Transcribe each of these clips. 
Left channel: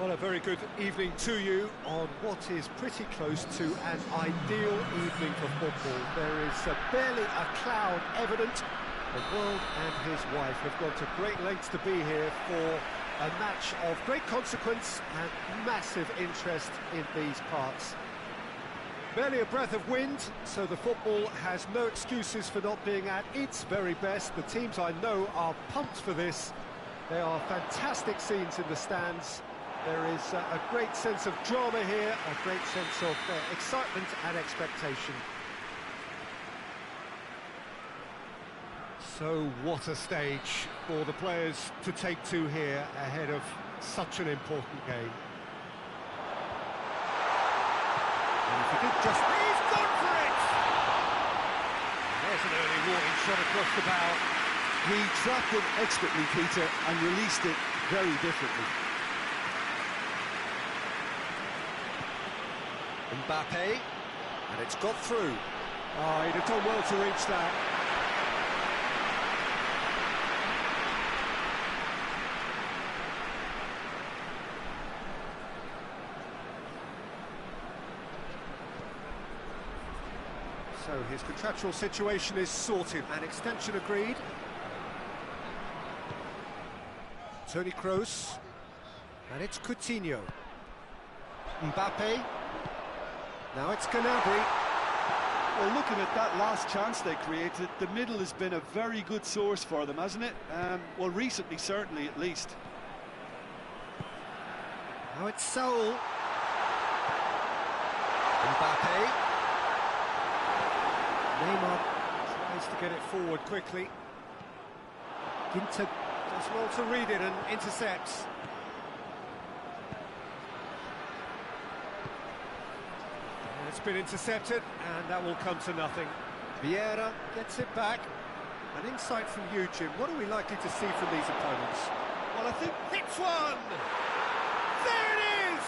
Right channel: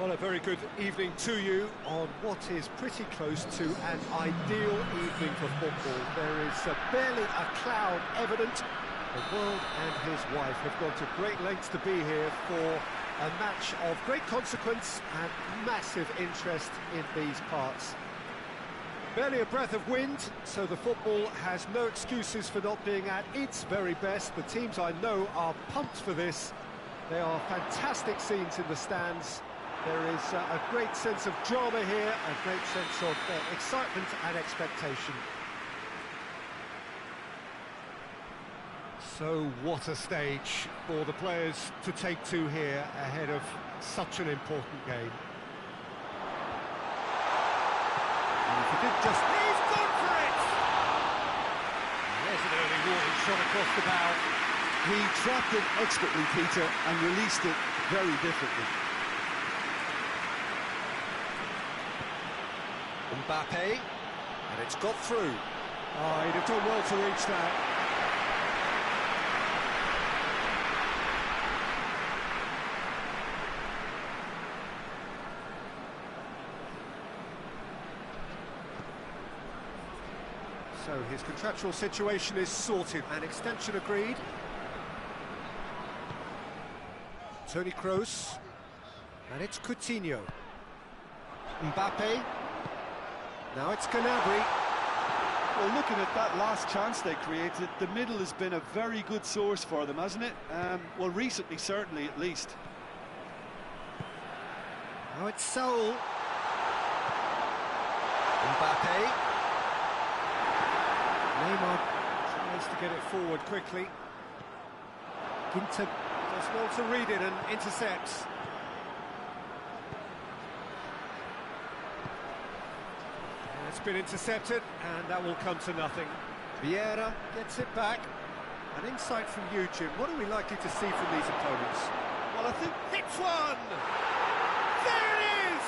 Well, a very good evening to you on what is pretty close to an ideal evening for football. There is barely a cloud evident. The world and his wife have gone to great lengths to be here for a match of great consequence and massive interest in these parts. Barely a breath of wind, so the football has no excuses for not being at its very best. The teams I know are pumped for this. There are fantastic scenes in the stands. There is a great sense of drama here, a great sense of excitement and expectation. So what a stage for the players to take to here ahead of such an important game. And if he did just... He's gone for it! There's an early warning shot across the bow. He trapped it expertly, Peter, and released it very differently. Mbappe, and it's got through. Oh, he'd have done well to reach that. So his contractual situation is sorted. An extension agreed. Toni Kroos, and it's Coutinho. Mbappe. Now it's Gnabry. Well, looking at that last chance they created, the middle has been a very good source for them, hasn't it? Well, recently, certainly, at least. Now it's Saul. Mbappe. Neymar tries to get it forward quickly. Ginter does well to read it and intercepts. It's been intercepted, and that will come to nothing. Vieira gets it back. An insight from you, Jim. What are we likely to see from these opponents? Well, I think... Hits one! There it is!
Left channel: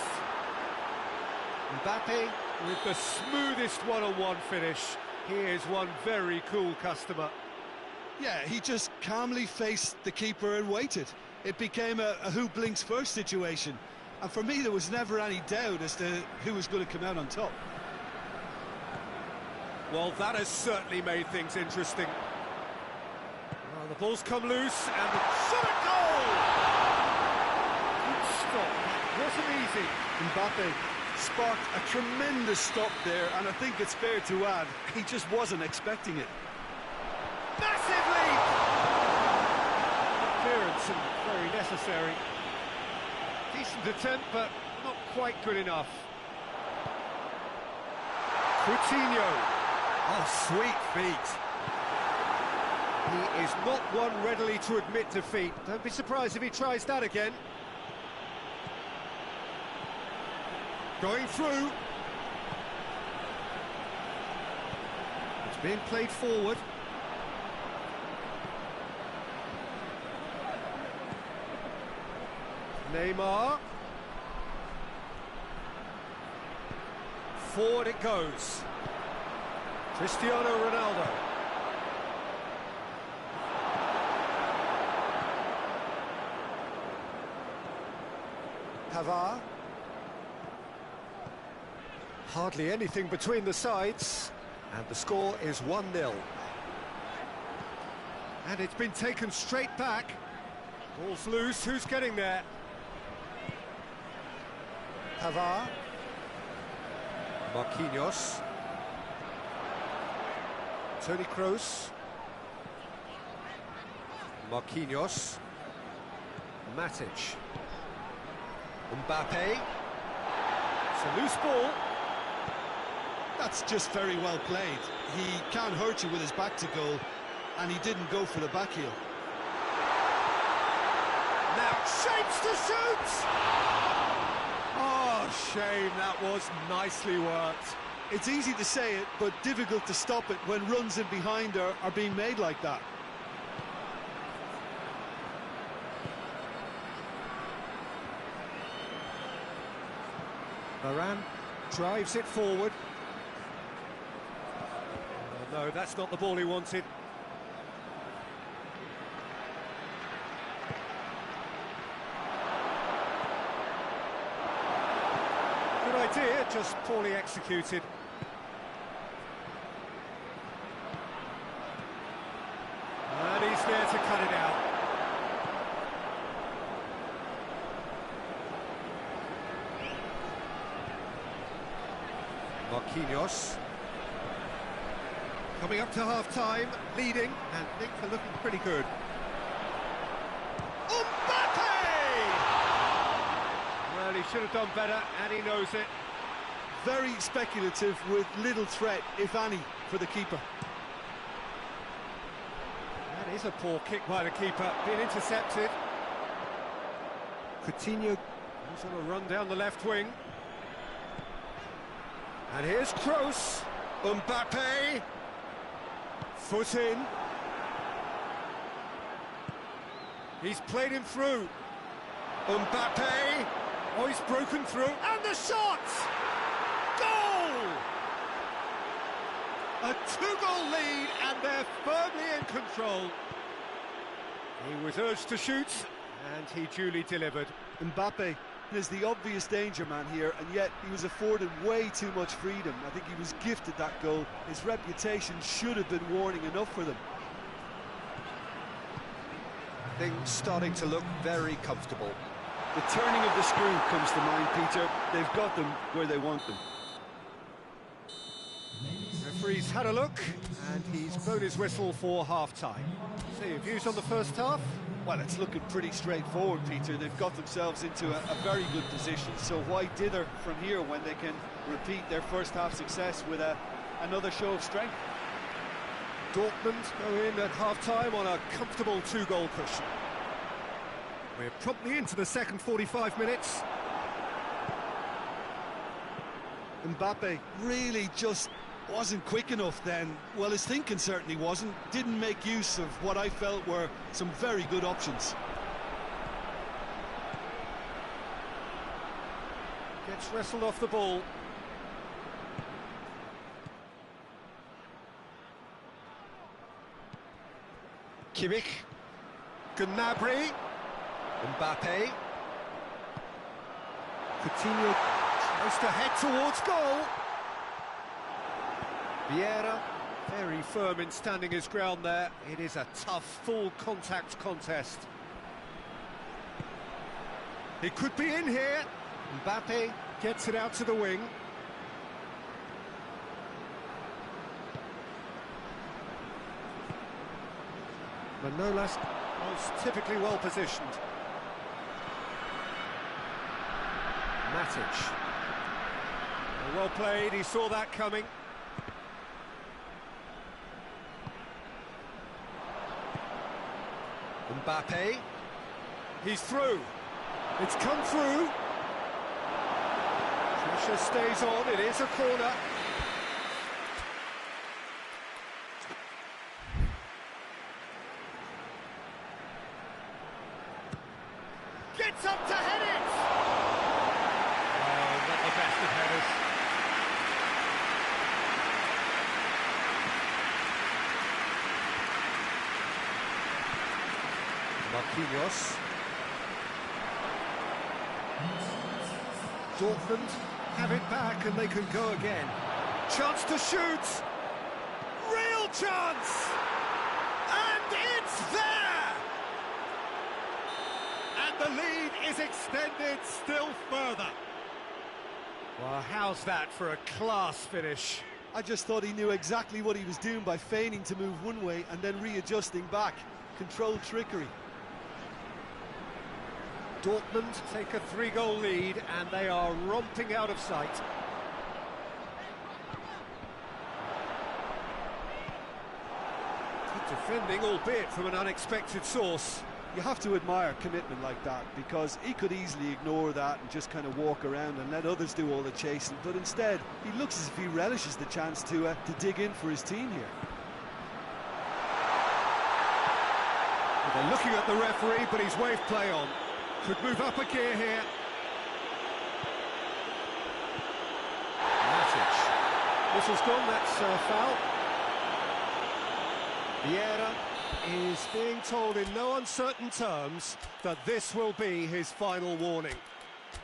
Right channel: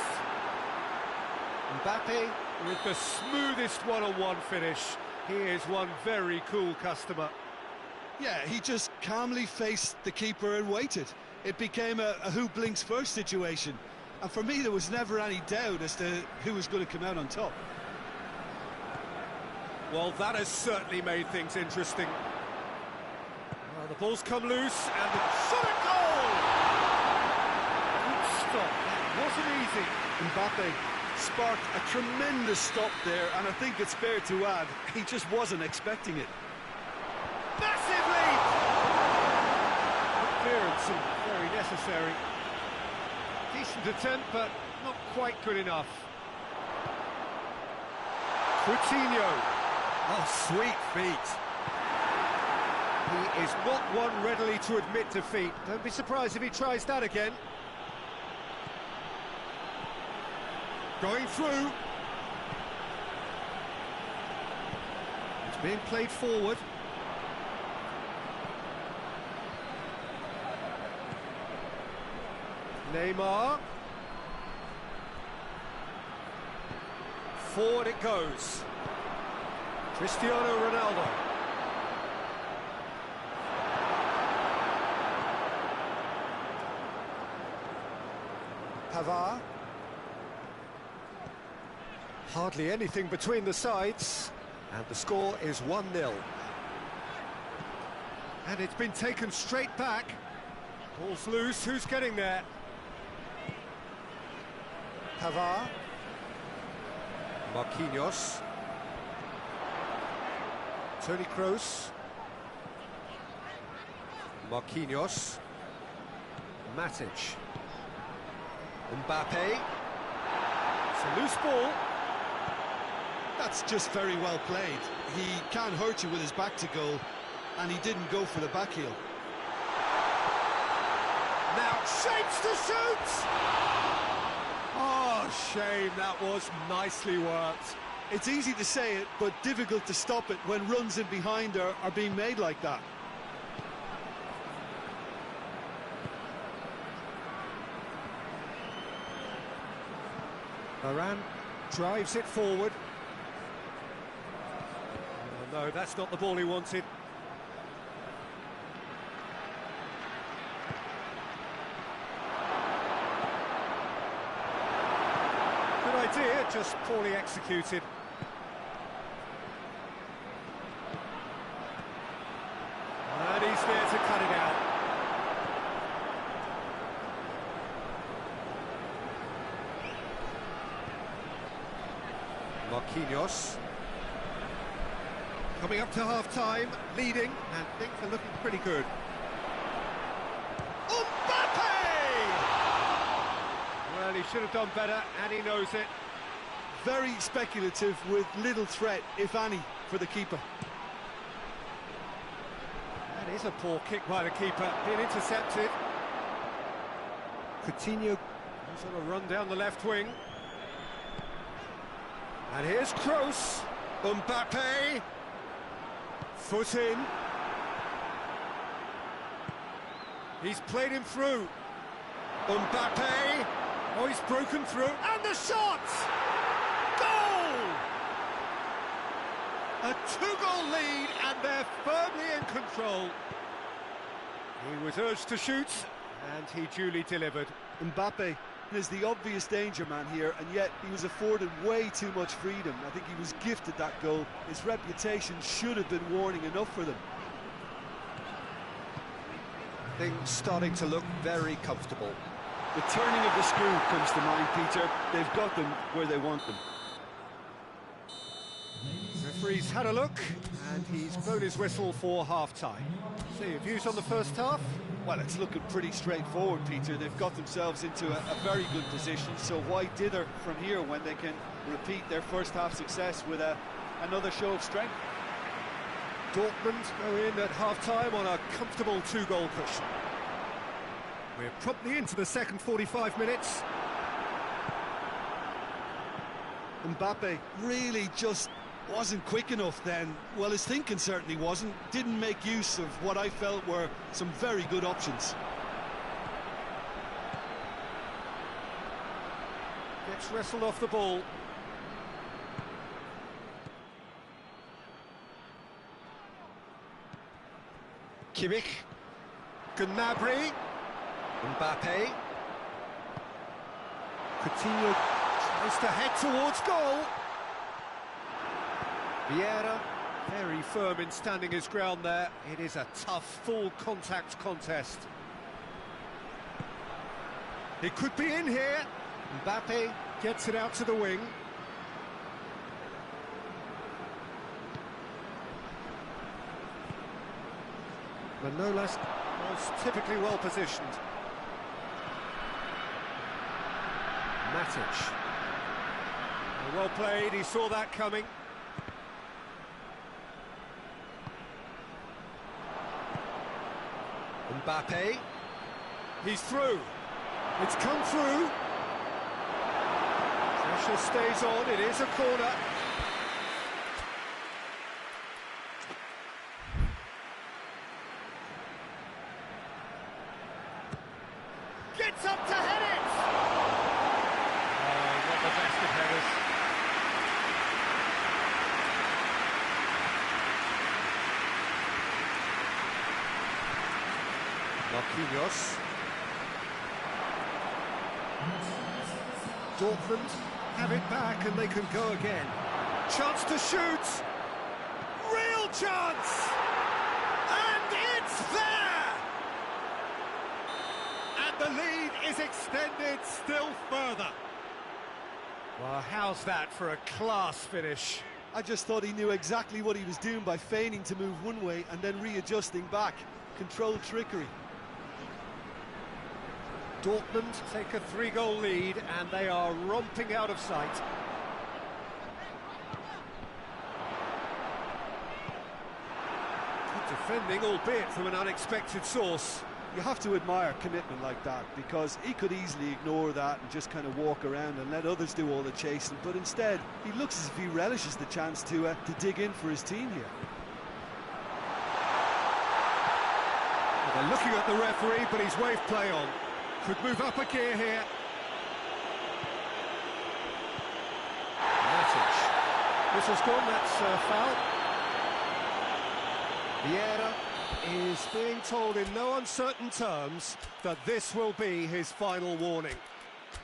Mbappe with the smoothest one-on-one finish. He is one very cool customer. Yeah, he just calmly faced the keeper and waited. It became a who blinks first situation. And for me, there was never any doubt as to who was going to come out on top. Well, that has certainly made things interesting. Well, the ball's come loose, and the shot at goal! Good stop, that wasn't easy. Mbappe sparked a tremendous stop there, and I think it's fair to add, he just wasn't expecting it. Massive lead! Good clearance and very necessary. Decent attempt, but not quite good enough. Coutinho. Oh, sweet feet. He is not one readily to admit defeat. Don't be surprised if he tries that again. Going through. It's being played forward. Neymar. Forward it goes. Cristiano Ronaldo. Pavard. Hardly anything between the sides, and the score is 1-0. And it's been taken straight back. Ball's loose, who's getting there? Pavard. Marquinhos. Toni Kroos. Marquinhos. Matic. Mbappe. It's a loose ball. That's just very well played. He can't hurt you with his back to goal, and he didn't go for the back heel. Now shapes to shoot! Oh, shame, that was nicely worked. It's easy to say it, but difficult to stop it when runs in behind are being made like that. Varane drives it forward. Oh, no, that's not the ball he wanted. Good idea, just poorly executed. And he's there to cut it out. Marquinhos. Coming up to half-time, leading, and things are looking pretty good. Well, he should have done better, and he knows it. Very speculative with little threat, if any, for the keeper. That is a poor kick by the keeper, being intercepted. Coutinho goes on a run down the left wing. And here's Kroos. Mbappe. Foot in. He's played him through. Mbappe. Oh, he's broken through. And the shot! Goal! A two-goal lead, and they're firmly in control. He was urged to shoot, and he duly delivered. Mbappe is the obvious danger man here, and yet he was afforded way too much freedom. I think he was gifted that goal. His reputation should have been warning enough for them. Things starting to look very comfortable. The turning of the screw comes to mind, Peter. They've got them where they want them. The referee's had a look, and he's blown his whistle for half-time. So your views on the first half? Well, it's looking pretty straightforward, Peter. They've got themselves into a very good position, so why dither from here when they can repeat their first half success with another show of strength? Dortmund go in at half-time on a comfortable two-goal cushion. We're promptly into the second 45 minutes. Mbappe really just wasn't quick enough then. Well, his thinking certainly wasn't. Didn't make use of what I felt were some very good options. Gets wrestled off the ball. Kimmich. Gnabry. Mbappe. Coutinho tries to head towards goal. Vieira, very firm in standing his ground there. It is a tough, full-contact contest. It could be in here. Mbappe gets it out to the wing. Manolas was typically well positioned. Matic. Well played, he saw that coming. Mbappe. He's through. It's come through. Pressure stays on, it is a corner. Gets up to head it! Oh, not the best of headers. Marquinhos. Dortmund have it back and they can go again. Chance to shoot! Real chance! And it's there! And the lead is extended still further. Well, how's that for a class finish? I just thought he knew exactly what he was doing by feigning to move one way and then readjusting back. Controlled trickery. Dortmund take a 3-goal lead and they are romping out of sight. Good defending, albeit from an unexpected source. You have to admire commitment like that, because he could easily ignore that and just kind of walk around and let others do all the chasing, but instead he looks as if he relishes the chance to dig in for his team here. Well, they're looking at the referee, but he's waved play on. Could move up a gear here. Matic. Whistle's gone, that's foul. Vieira is being told in no uncertain terms that this will be his final warning.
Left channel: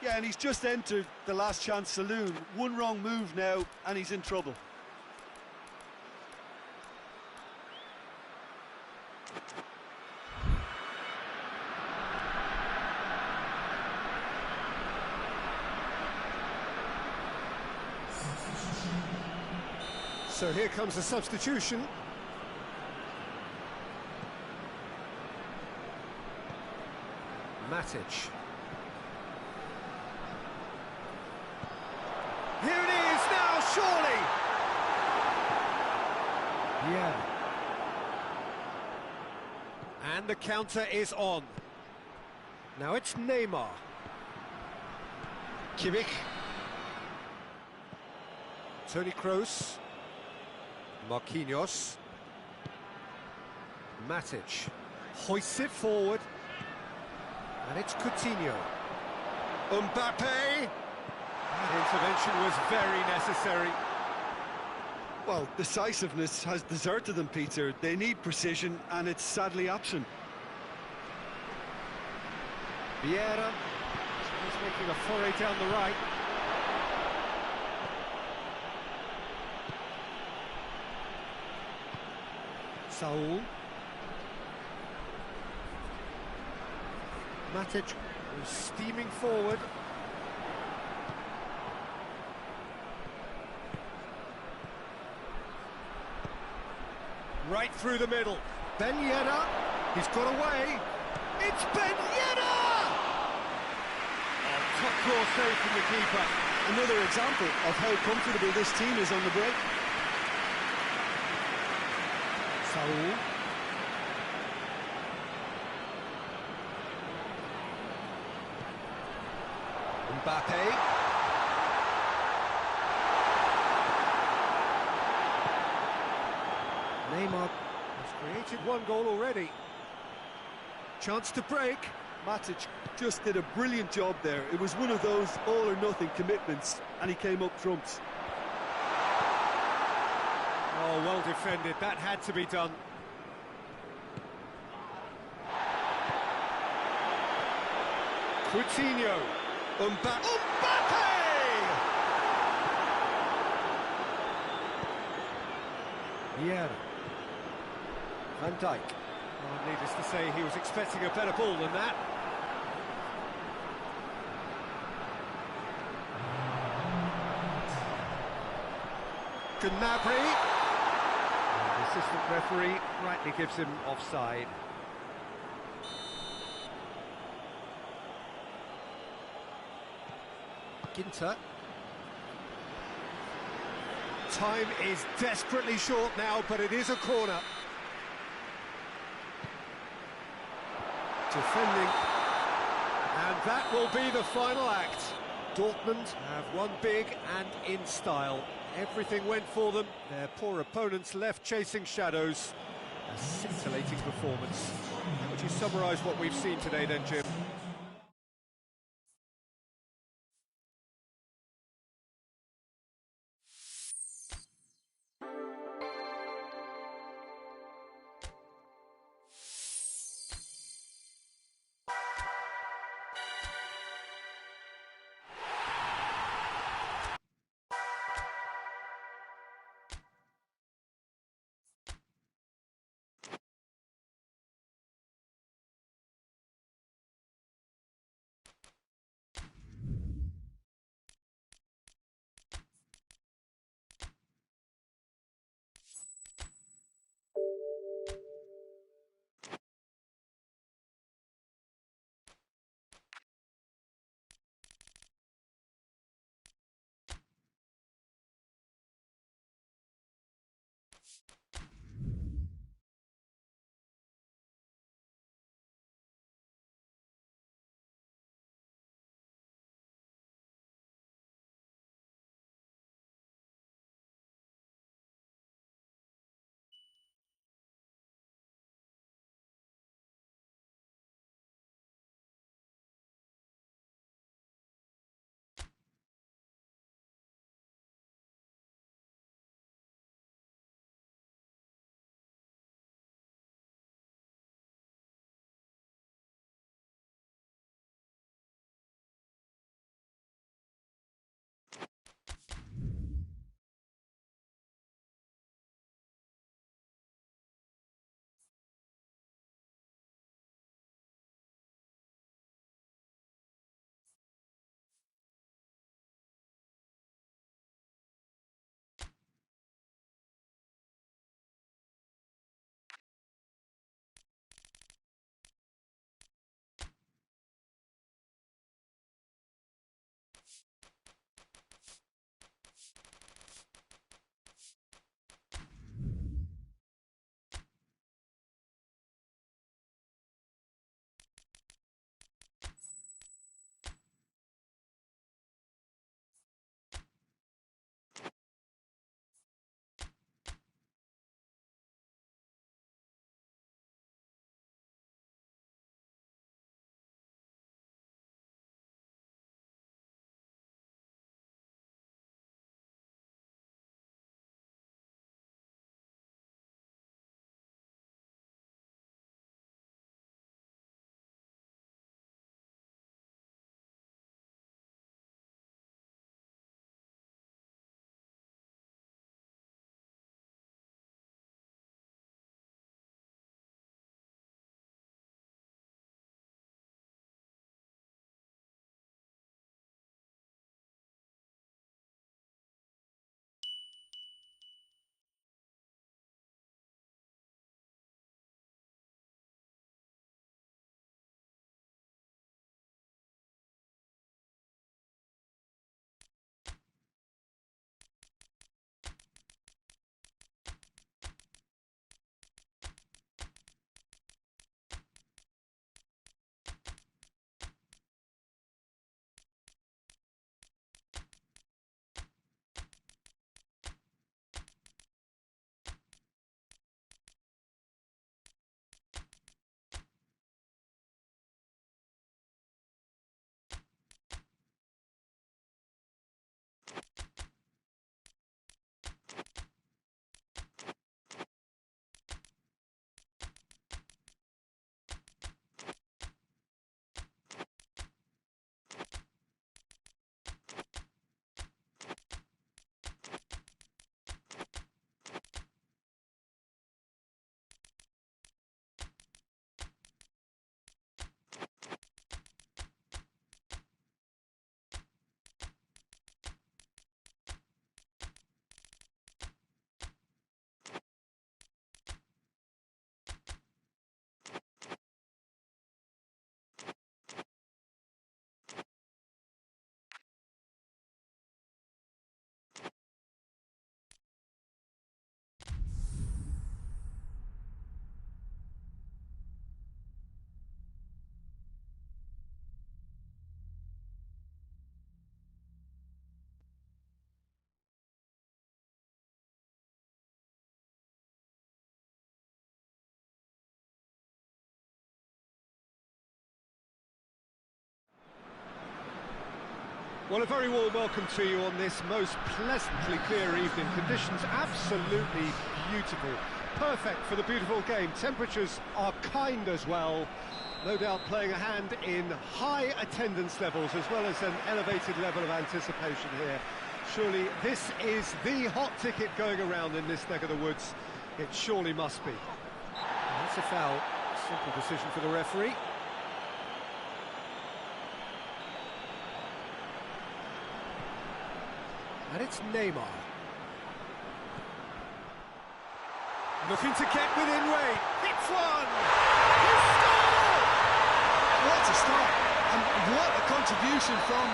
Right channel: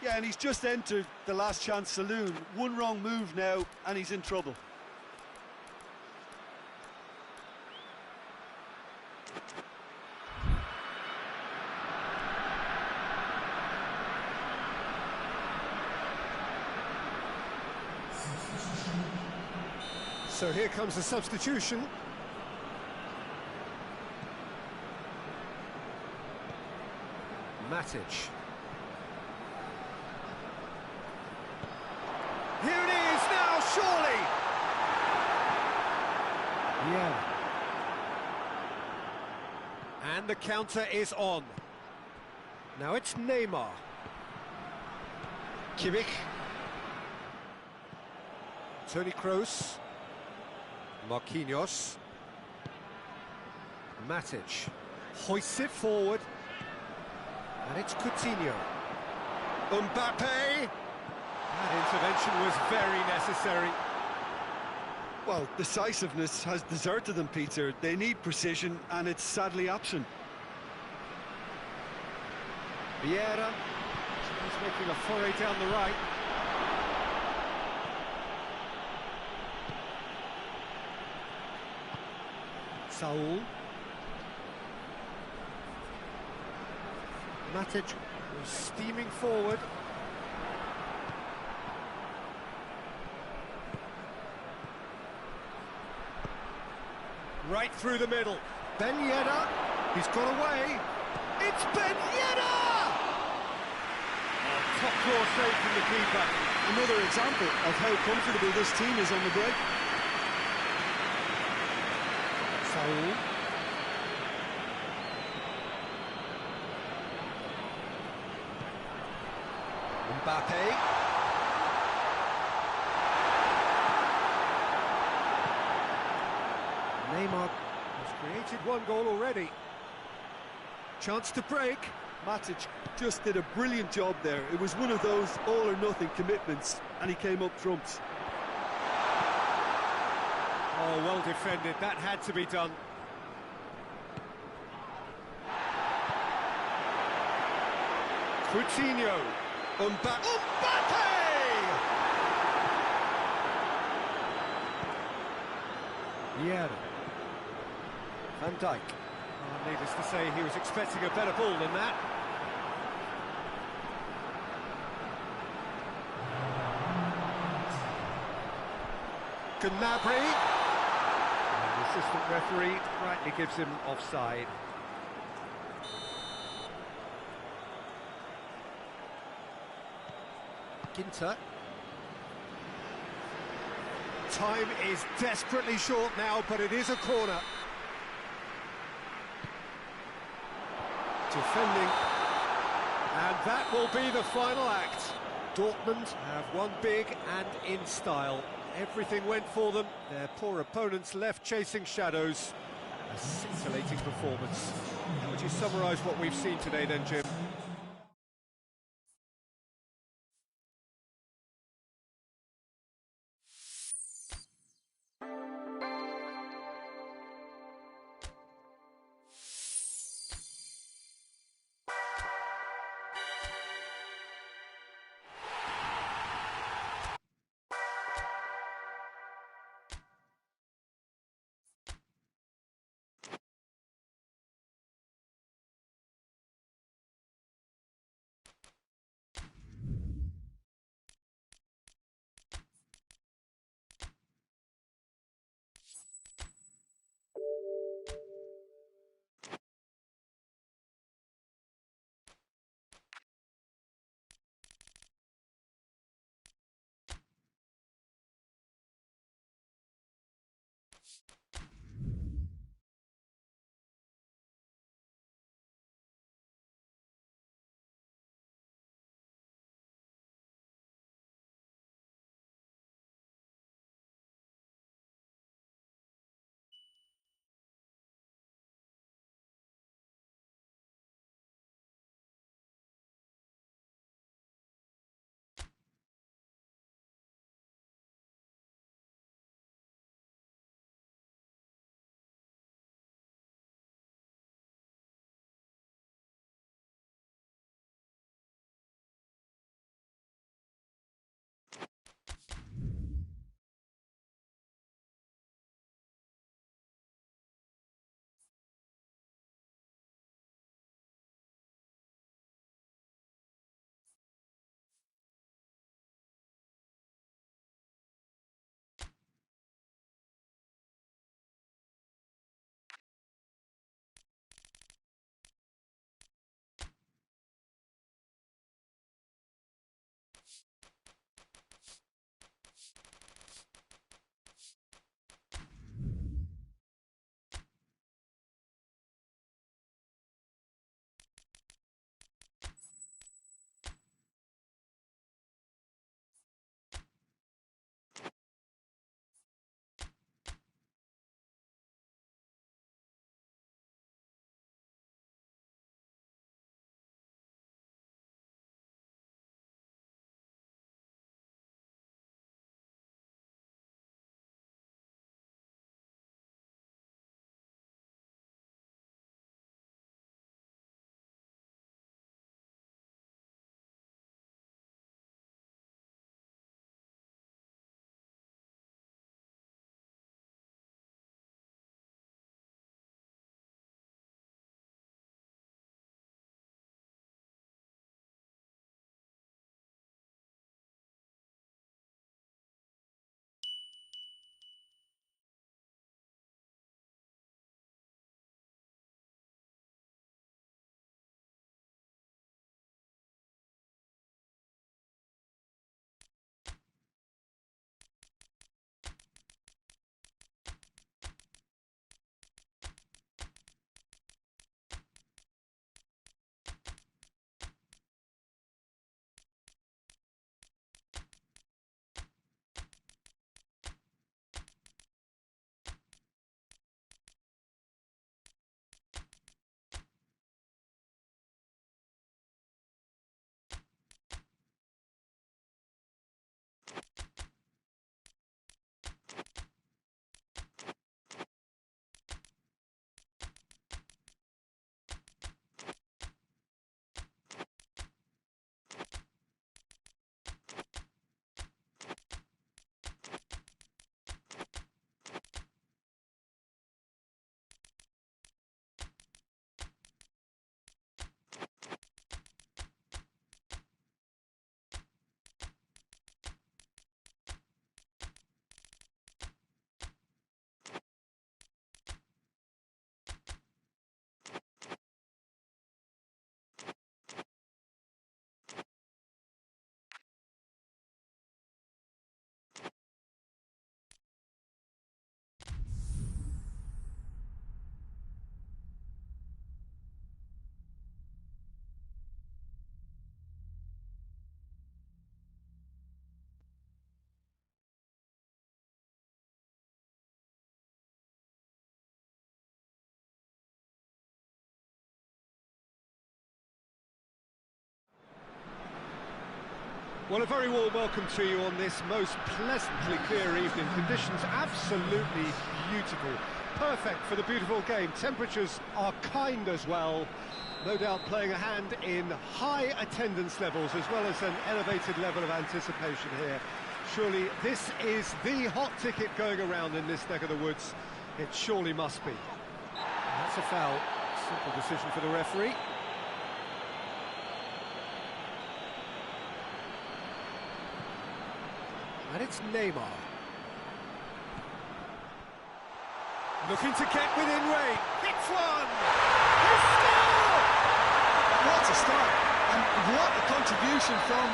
Yeah, and he's just entered the last chance saloon. One wrong move now, and he's in trouble. So here comes the substitution. Matic. Here it is now, surely! Yeah. And the counter is on. Now it's Neymar. Kimmich. Toni Kroos. Marquinhos. Matic. Hoists it forward. And it's Coutinho. Mbappe! That intervention was very necessary. Well, decisiveness has deserted them, Peter. They need precision, and it's sadly absent. Vieira. He's making a foray down the right. Saul. Matic was steaming forward. Right through the middle. Ben Yedder. He's got away. It's Ben Yedder! Oh, top claw save from the keeper. Another example of how comfortable this team is on the break. Saul. Mbappe. Neymar has created one goal already. Chance to break. Matic just did a brilliant job there. It was one of those all-or-nothing commitments, and he came up trumps. Oh, well defended. That had to be done. Coutinho. Mbappe! Vieira. Van Dijk. Oh, needless to say, he was expecting a better ball than that. Gnabry. And the assistant referee rightly gives him offside. Ginter. Time is desperately short now, but it is a corner. Defending. And that will be the final act. Dortmund have won big and in style. Everything went for them. Their poor opponents left chasing shadows. A scintillating performance. How would you summarise what we've seen today then, Jim? Well, a very warm welcome to you on this most pleasantly clear evening. Conditions absolutely beautiful. Perfect for the beautiful game. Temperatures are kind as well. No doubt playing a hand in high attendance levels as well as an elevated level of anticipation here. Surely this is the hot ticket going around in this neck of the woods. It surely must be. That's a foul. Simple decision for the referee. And it's Neymar. Looking to get within range. Hits one! He scored! What a start, and what a contribution from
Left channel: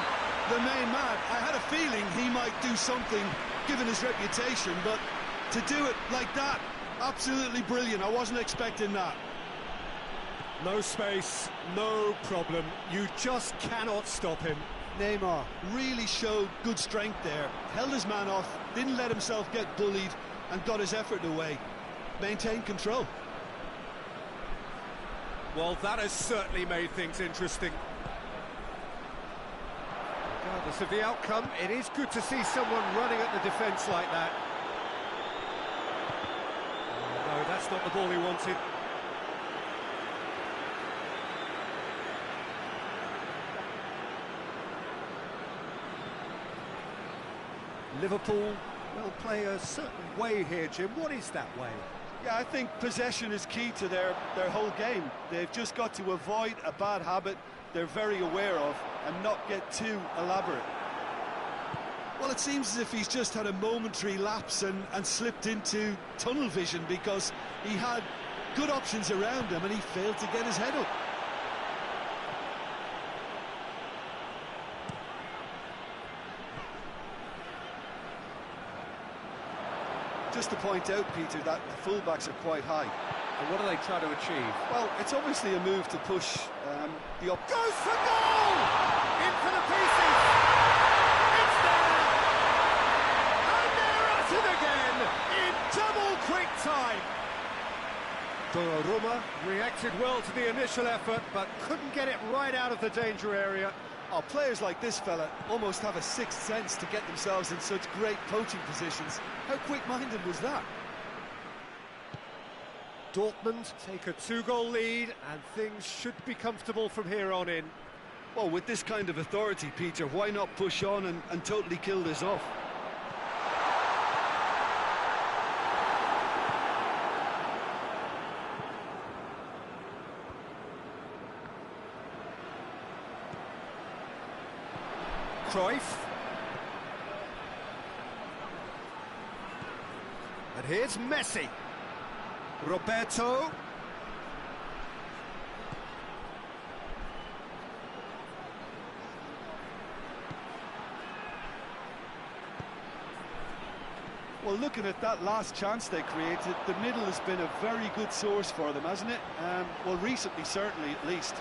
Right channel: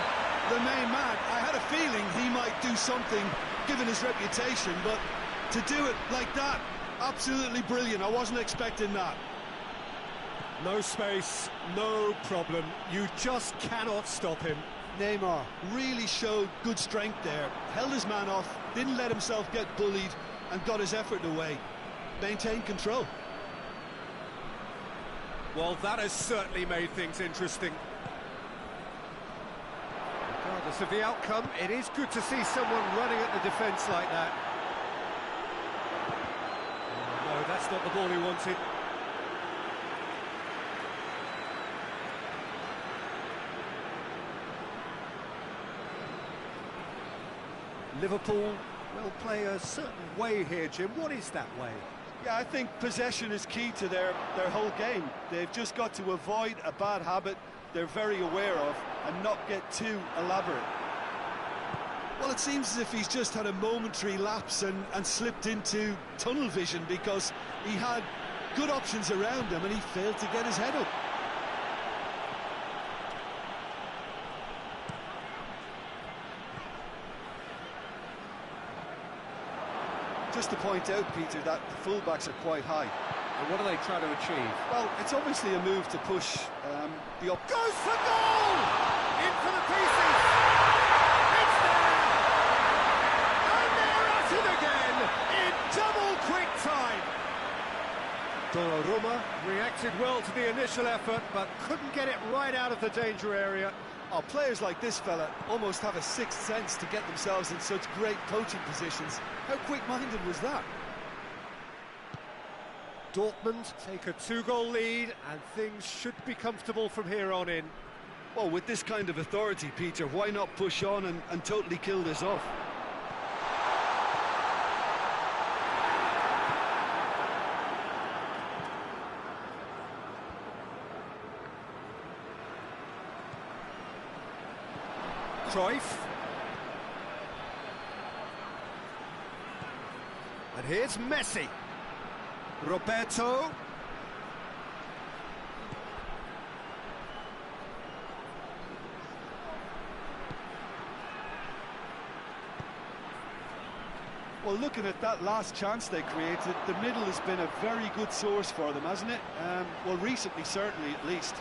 the main man. I had a feeling he might do something, given his reputation, but to do it like that, absolutely brilliant. I wasn't expecting that. No space, no problem. You just cannot stop him. Neymar really showed good strength there, held his man off, didn't let himself get bullied, and got his effort away. Maintained control. Well, that has certainly made things interesting. Regardless of the outcome, it is good to see someone running at the defence like that. Oh, no, that's not the ball he wanted. Liverpool will play a certain way here, Jim. What is that way? Yeah, I think possession is key to their whole game. They've just got to avoid a bad habit they're very aware of and not get too elaborate. Well, it seems as if he's just had a momentary lapse and slipped into tunnel vision, because he had good options around him and he failed to get his head up. Just to point out, Peter, that the fullbacks are quite high. And what are they trying to achieve? Well, it's obviously a move to push the up. Goes for goal! In for the pieces! It's there! And they're at it again in double quick time! Donnarumma reacted well to the initial effort, but couldn't get it right out of the danger area. Oh, players like this fella almost have a sixth sense to get themselves in such great poaching positions. How quick-minded was that? Dortmund take a 2-goal lead, and things should be comfortable from here on in. Well, with this kind of authority, Peter, why not push on and totally kill this off? Cruyff. And here's Messi. Roberto. Well, looking at that last chance they created, the middle has been a very good source for them, hasn't it? Well, recently, certainly, at least.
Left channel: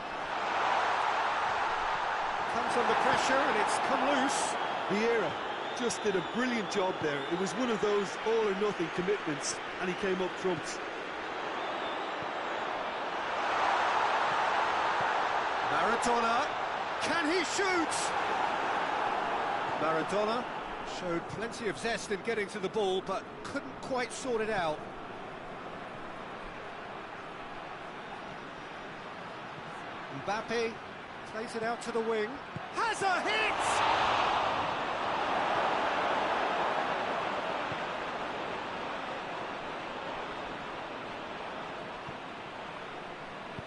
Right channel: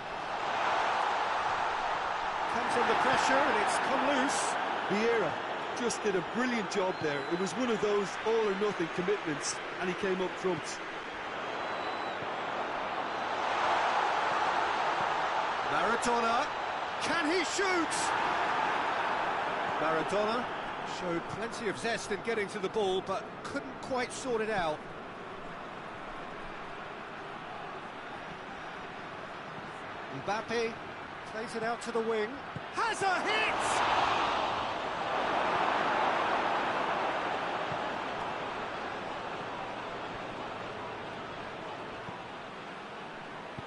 Comes under pressure and it's come loose. Vieira just did a brilliant job there. It was one of those all-or-nothing commitments, and he came up trumps. Maradona, can he shoot? Maradona showed plenty of zest in getting to the ball, but couldn't quite sort it out. Mbappe plays it out to the wing. Has a hit!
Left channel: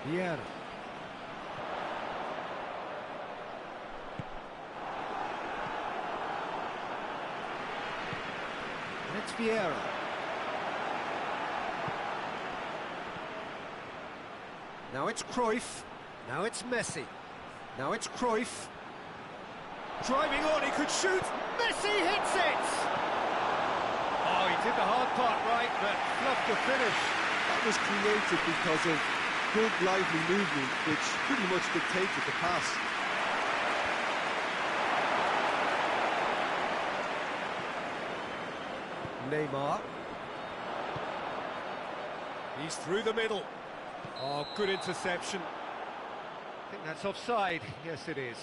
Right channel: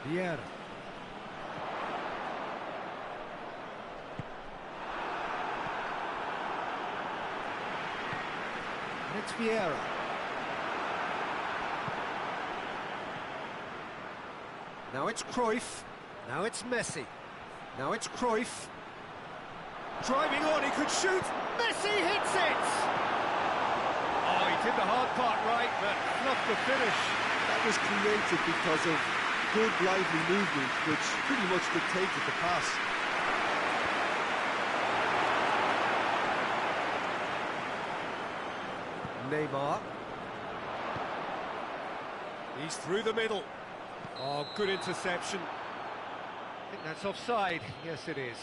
Vieira. And it's Vieira. Now it's Cruyff. Now it's Messi. Now it's Cruyff. Driving on, he could shoot. Messi hits it! Oh, he did the hard part right, but fluffed the finish. That was created because of good, lively movement, which pretty much dictated the pass. Neymar. He's through the middle. Oh, good interception. I think that's offside. Yes, it is.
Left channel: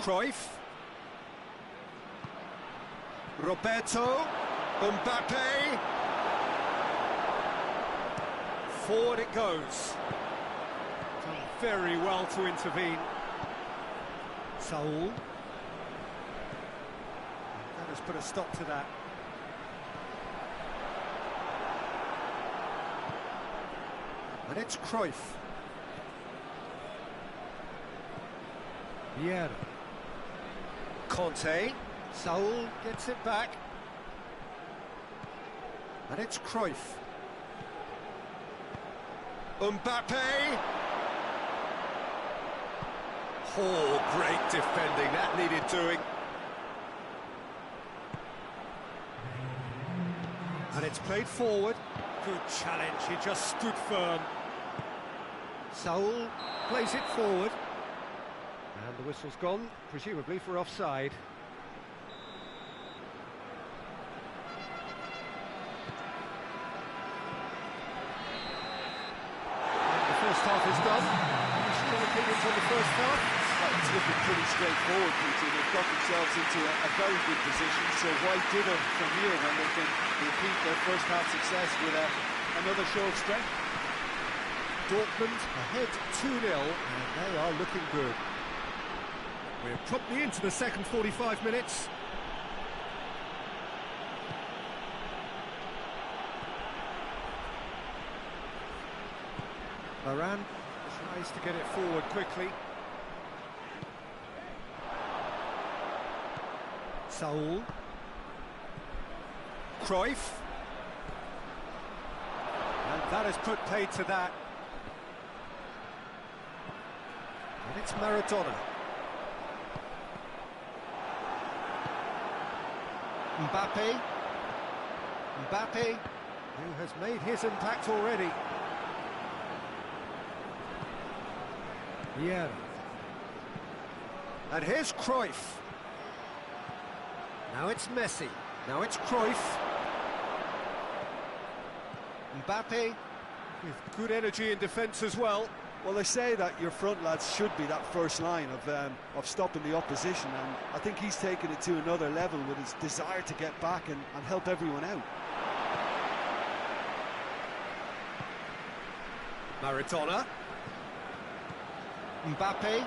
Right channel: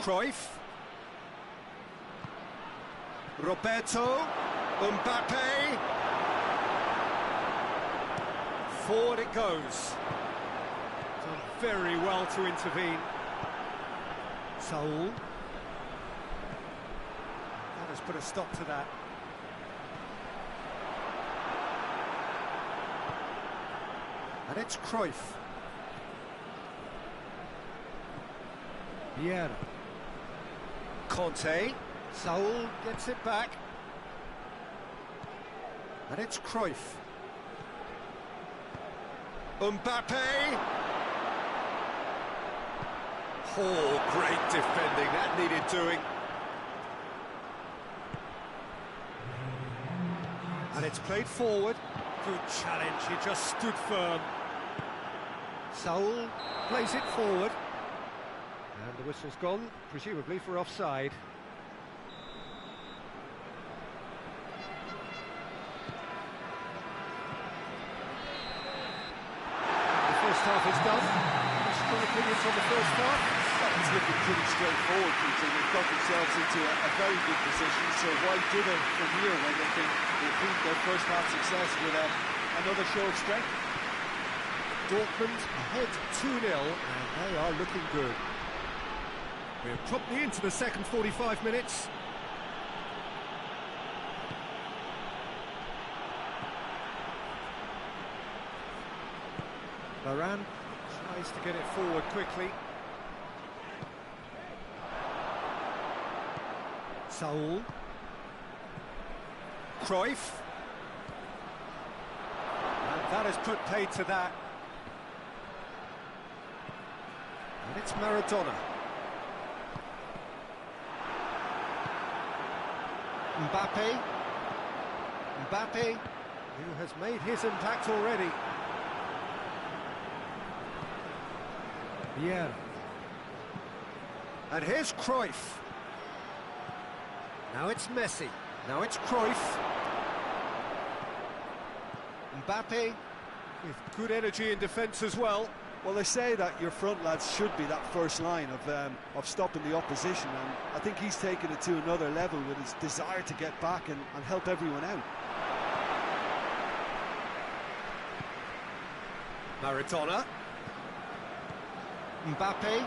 Cruyff. Roberto. Mbappe. Forward it goes. Done very well to intervene. Saul. That has put a stop to that. And it's Cruyff. Vieira. Conte. Saul gets it back. And it's Cruyff. Mbappe. Oh, great defending. That needed doing. And it's played forward. Good challenge. He just stood firm. Saul plays it forward. And the whistle's gone, presumably for offside. And the first half is done. Any strong opinions on the first half? Well, it's looking pretty straightforward, Peter. They've got themselves into a very good position, so why dither from here when they can repeat their first half success with another show of strength? Dortmund ahead 2-0, and they are looking good. We're promptly into the second 45 minutes. Varane tries to get it forward quickly. Saul. Cruyff. And that has put paid to that. And it's Maradona. Mbappe. Mbappe, who has made his impact already. Vieira. And here's Cruyff. Now it's Messi. Now it's Cruyff. Mbappe with good energy in defence as well. Well, they say that your front lads should be that first line of stopping the opposition, and I think he's taken it to another level with his desire to get back and help everyone out. Maradona. Mbappe.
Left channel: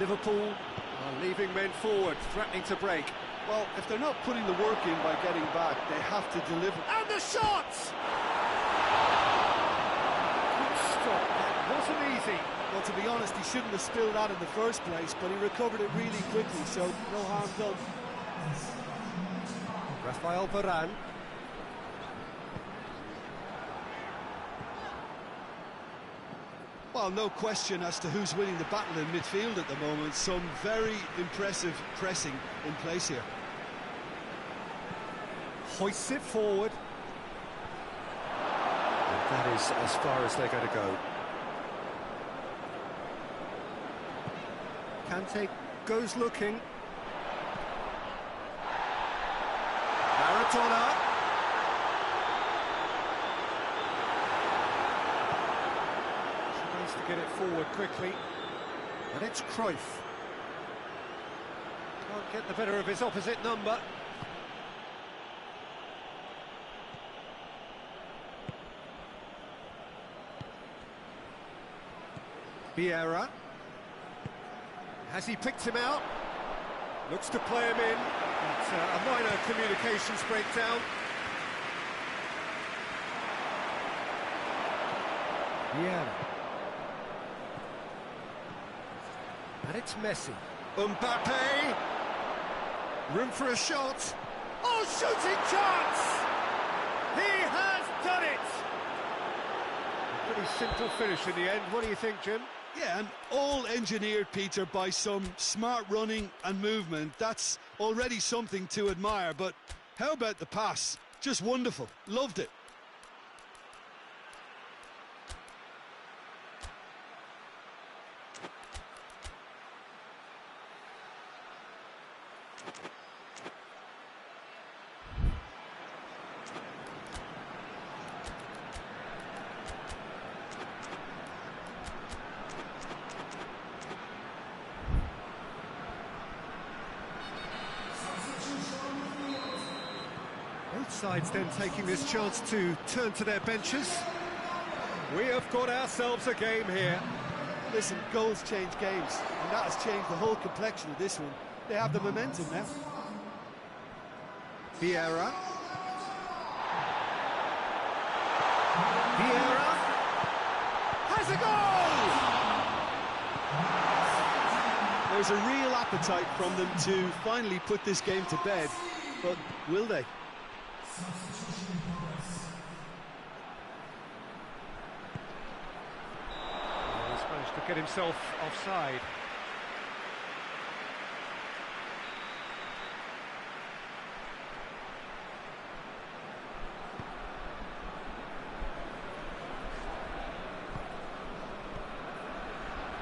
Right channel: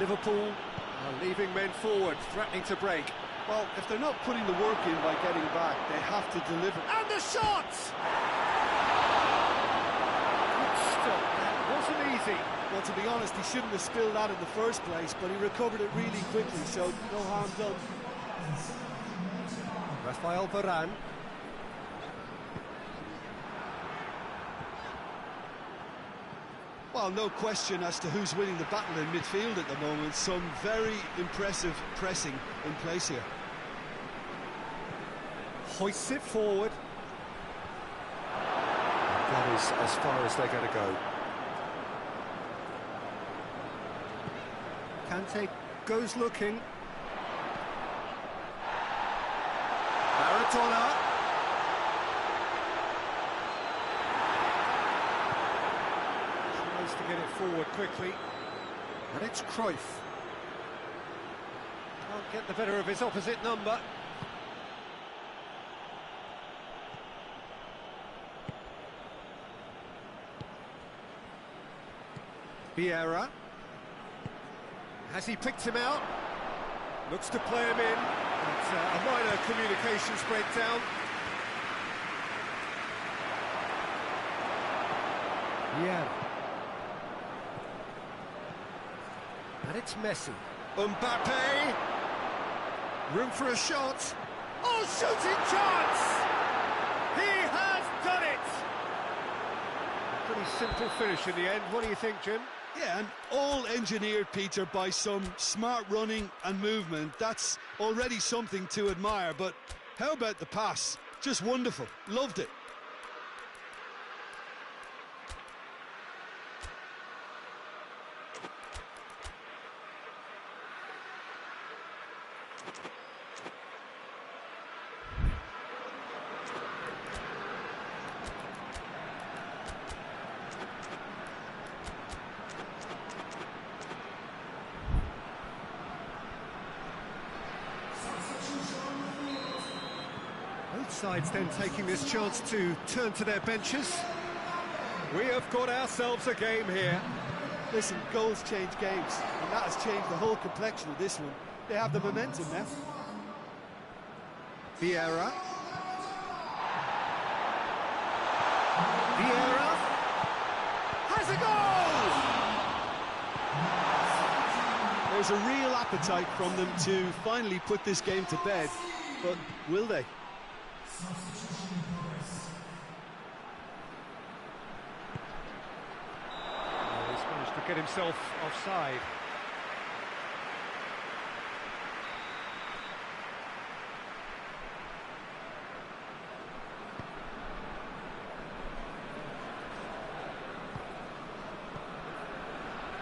Liverpool are leaving men forward, threatening to break. Well, if they're not putting the work in by getting back, they have to deliver. And the shot! Good stop, that wasn't easy. Well, to be honest, he shouldn't have spilled that in the first place, but he recovered it really quickly, so no harm done. Rafael Varane. Well, no question as to who's winning the battle in midfield at the moment. Some very impressive pressing in place here. Hoists it forward. And that is as far as they're going to go. Kante goes looking. Maradona. Tries to get it forward quickly. And it's Cruyff. Can't get the better of his opposite number. Vieira. Has he picked him out? Looks to play him in. It's a minor communications breakdown. Vieira. And it's Messi. Mbappe. Room for a shot. Oh, shooting chance! He has done it! A pretty simple finish in the end. What do you think, Jim? Yeah, and all engineered, Peter, by some smart running and movement. That's already something to admire, but how about the pass? Just wonderful. Loved it. Both sides then taking this chance to turn to their benches. We have got ourselves a game here. Listen, goals change games, and that has changed the whole complexion of this one. They have the momentum now. Vieira. Vieira has a goal! There's a real appetite from them to finally put this game to bed, but will they? Oh, he's managed to get himself offside.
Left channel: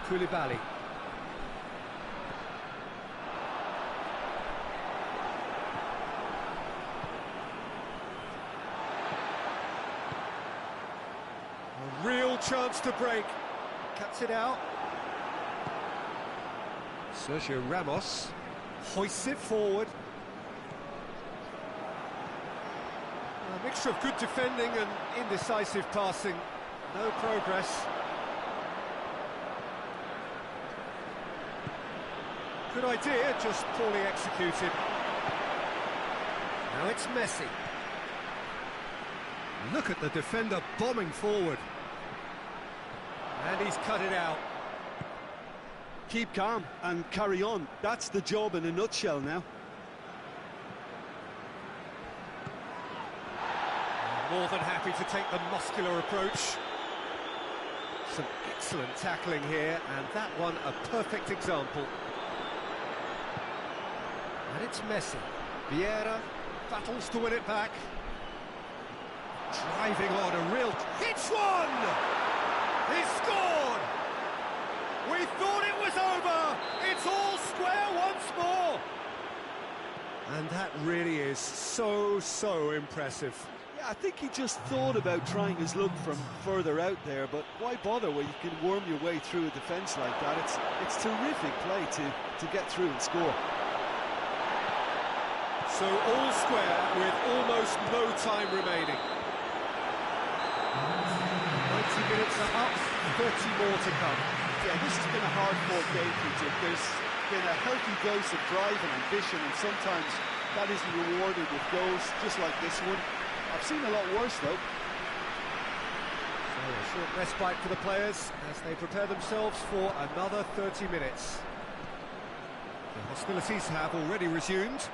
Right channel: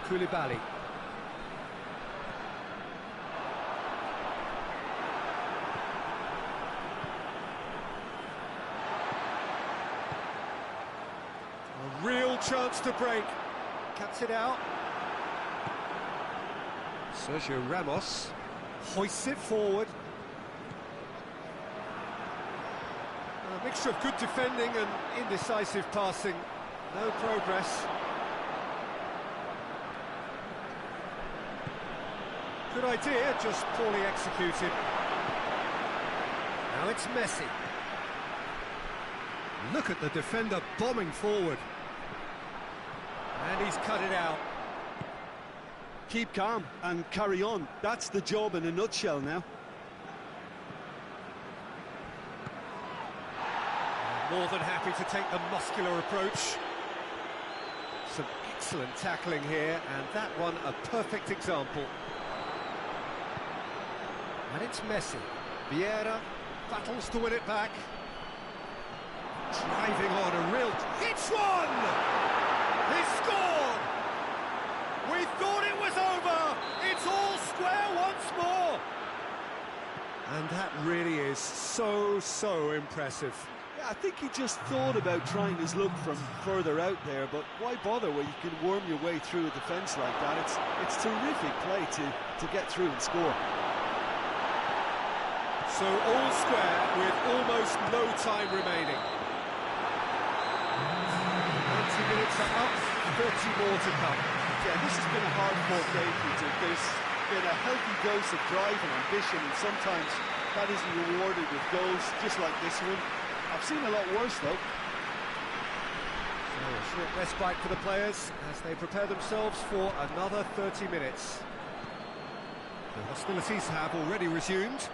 Koulibaly. A real chance to break. Cuts it out. Sergio Ramos hoists it forward. A mixture of good defending and indecisive passing. No progress. Good idea, just poorly executed. Now it's Messi. Look at the defender bombing forward. And he's cut it out. Keep calm and carry on. That's the job in a nutshell now. More than happy to take the muscular approach. Some excellent tackling here, and that one a perfect example. And it's Messi. Vieira battles to win it back. Driving on a real... Hits one! He scored! We thought it was over! It's all square once more! And that really is so impressive. Yeah, I think he just thought about trying his luck from further out there, but why bother when you can worm your way through a defence like that? It's terrific play to get through and score. So all square with almost no time remaining. 90 minutes are up, 30 more to come. Yeah, this has been a hard-fought game for you. There's been a healthy dose of drive and ambition, and sometimes that isn't rewarded with goals, just like this one. I've seen a lot worse, though. So a short respite for the players as they prepare themselves for another 30 minutes. The hostilities have already resumed.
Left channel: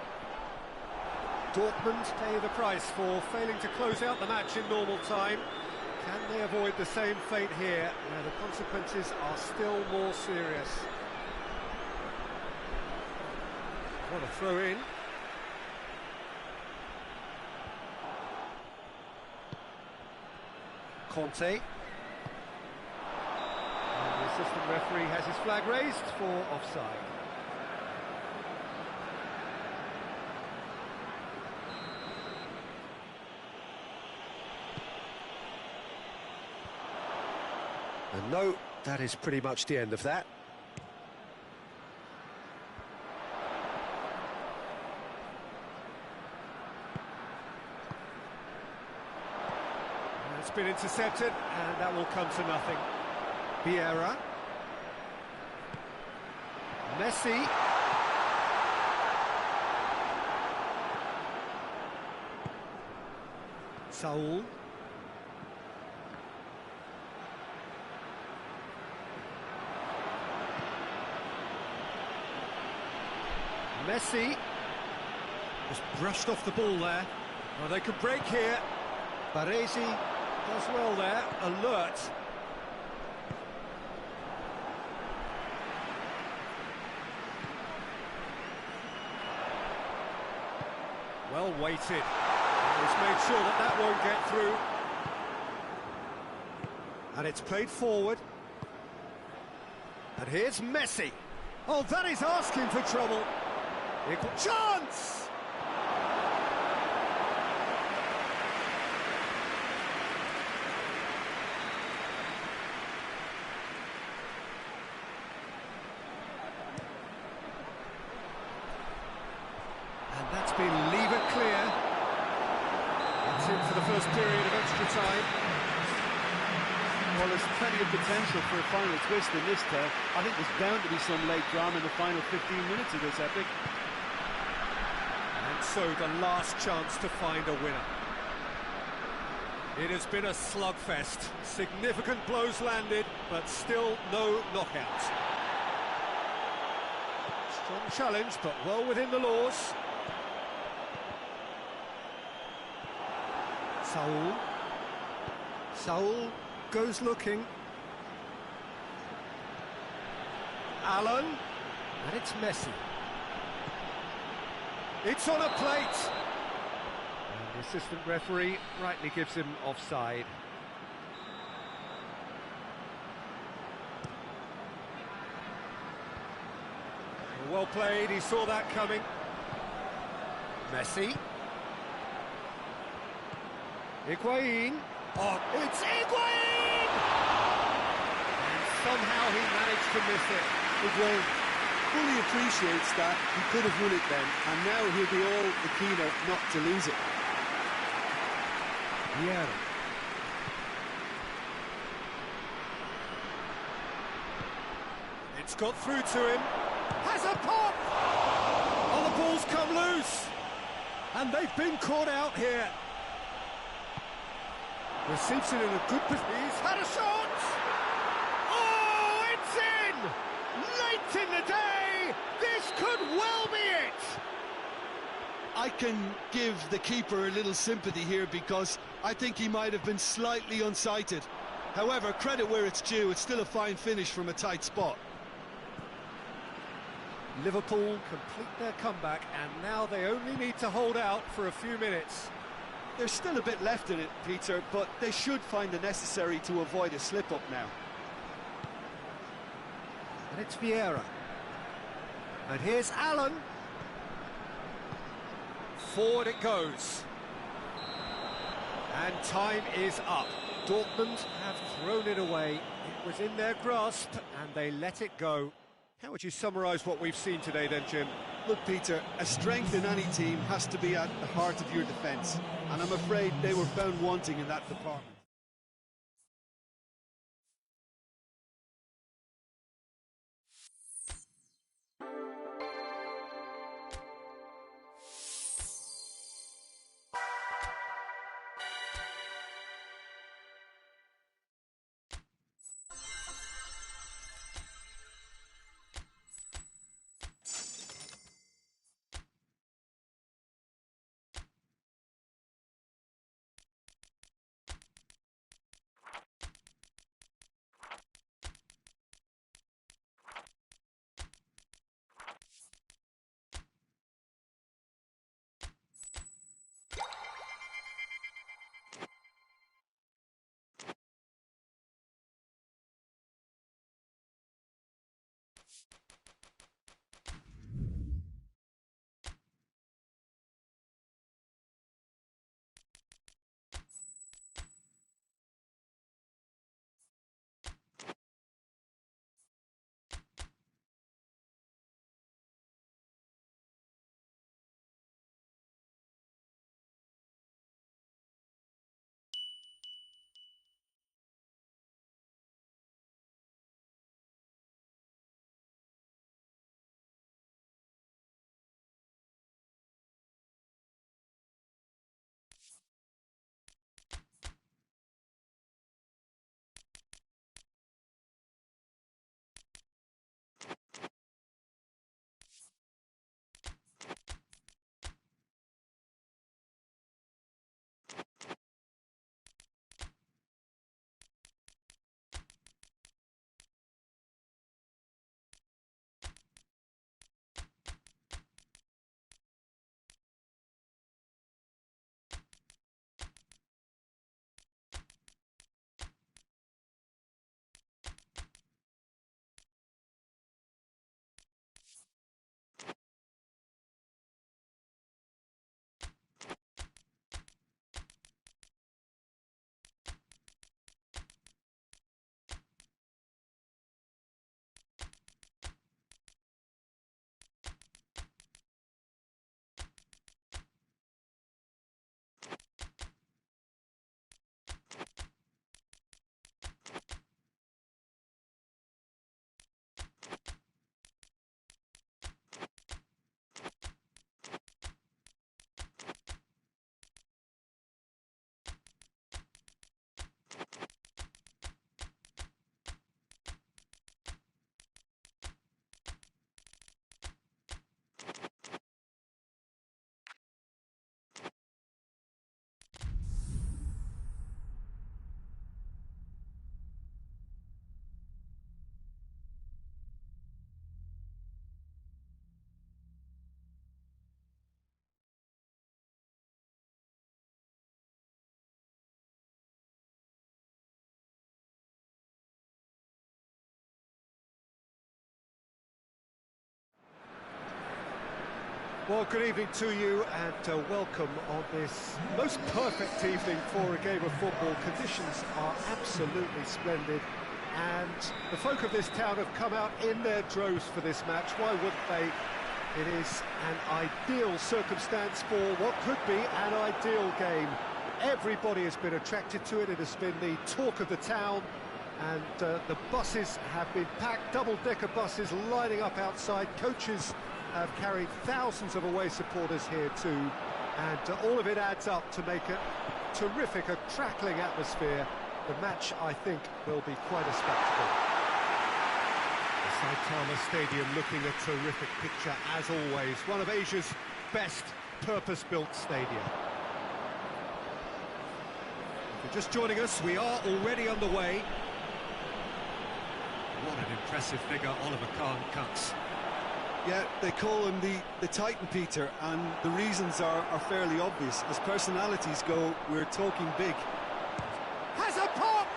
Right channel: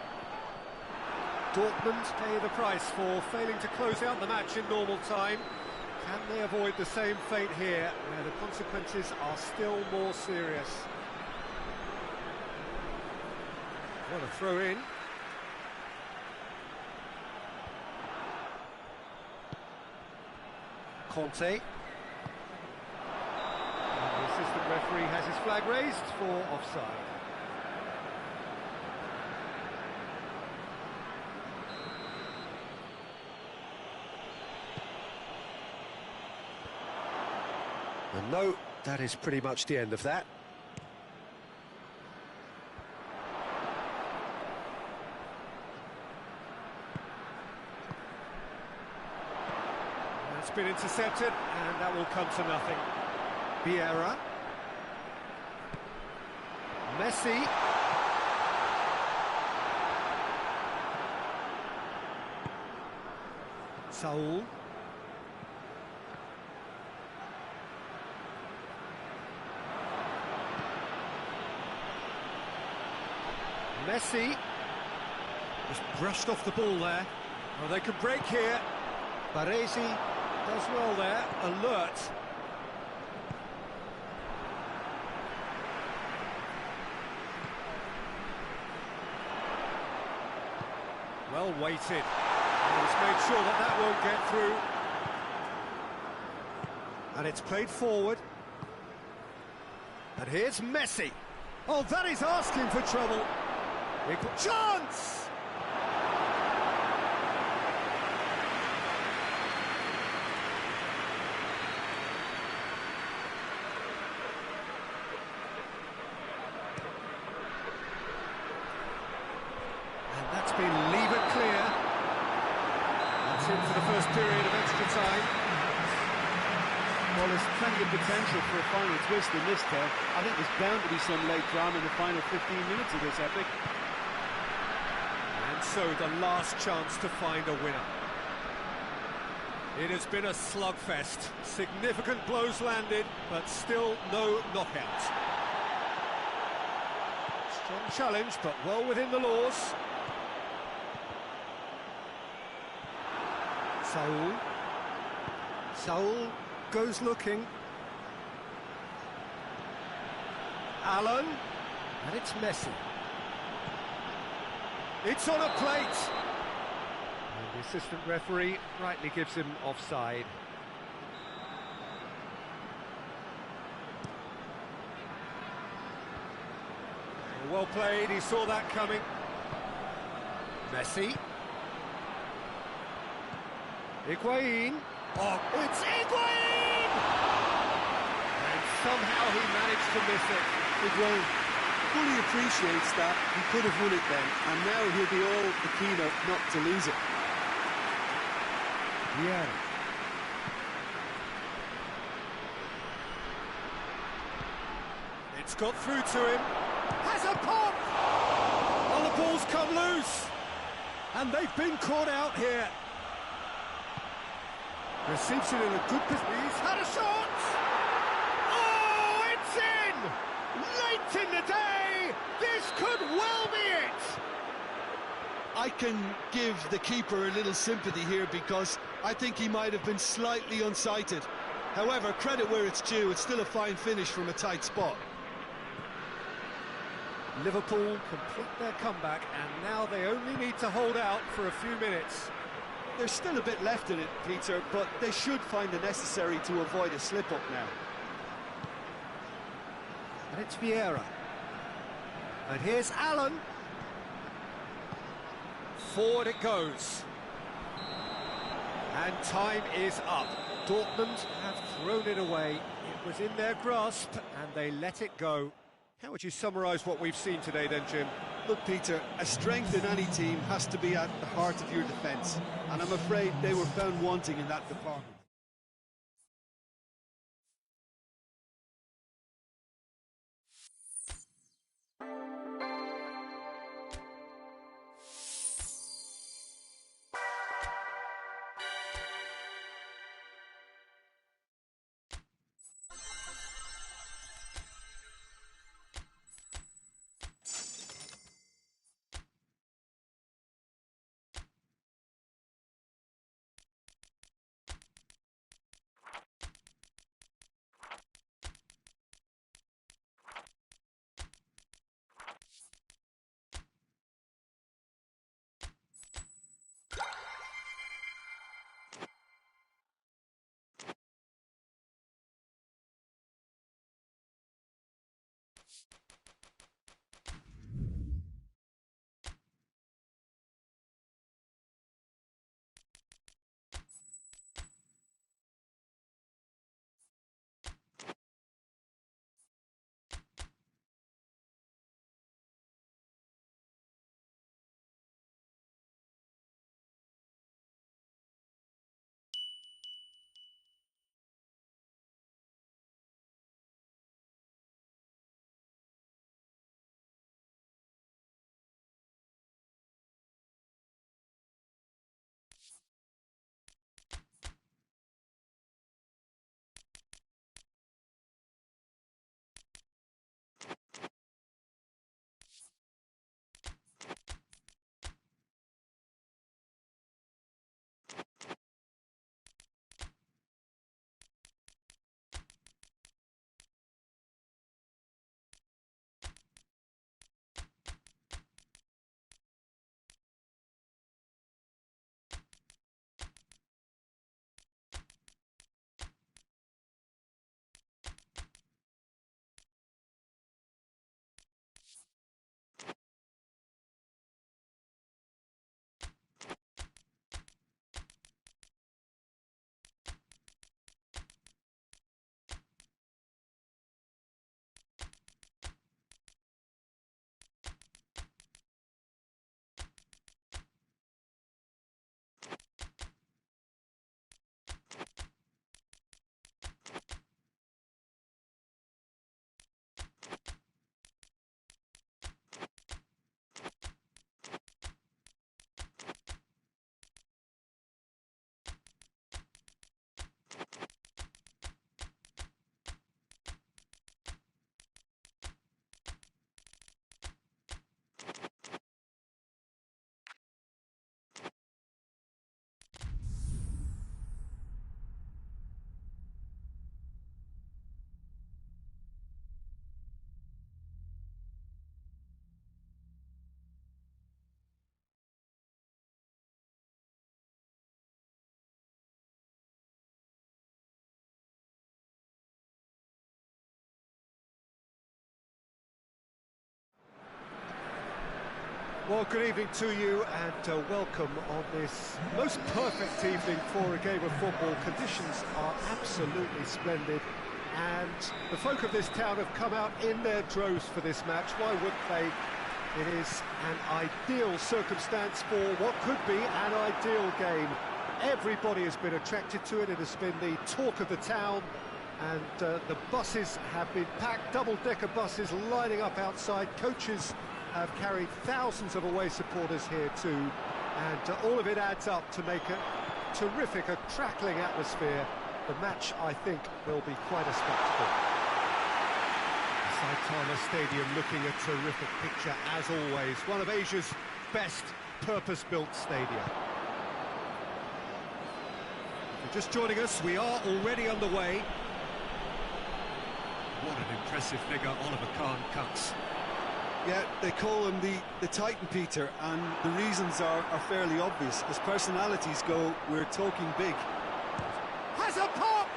Dortmund pay the price for failing to close out the match in normal time. Can they avoid the same fate here, where the consequences are still more serious? What a throw in. Conte. And the assistant referee has his flag raised for offside. And no, that is pretty much the end of that. That's been intercepted, and that will come to nothing. Vieira. Messi. Saul. Messi just brushed off the ball there. Oh, they could break here. Baresi does well there, alert. Well weighted. Oh, he's made sure that that won't get through. And it's played forward. And here's Messi. Oh, that is asking for trouble. Equal chance! And that's been lever clear. minutes into the first period of extra time. Well, there's plenty of potential for a final twist in this tale. I think there's bound to be some late drama in the final 15 minutes of this epic. And so the last chance to find a winner. It has been a slugfest. Significant blows landed, but still no knockout. Strong challenge, but well within the laws. Saul goes looking. Allen, and it's Messi. It's on a plate. And the assistant referee rightly gives him offside. Well played, he saw that coming. Messi. Higuain. Oh, it's Higuain! And somehow he managed to miss it. Higuain fully appreciates that he could have won it then, and now he'll be all the keener not to lose it. Vieira. It's got through to him. Has a pop! Oh, the ball's come loose! And they've been caught out here. Receives it in a good position. He's had a shot! Oh, it's in! Late in the day! This could well be it! I can give the keeper a little sympathy here because I think he might have been slightly unsighted. However, credit where it's due, it's still a fine finish from a tight spot. Liverpool complete their comeback, and now they only need to hold out for a few minutes. There's still a bit left in it, Peter, but they should find the necessary to avoid a slip-up now. And it's Vieira. And here's Allen. Forward it goes. And time is up. Dortmund have thrown it away. It was in their grasp, and they let it go. How would you summarise what we've seen today then, Jim? Look, Peter, a strength in any team has to be at the heart of your defence, and I'm afraid they were found wanting in that department. Well, good evening to you and welcome on this most perfect evening for a game of football. Conditions are absolutely splendid and the folk of this town have come out in their droves for this match. Why wouldn't they? It is an ideal circumstance for what could be an ideal game. Everybody has been attracted to it. It has been the talk of the town, and the buses have been packed, double-decker buses lining up outside. Coaches have carried thousands of away supporters here too, and all of it adds up to make a terrific, a crackling atmosphere. The match, I think, will be quite a spectacle. The Saitama Stadium looking a terrific picture as always. One of Asia's best purpose-built stadia. If you're just joining us, we are already underway. What an impressive figure Oliver Kahn cuts. Yeah, they call him the Titan, Peter, and the reasons are fairly obvious. As personalities go, we're talking big. Has a pop!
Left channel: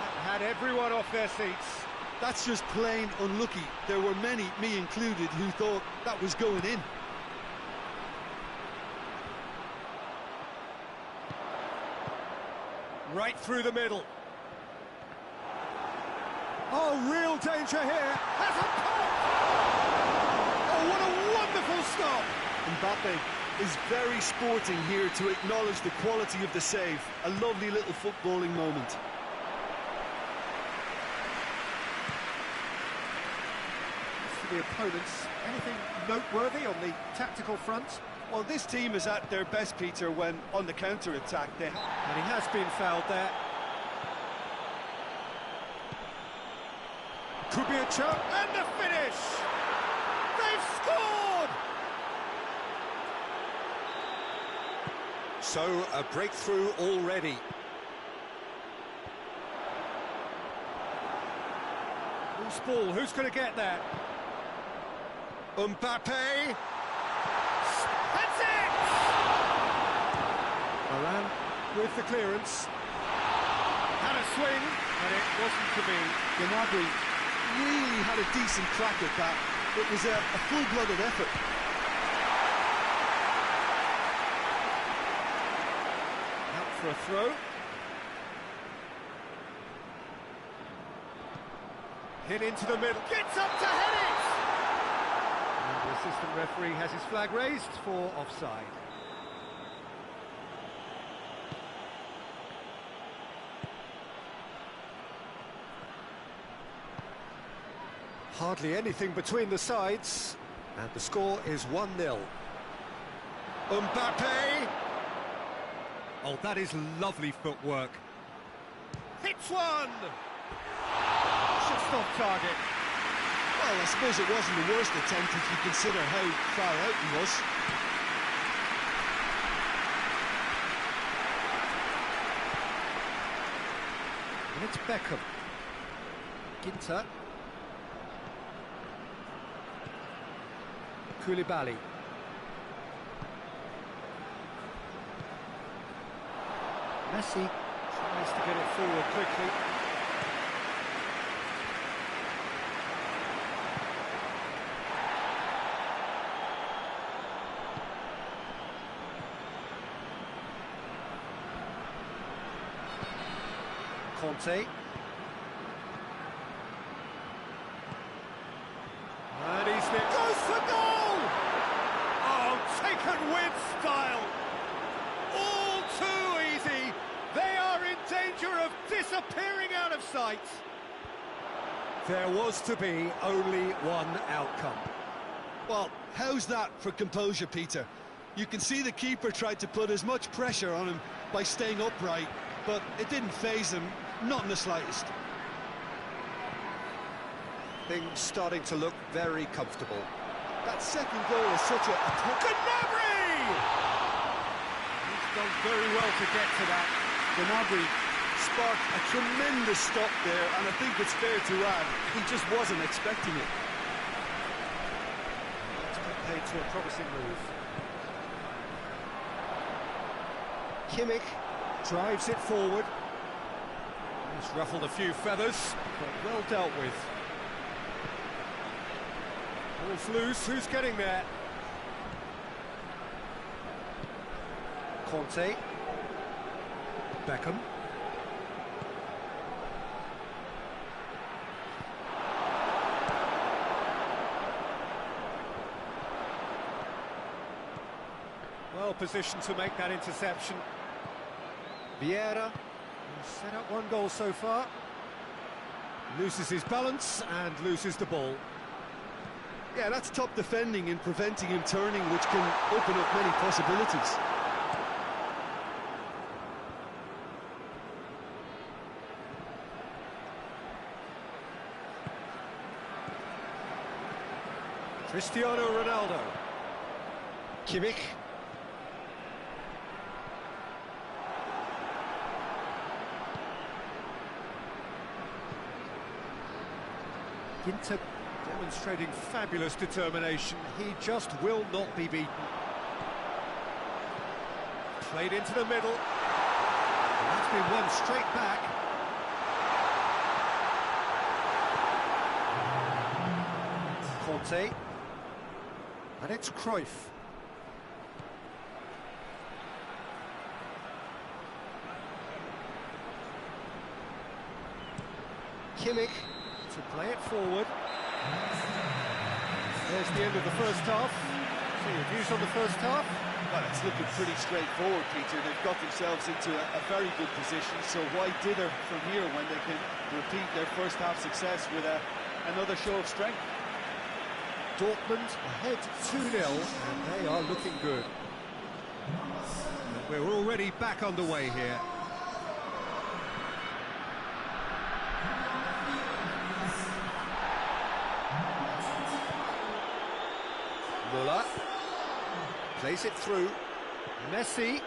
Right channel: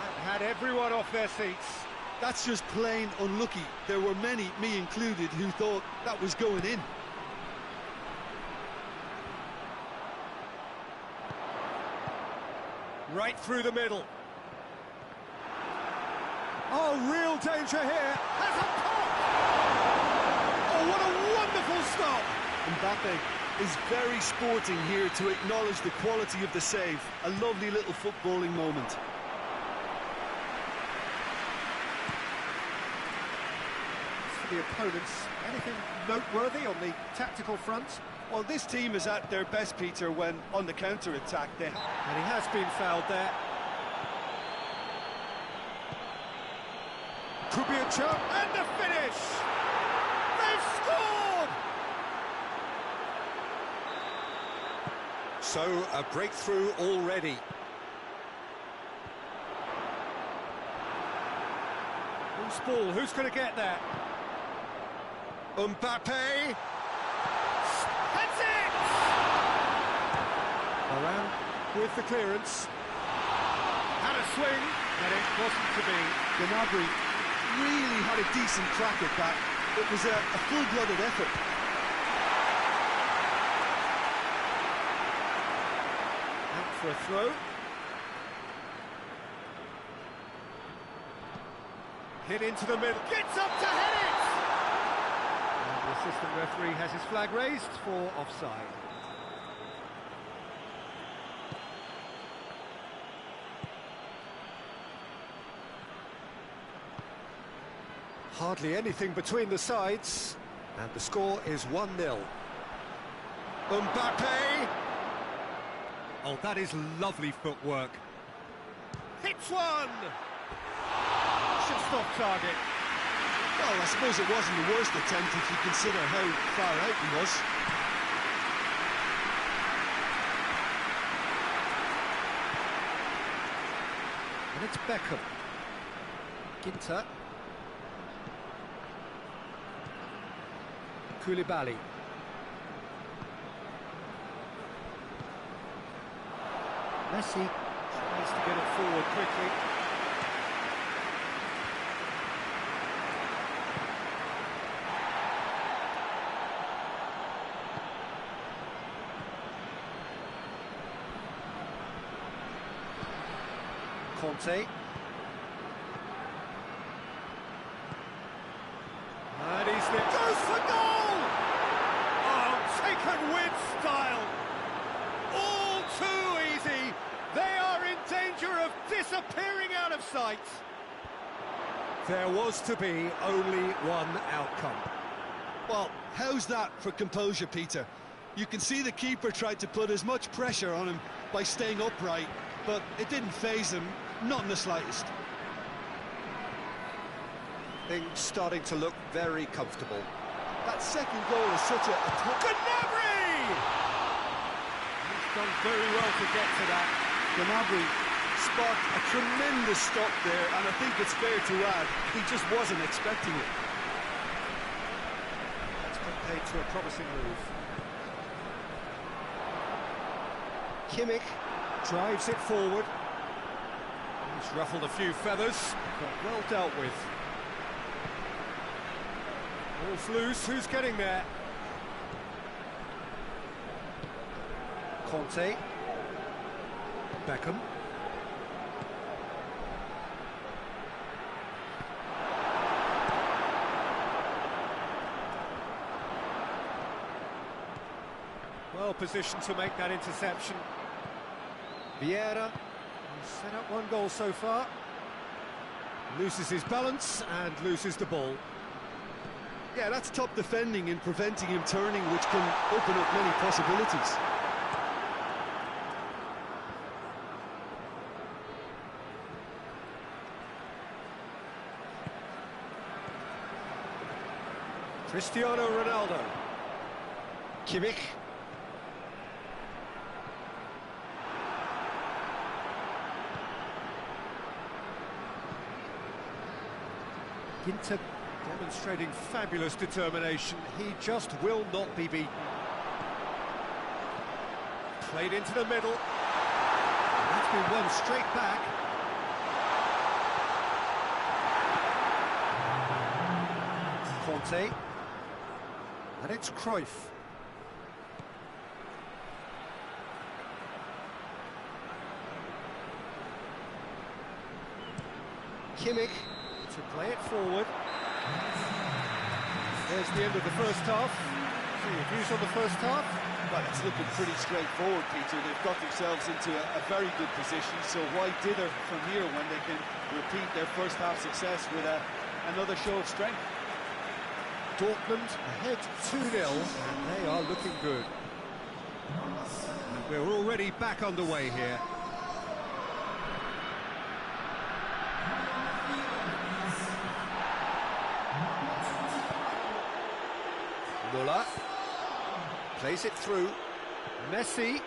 That had everyone off their seats. That's just plain unlucky. There were many, me included, who thought that was going in. Right through the middle. Oh, real danger here. Has a pop! Oh, what a wonderful stop! Mbappe is very sporting here to acknowledge the quality of the save. A lovely little footballing moment. As for the opponents, anything noteworthy on the tactical front? Well, this team is at their best, Peter, when on the counter-attack. And he has been fouled there. Could be a chance, and the finish! They've scored! So, a breakthrough already. Loose ball, who's going to get that? Mbappe! That's it! Varane with the clearance. Had a swing, but it wasn't to be. Gnabry really had a decent crack at that. It was a full-blooded effort. Out for a throw. Hit into the middle. Gets up to head it! And the assistant referee has his flag raised for offside. Hardly anything between the sides, and the score is 1-0. Mbappe! Oh, that is lovely footwork. Hits one! Just off target. Well, I suppose it wasn't the worst attempt if you consider how far out he was. And it's Beckham. Ginter. Koulibaly. Messi tries to get it forward quickly. Conte. And he's there. Goes for goal! Oh, taken with style. All too easy. They are in danger of disappearing out of sight. There was to be only one outcome. Well, how's that for composure, Peter? You can see the keeper tried to put as much pressure on him by staying upright, but it didn't faze him, not in the slightest. Things starting to look very comfortable. That second goal is such a Gnabry! He's done very well to get to that. Gnabry sparked a tremendous stop there, and I think it's fair to add, he just wasn't expecting it. That's compared to a promising move. Kimmich drives it forward. He's ruffled a few feathers, but well dealt with. Ball's loose, who's getting there? Conte. Beckham. Well positioned to make that interception. Vieira has set up one goal so far. Loses his balance and loses the ball. Yeah, that's top defending and preventing him turning, which can open up many possibilities. Cristiano Ronaldo. Kimmich. Ginter demonstrating fabulous determination. He just will not be beaten. Played into the middle. And that's been won straight back. Conte. And it's Cruyff. Kimmich to play it forward. There's the end of the first half. So your views on the first half? Well, it's looking pretty straightforward, Peter. They've got themselves into a very good position, so why dither from here when they can repeat their first half success with another show of strength? Dortmund ahead 2-0, and they are looking good. And we're already back underway here. Müller plays it through. Messi.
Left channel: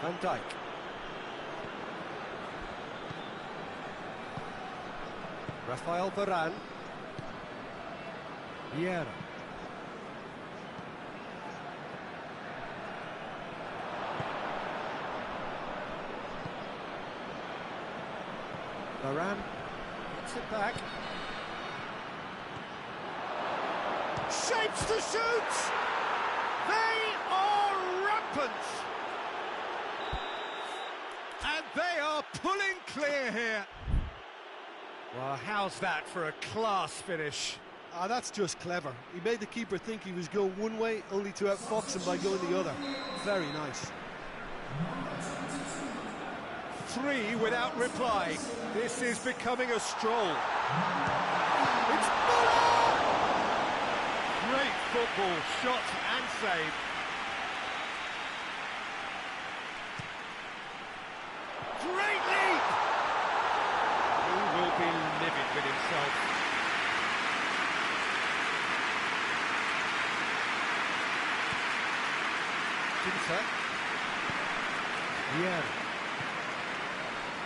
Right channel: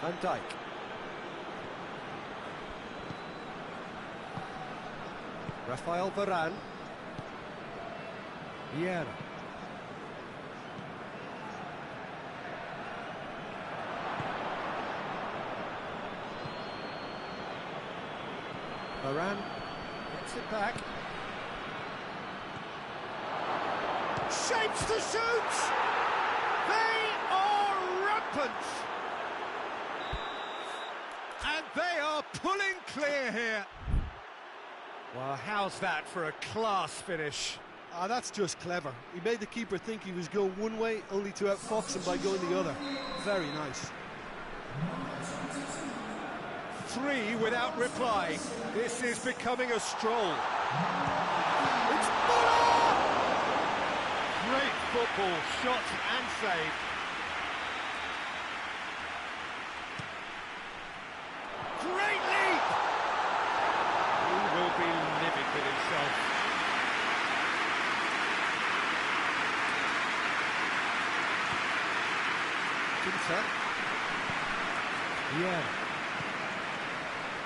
Van Dijk. Rafael Varane. Vieira. Varane gets it back. Shapes to shoot! They are rampant! And they are pulling clear here. Well, how's that for a class finish? Ah, that's just clever. He made the keeper think he was going one way, only to outfox him by going the other. Very nice. 3 without reply. This is becoming a stroll. It's Müller! Great football, shot and save. Great leap! He will be livid with himself. Ginter. Vieira.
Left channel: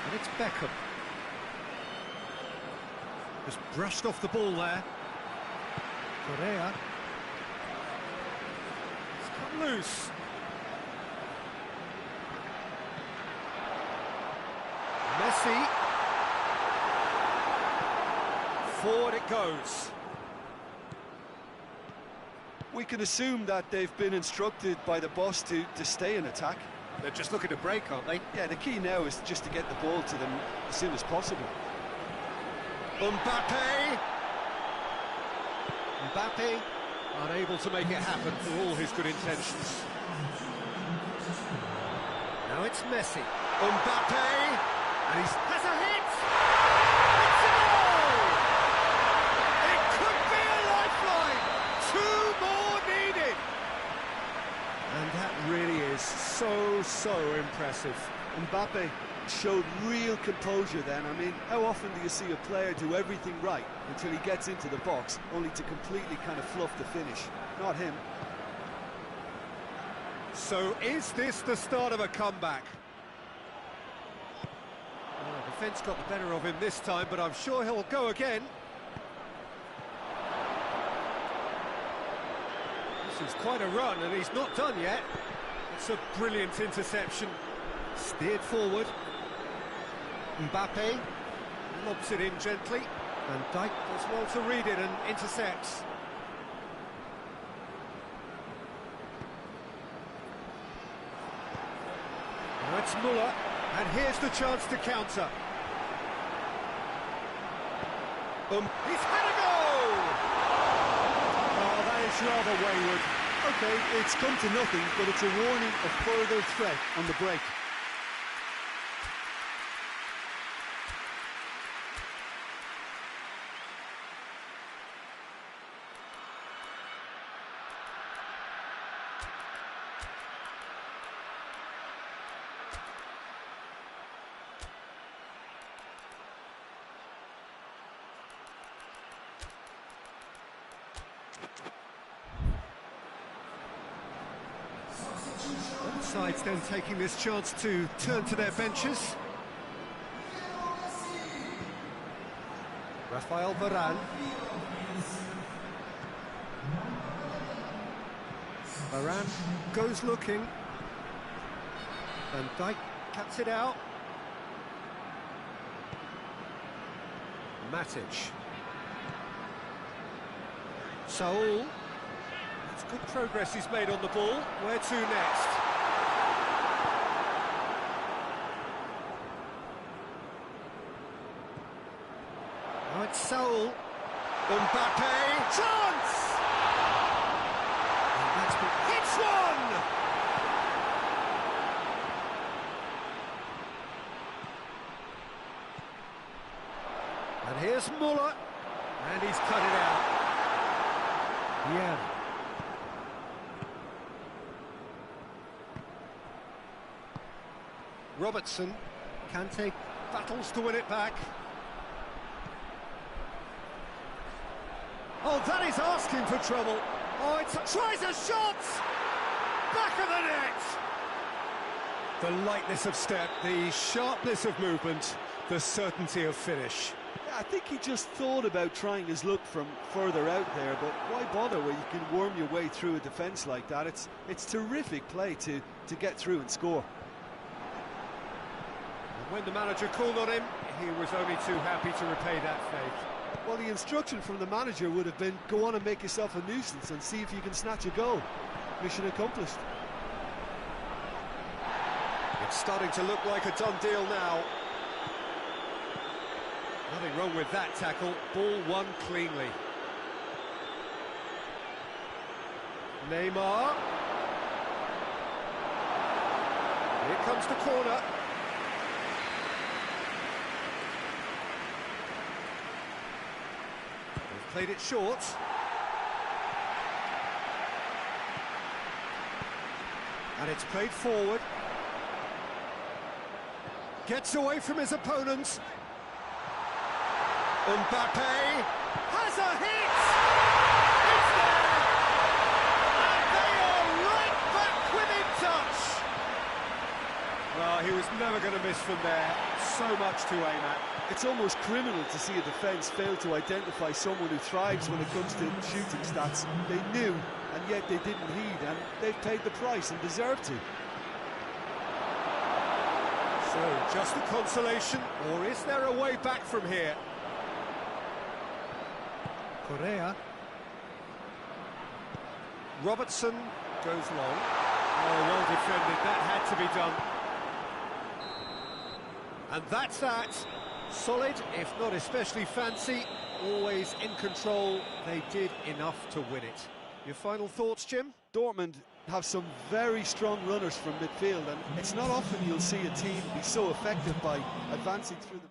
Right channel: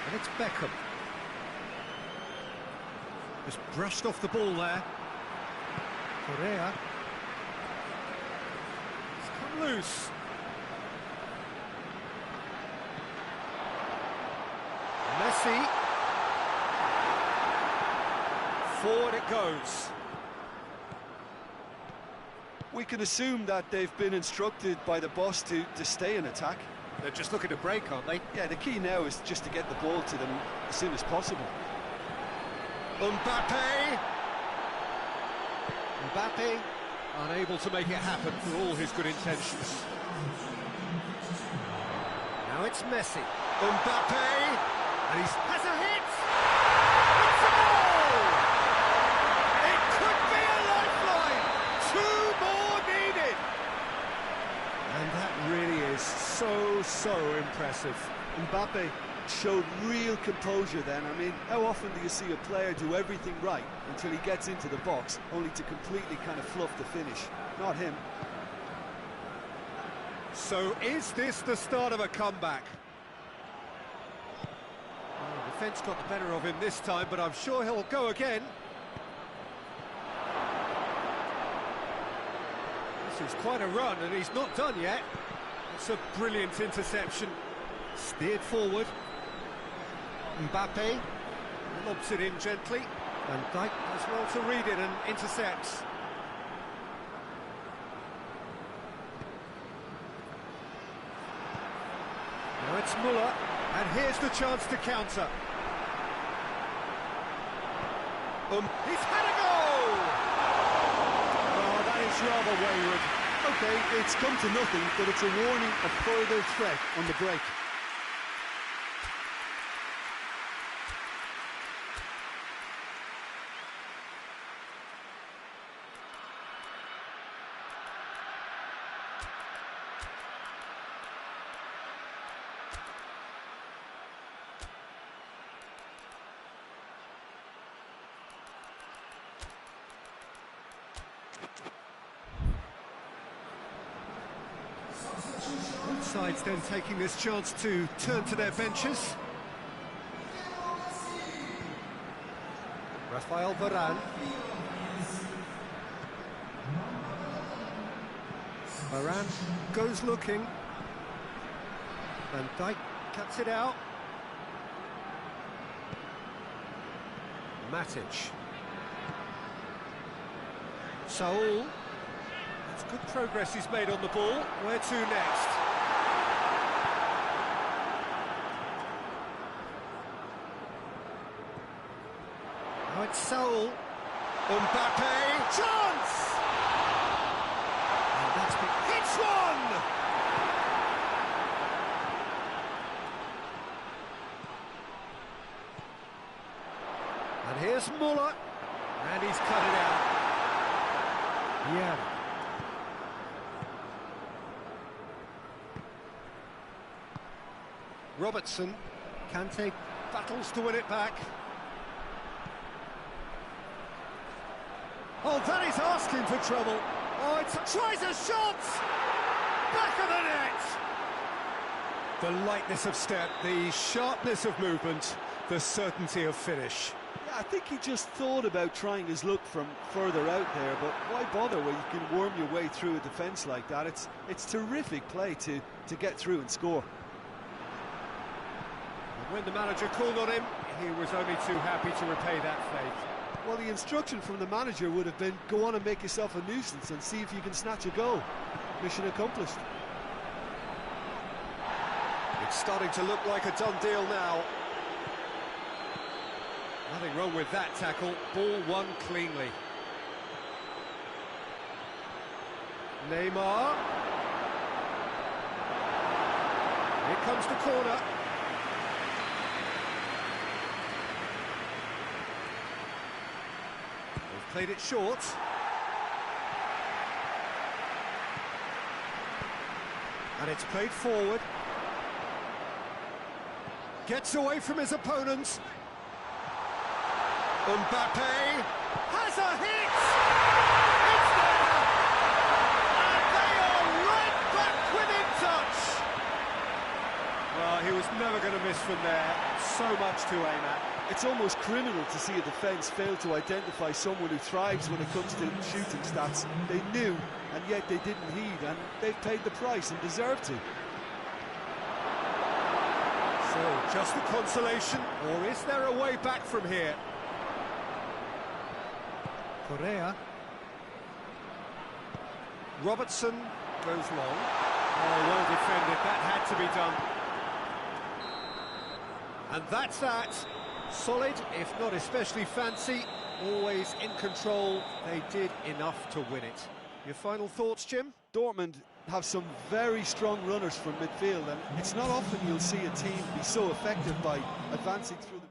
And it's Beckham. Just brushed off the ball there. Correa. It's come loose. Messi. Forward it goes. We can assume that they've been instructed by the boss to stay in attack. They're just looking to break, aren't they? Yeah, the key now is just to get the ball to them as soon as possible. Mbappe! Mbappe unable to make it happen for all his good intentions. Now it's Messi. Mbappe! And he has a hit! It's a goal! It could be a lifeline! 2 more needed! And that really is so impressive. Mbappe showed real composure then. I mean, how often do you see a player do everything right until he gets into the box, only to completely kind of fluff the finish? Not him. So is this the start of a comeback? Well, defence got the better of him this time, but I'm sure he'll go again. This is quite a run, and he's not done yet. It's a brilliant interception. Steered forward. Mbappe lobs it in gently. Van Dijk does well to read it and intercepts. Now it's Muller, and here's the chance to counter. He's had a go! Oh, that is rather wayward. Okay, it's come to nothing, but it's a warning of further threat on the break. Both sides then taking this chance to turn to their benches. Rafael Varane. Varane goes looking. Van Dijk cuts it out. Matic. Saul. That's good progress he's made on the ball. Where to next? Now it's Saul. Mbappe. Chance! And that's been... Hits one! And here's Muller. And he's cut it out. Yeah. Robertson. Kante battles to win it back. Oh, that is asking for trouble. Oh, it tries a shot! Back of the net! The lightness of step, the sharpness of movement, the certainty of finish. Yeah, I think he just thought about trying his luck from further out there, but why bother when you can worm your way through a defence like that? It's terrific play to get through and score. And when the manager called on him, he was only too happy to repay that faith. Well, the instruction from the manager would have been, go on and make yourself a nuisance and see if you can snatch a goal. Mission accomplished. It's starting to look like a done deal now. Nothing wrong with that tackle. Ball won cleanly. Neymar. Here comes the corner. They've played it short. And it's played forward. Gets away from his opponents. Mbappe has a hit! It's there! And they are right back within touch! Well, he was never going to miss from there. So much to aim at. It's almost criminal to see a defence fail to identify someone who thrives when it comes to shooting stats. They knew, and yet they didn't heed, and they've paid the price and deserve to. So, just a consolation, or is there a way back from here? Correa. Robertson goes long. Oh, well defended, that had to be done. And that's that. Solid, if not especially fancy, always in control. They did enough to win it. Your final thoughts, Jim? Dortmund have some very strong runners from midfield, and it's not often you'll see a team be so effective by advancing through the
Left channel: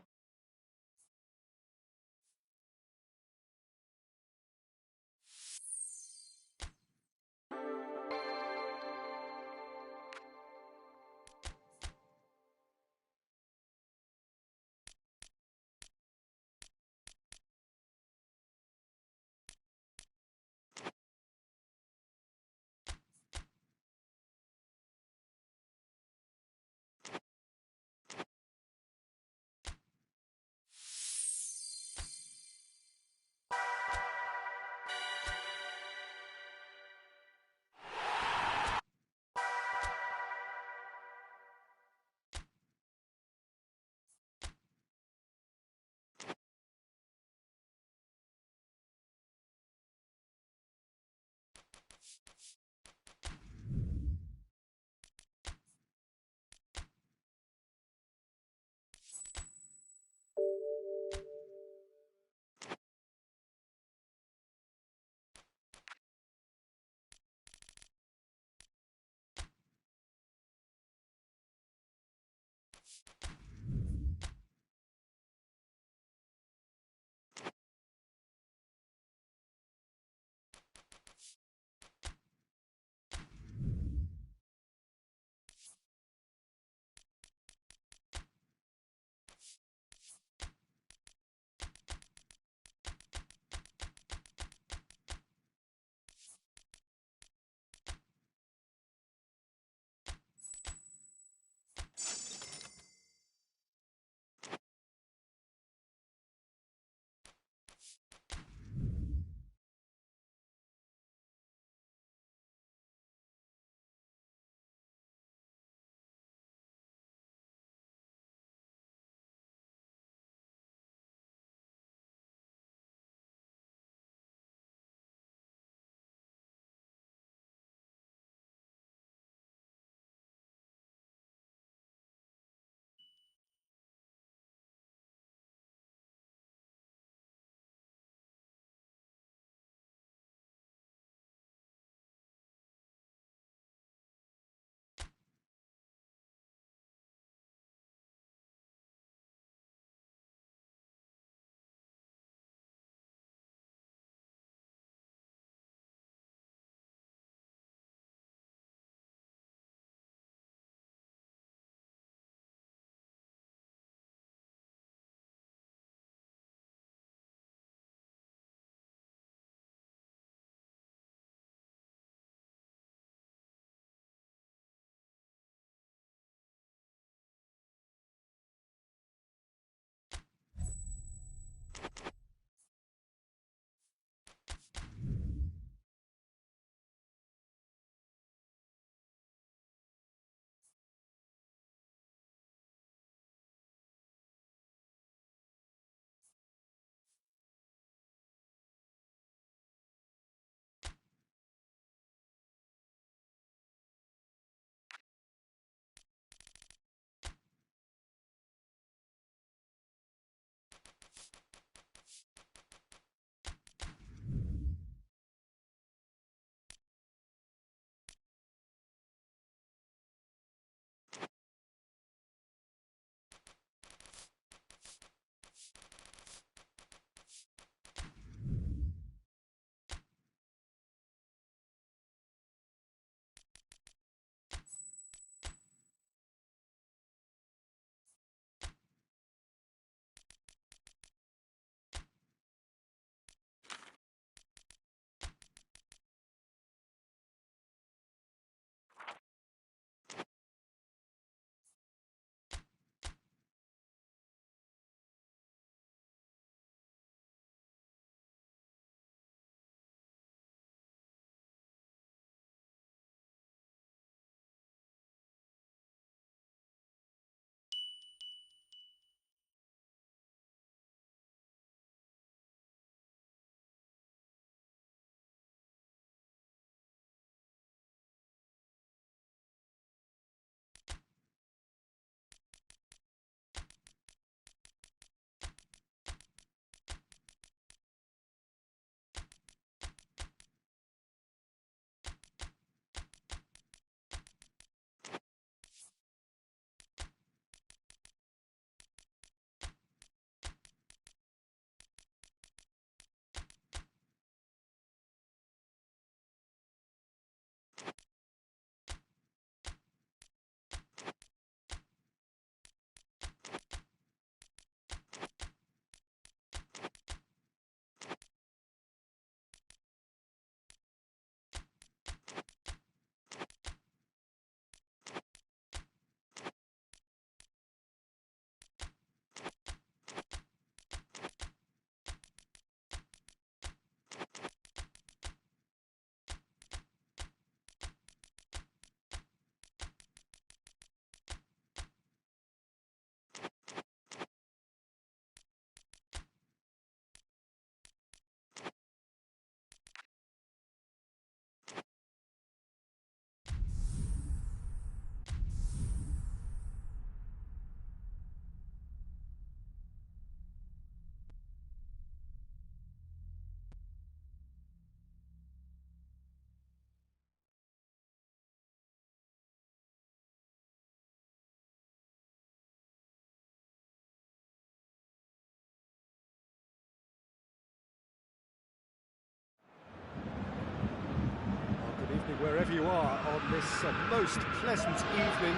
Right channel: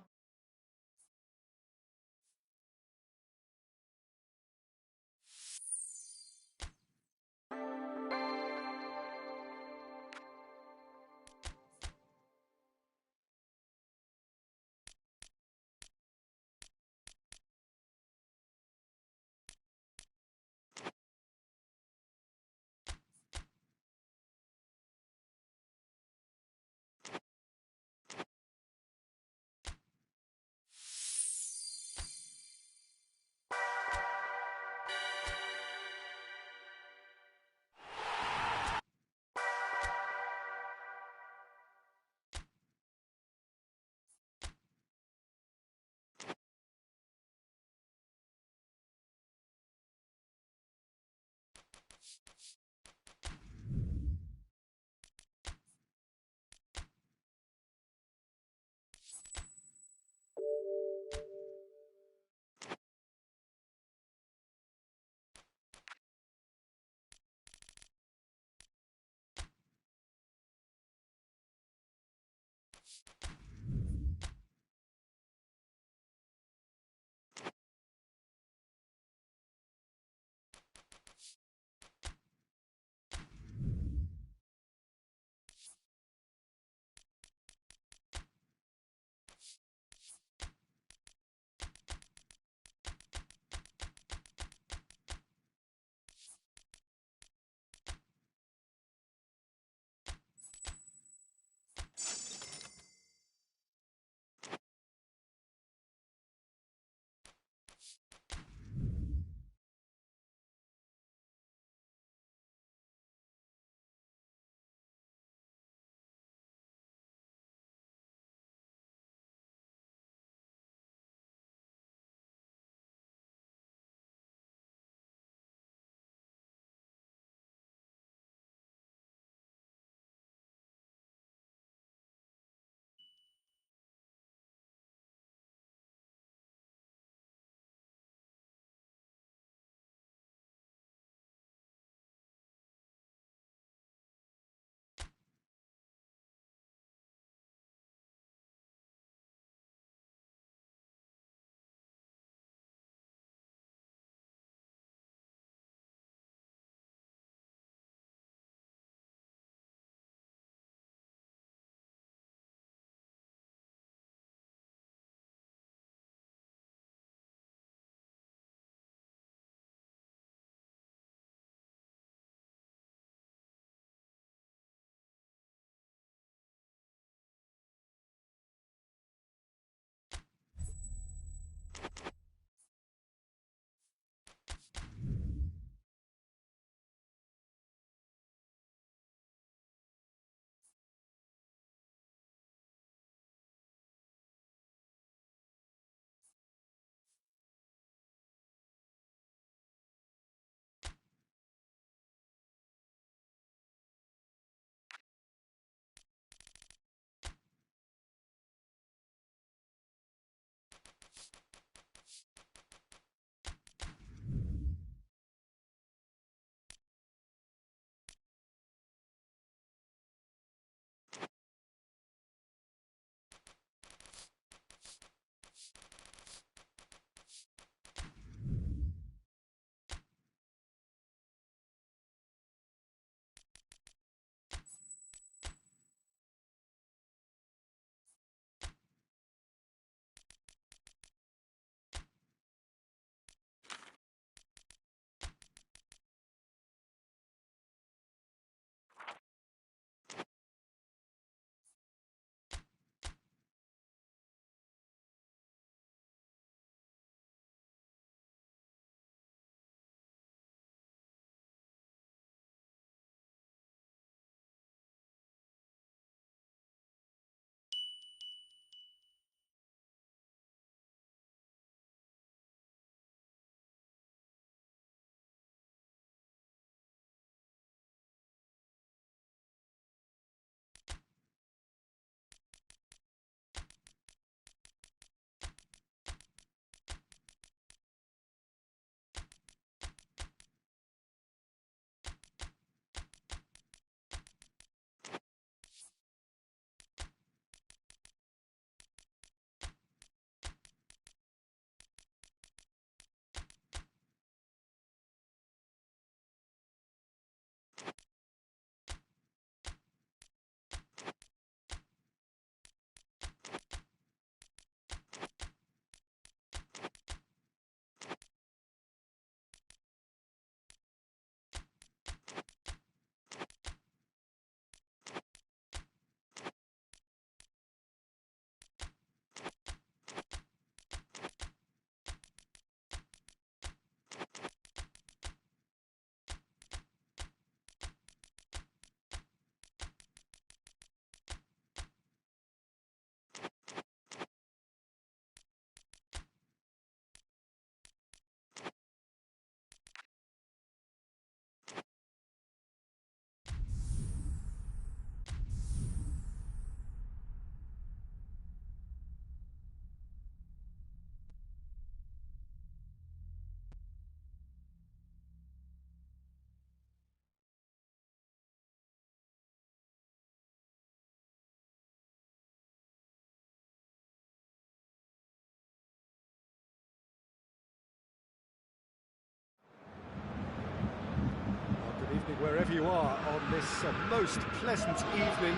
wherever you are on this most pleasant evening.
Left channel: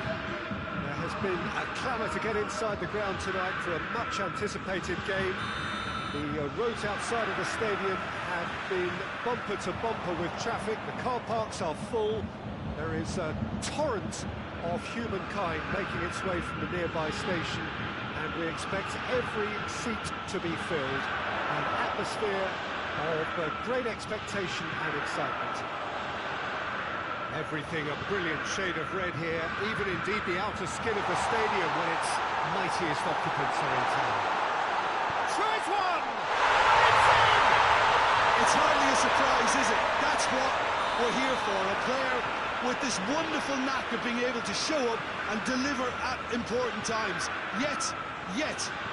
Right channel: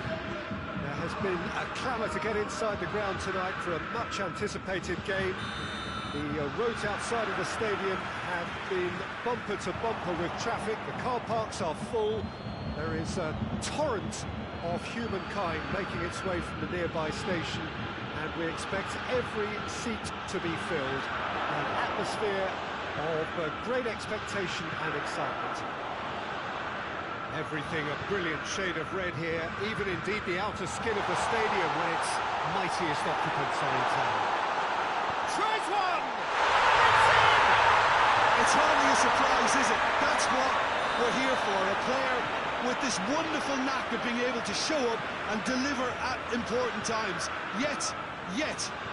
There has been a clamour to get inside the ground tonight for a much-anticipated game. The roads outside of the stadium have been bumper to bumper with traffic. The car parks are full. There is a torrent of humankind making its way from the nearby station, and we expect every seat to be filled. An atmosphere of great expectation and excitement. Everything a brilliant shade of red here, even indeed the outer skin of the stadium when its mightiest occupants are in town. Tries one! It's in! It's hardly a surprise, is it? That's what we're here for, a player with this wonderful knack of being able to show up and deliver at important times. Yet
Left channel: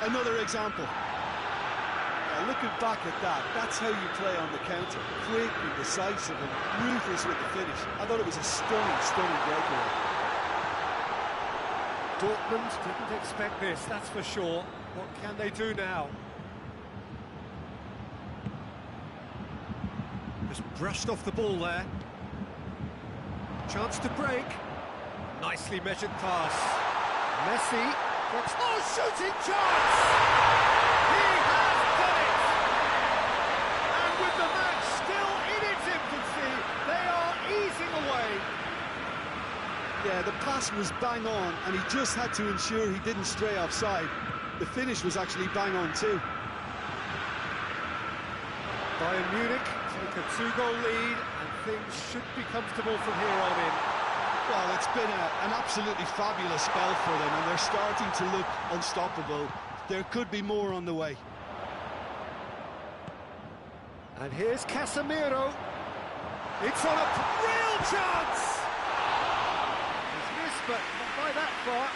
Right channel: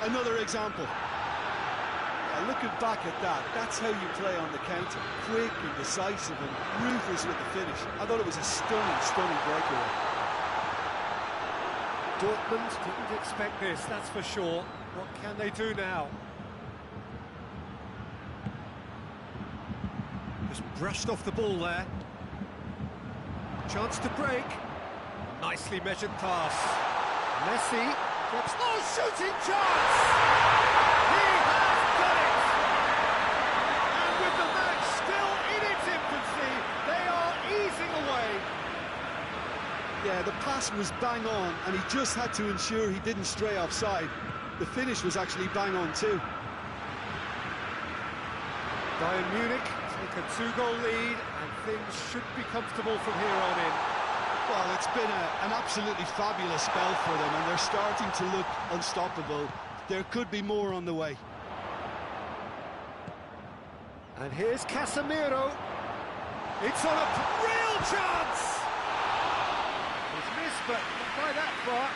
another example. Looking back at that, that's how you play on the counter. Quick and decisive and ruthless with the finish. I thought it was a stunning breakaway. Dortmund didn't expect this, that's for sure. What can they do now? Just brushed off the ball there. Chance to break. Nicely measured pass. Messi gets... Oh, shooting chance! He has done it! And with the match still in its infancy, they are easing away. Yeah, the pass was bang on, and he just had to ensure he didn't stray offside. The finish was actually bang on too. Bayern Munich take a 2-goal lead, and things should be comfortable from here on in. Well, it's been an absolutely fabulous spell for them, and they're starting to look unstoppable. There could be more on the way. And here's Casemiro. It's on a real chance! He's missed, but not by that far.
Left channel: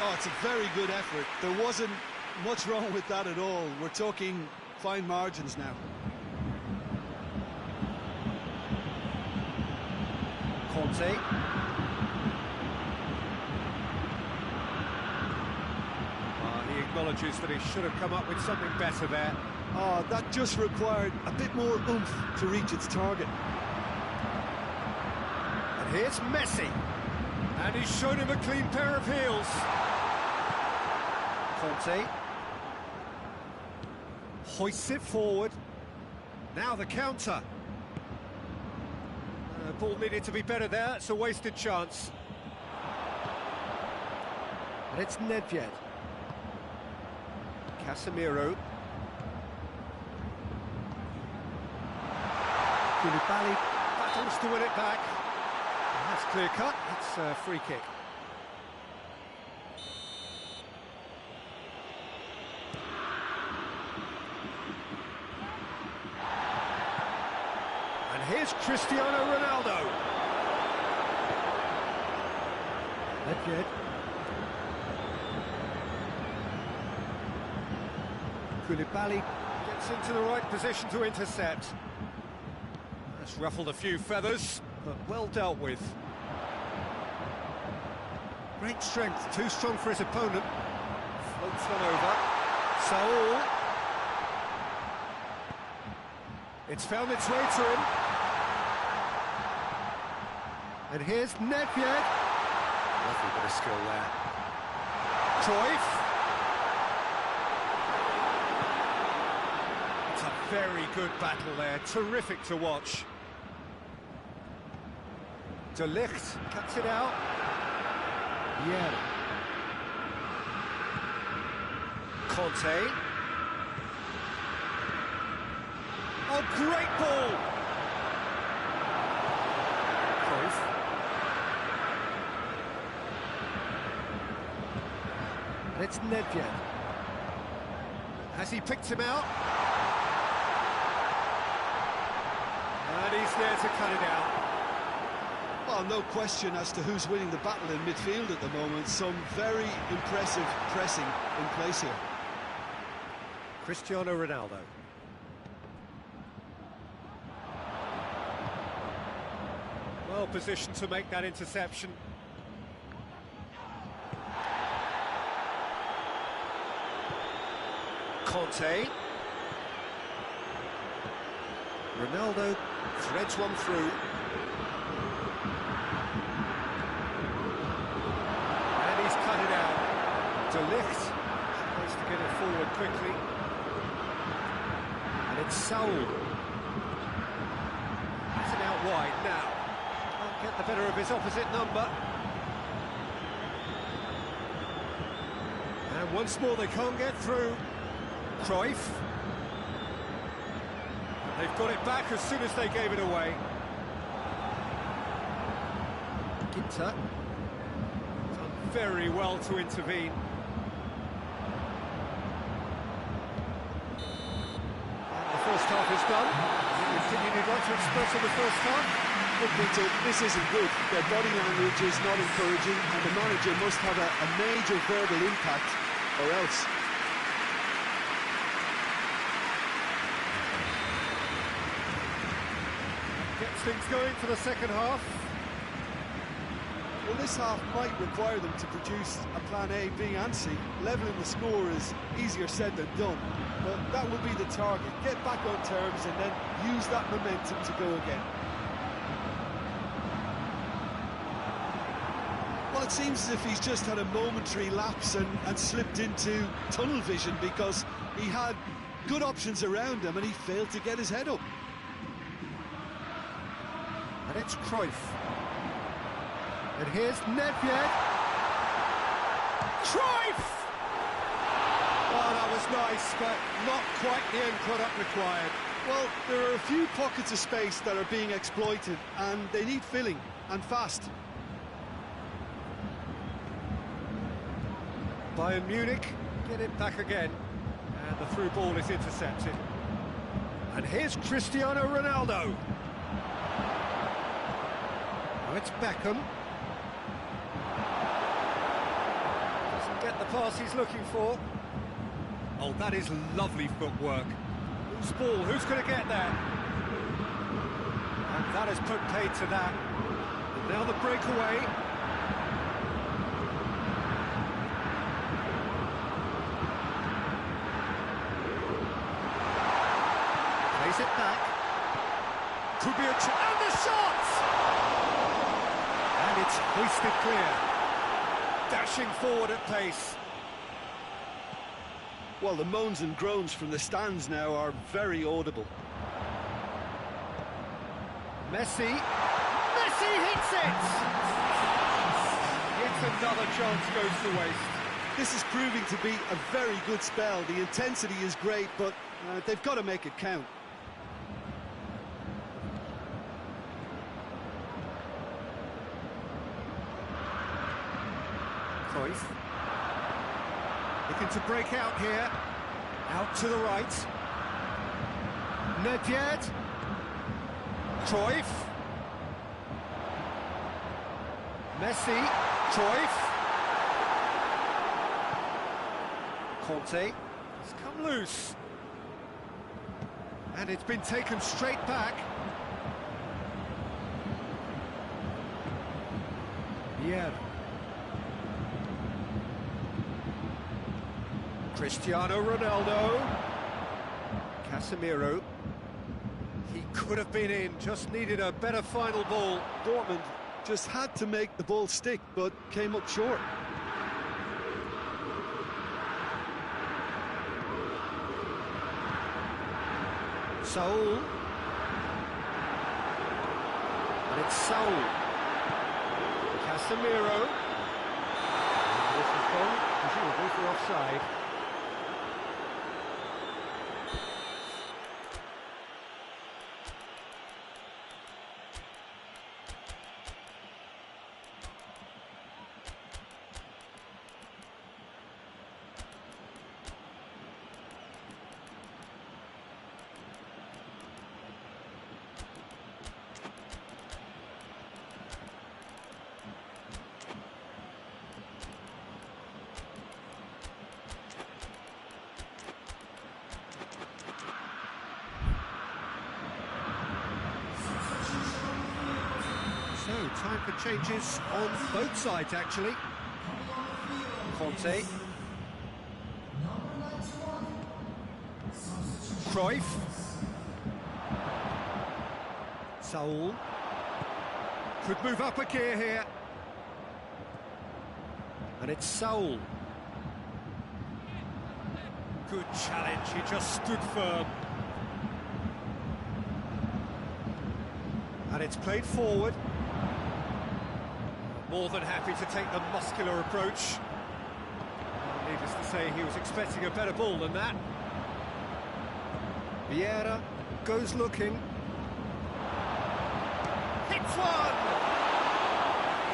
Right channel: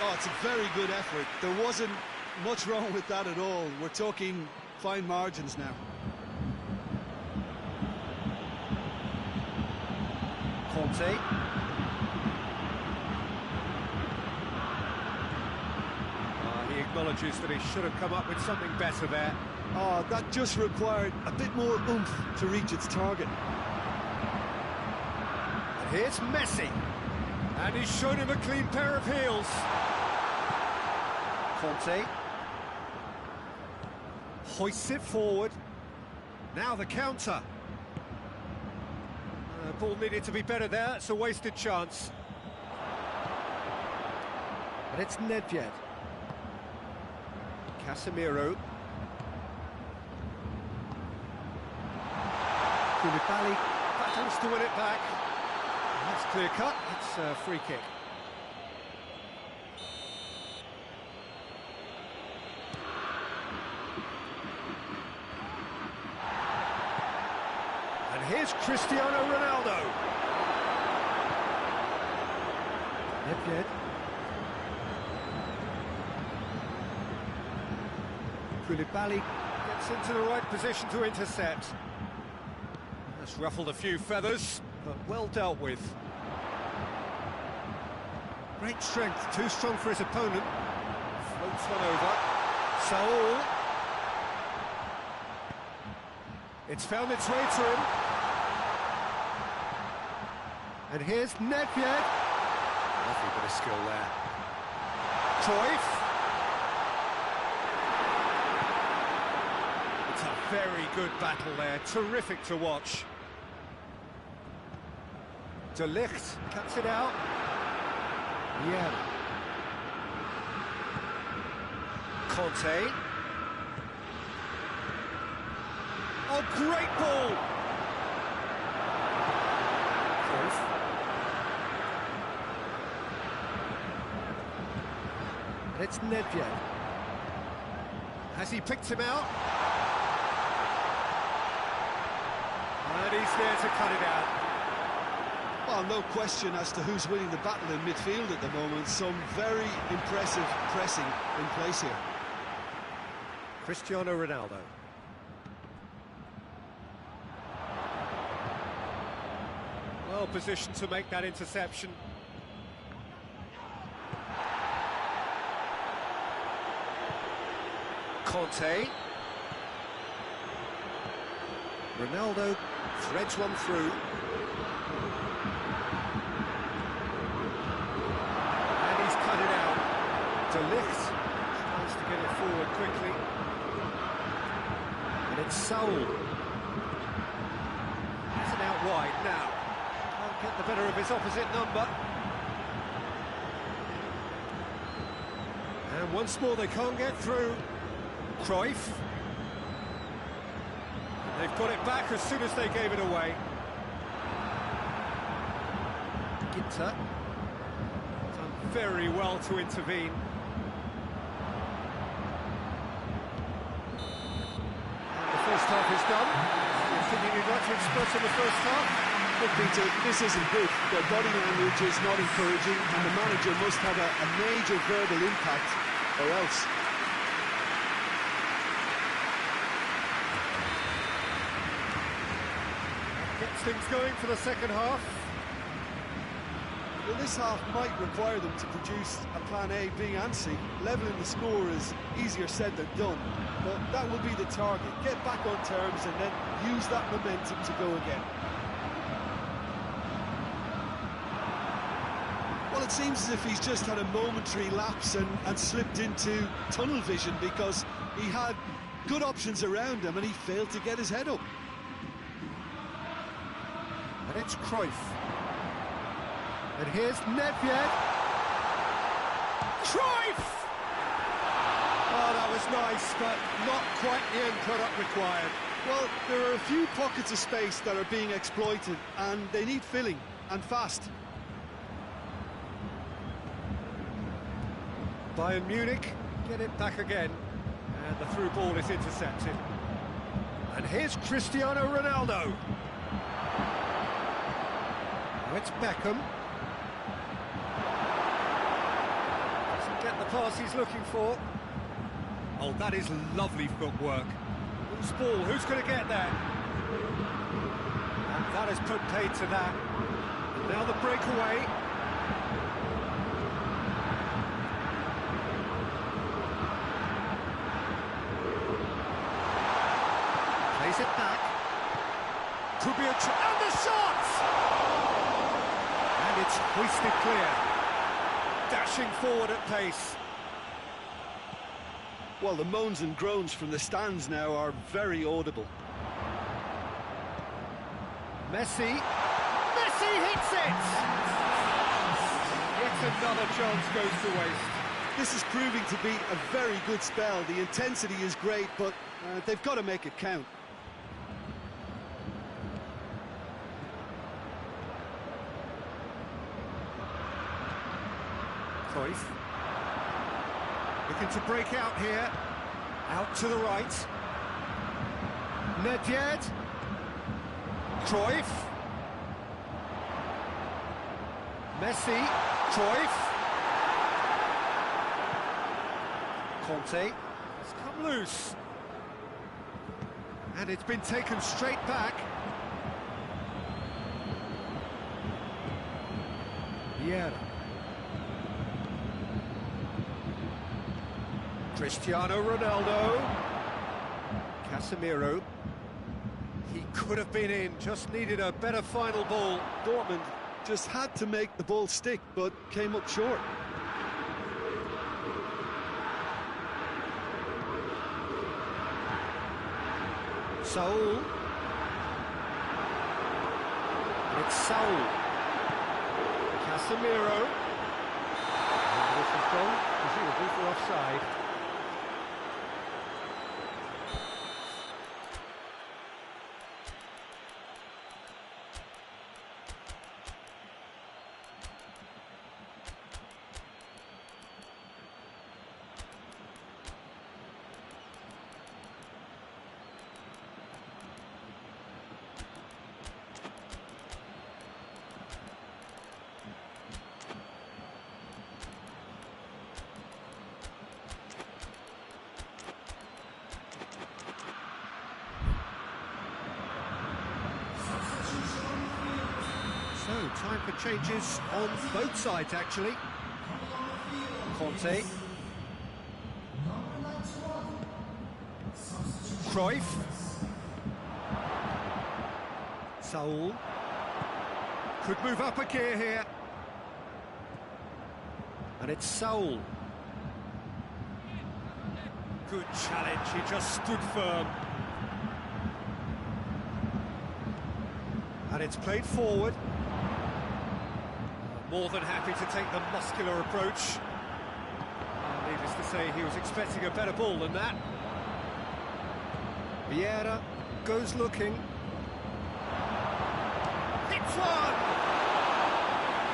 Oh, it's a very good effort. There wasn't much wrong with that at all. We're talking fine margins now. Conte. He acknowledges that he should have come up with something better there. Oh, that just required a bit more oomph to reach its target. And here's Messi. And he's shown him a clean pair of heels. Conte. Hoists it forward. Now the counter. Ball needed to be better there. It's a wasted chance. And it's Nedved. Casemiro. Koulibaly battles to win it back. And that's clear cut. It's a free kick. And here's Cristiano Ronaldo. Nedved. Koulibaly gets into the right position to intercept. That's ruffled a few feathers, but well dealt with. Great strength, too strong for his opponent. Floats one over. Saul. It's found its way to him. And here's Nedved. Lovely bit of skill there. Cruyff. It's a very good battle there, terrific to watch. De Ligt cuts it out. Yeah. Conte. Oh, great ball! Cruyff. And it's Nedved. Has he picked him out? And he's there to cut it out. Well, no question as to who's winning the battle in midfield at the moment. Some very impressive pressing in place here. Cristiano Ronaldo. Well positioned to make that interception. Conte. Ronaldo threads one through. cut it out. De Ligt tries to get it forward quickly. And it's Saul. That's an out wide now. Can't get the better of his opposite number. And once more they can't get through. Cruyff. And they've got it back as soon as they gave it away. Ginter. Done very well to intervene. And the first half is done. Any opinion you'd like to express on the first half? Look, Peter, this isn't good. Their body language is not encouraging, and the manager must have a major verbal impact, or else. That gets things going for the second half. Well, this half might require them to produce a plan A, B and C. Levelling the score is easier said than done, but that will be the target. Get back on terms and then use that momentum to go again. Well, it seems as if he's just had a momentary lapse and slipped into tunnel vision, because he had good options around him and he failed to get his head up. And it's Cruyff. And here's Nedved. Cruyff! Oh, that was nice, but not quite the end product required. Well, there are a few pockets of space that are being exploited, and they need filling, and fast. Bayern Munich get it back again, and the through ball is intercepted. And here's Cristiano Ronaldo. Now it's Beckham. Doesn't get the pass he's looking for. Oh, that is lovely footwork. Whose ball? Who's going to get that? And that has put paid to that. And now the breakaway. Plays it back. Could be a and the shot! And it's hoisted clear. Dashing forward at pace. Well, the moans and groans from the stands now are very audible. Messi hits it! Yet another chance goes to waste. This is proving to be a very good spell. The intensity is great, but they've got to make it count. Cruyff. Looking to break out here. Out to the right. Nedved. Cruyff. Messi. Cruyff. Conte has come loose. And it's been taken straight back. Vieira. Cristiano Ronaldo. Casemiro. He could have been in, just needed a better final ball. Dortmund just had to make the ball stick, but came up short. Saul. And it's Saul. Casemiro. And this is gone, presumably for offside. So, time for changes on both sides, actually. Conte. Cruyff. Saul. Could move up a gear here. And it's Saul. Good challenge, he just stood firm. And it's played forward. More than happy to take the muscular approach. Needless to say, he was expecting a better ball than that. Vieira goes looking. Hits one!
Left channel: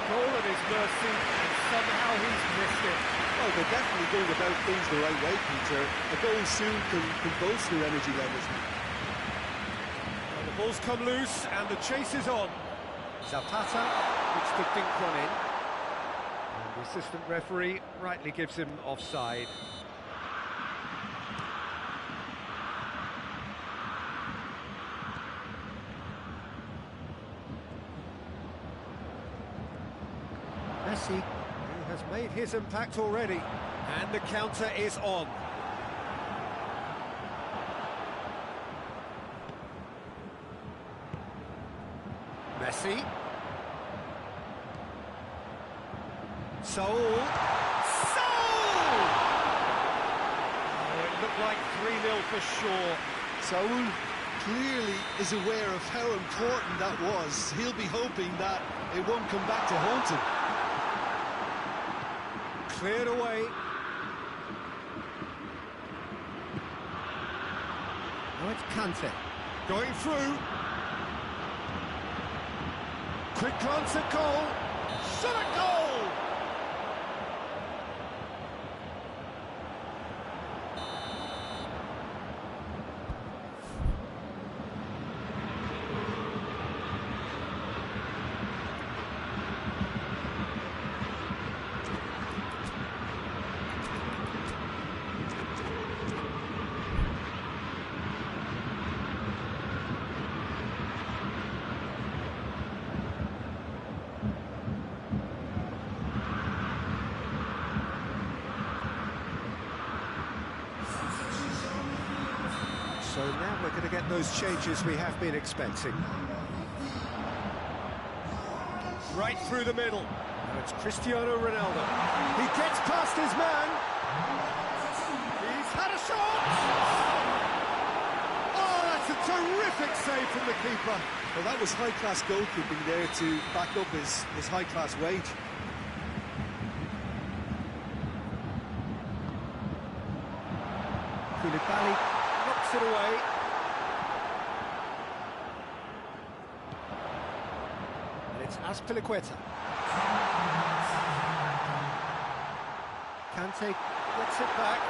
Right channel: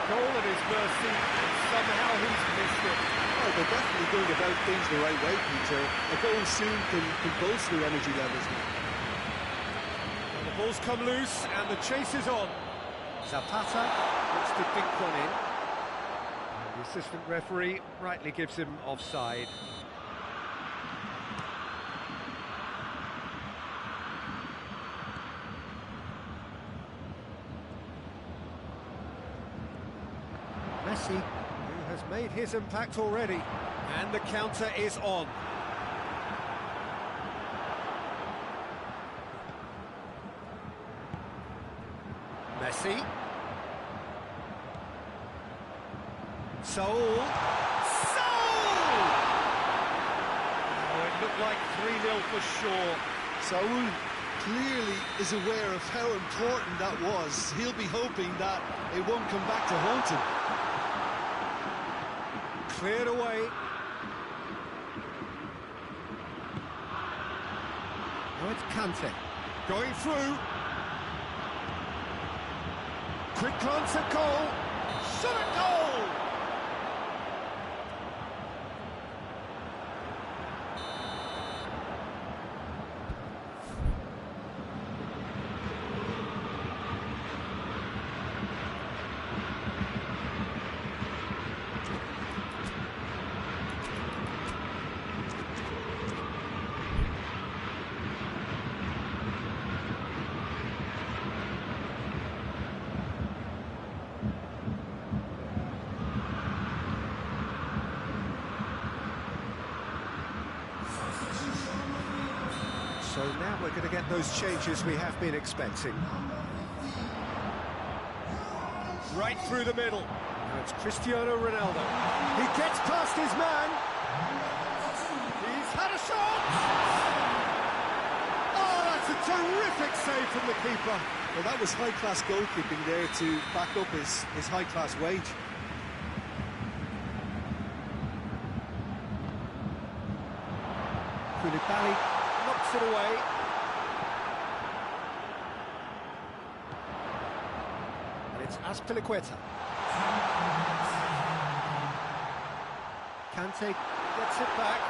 Goal at his mercy, and somehow he's missed it. Well, they're definitely going about things the right way, Peter. A goal soon can bolster energy levels now. Well, the ball's come loose, and the chase is on. Zapata looks to dink one in. And the assistant referee rightly gives him offside. Messi, who has made his impact already, and the counter is on. Messi. Saul. Saul! Oh, it looked like 3-0 for sure. Saul clearly is aware of how important that was. He'll be hoping that it won't come back to haunt him. Cleared away. Now it's Kante. Going through. Quick glance at goal. Shot at goal! So now we're going to get those changes we have been expecting. Right through the middle. Now it's Cristiano Ronaldo. He gets past his man. He's had a shot! Oh, that's a terrific save from the keeper. Well, that was high-class goalkeeping there to back up his high-class wage. Koulibaly knocks it away. And it's Azpilicueta. Kante gets it back.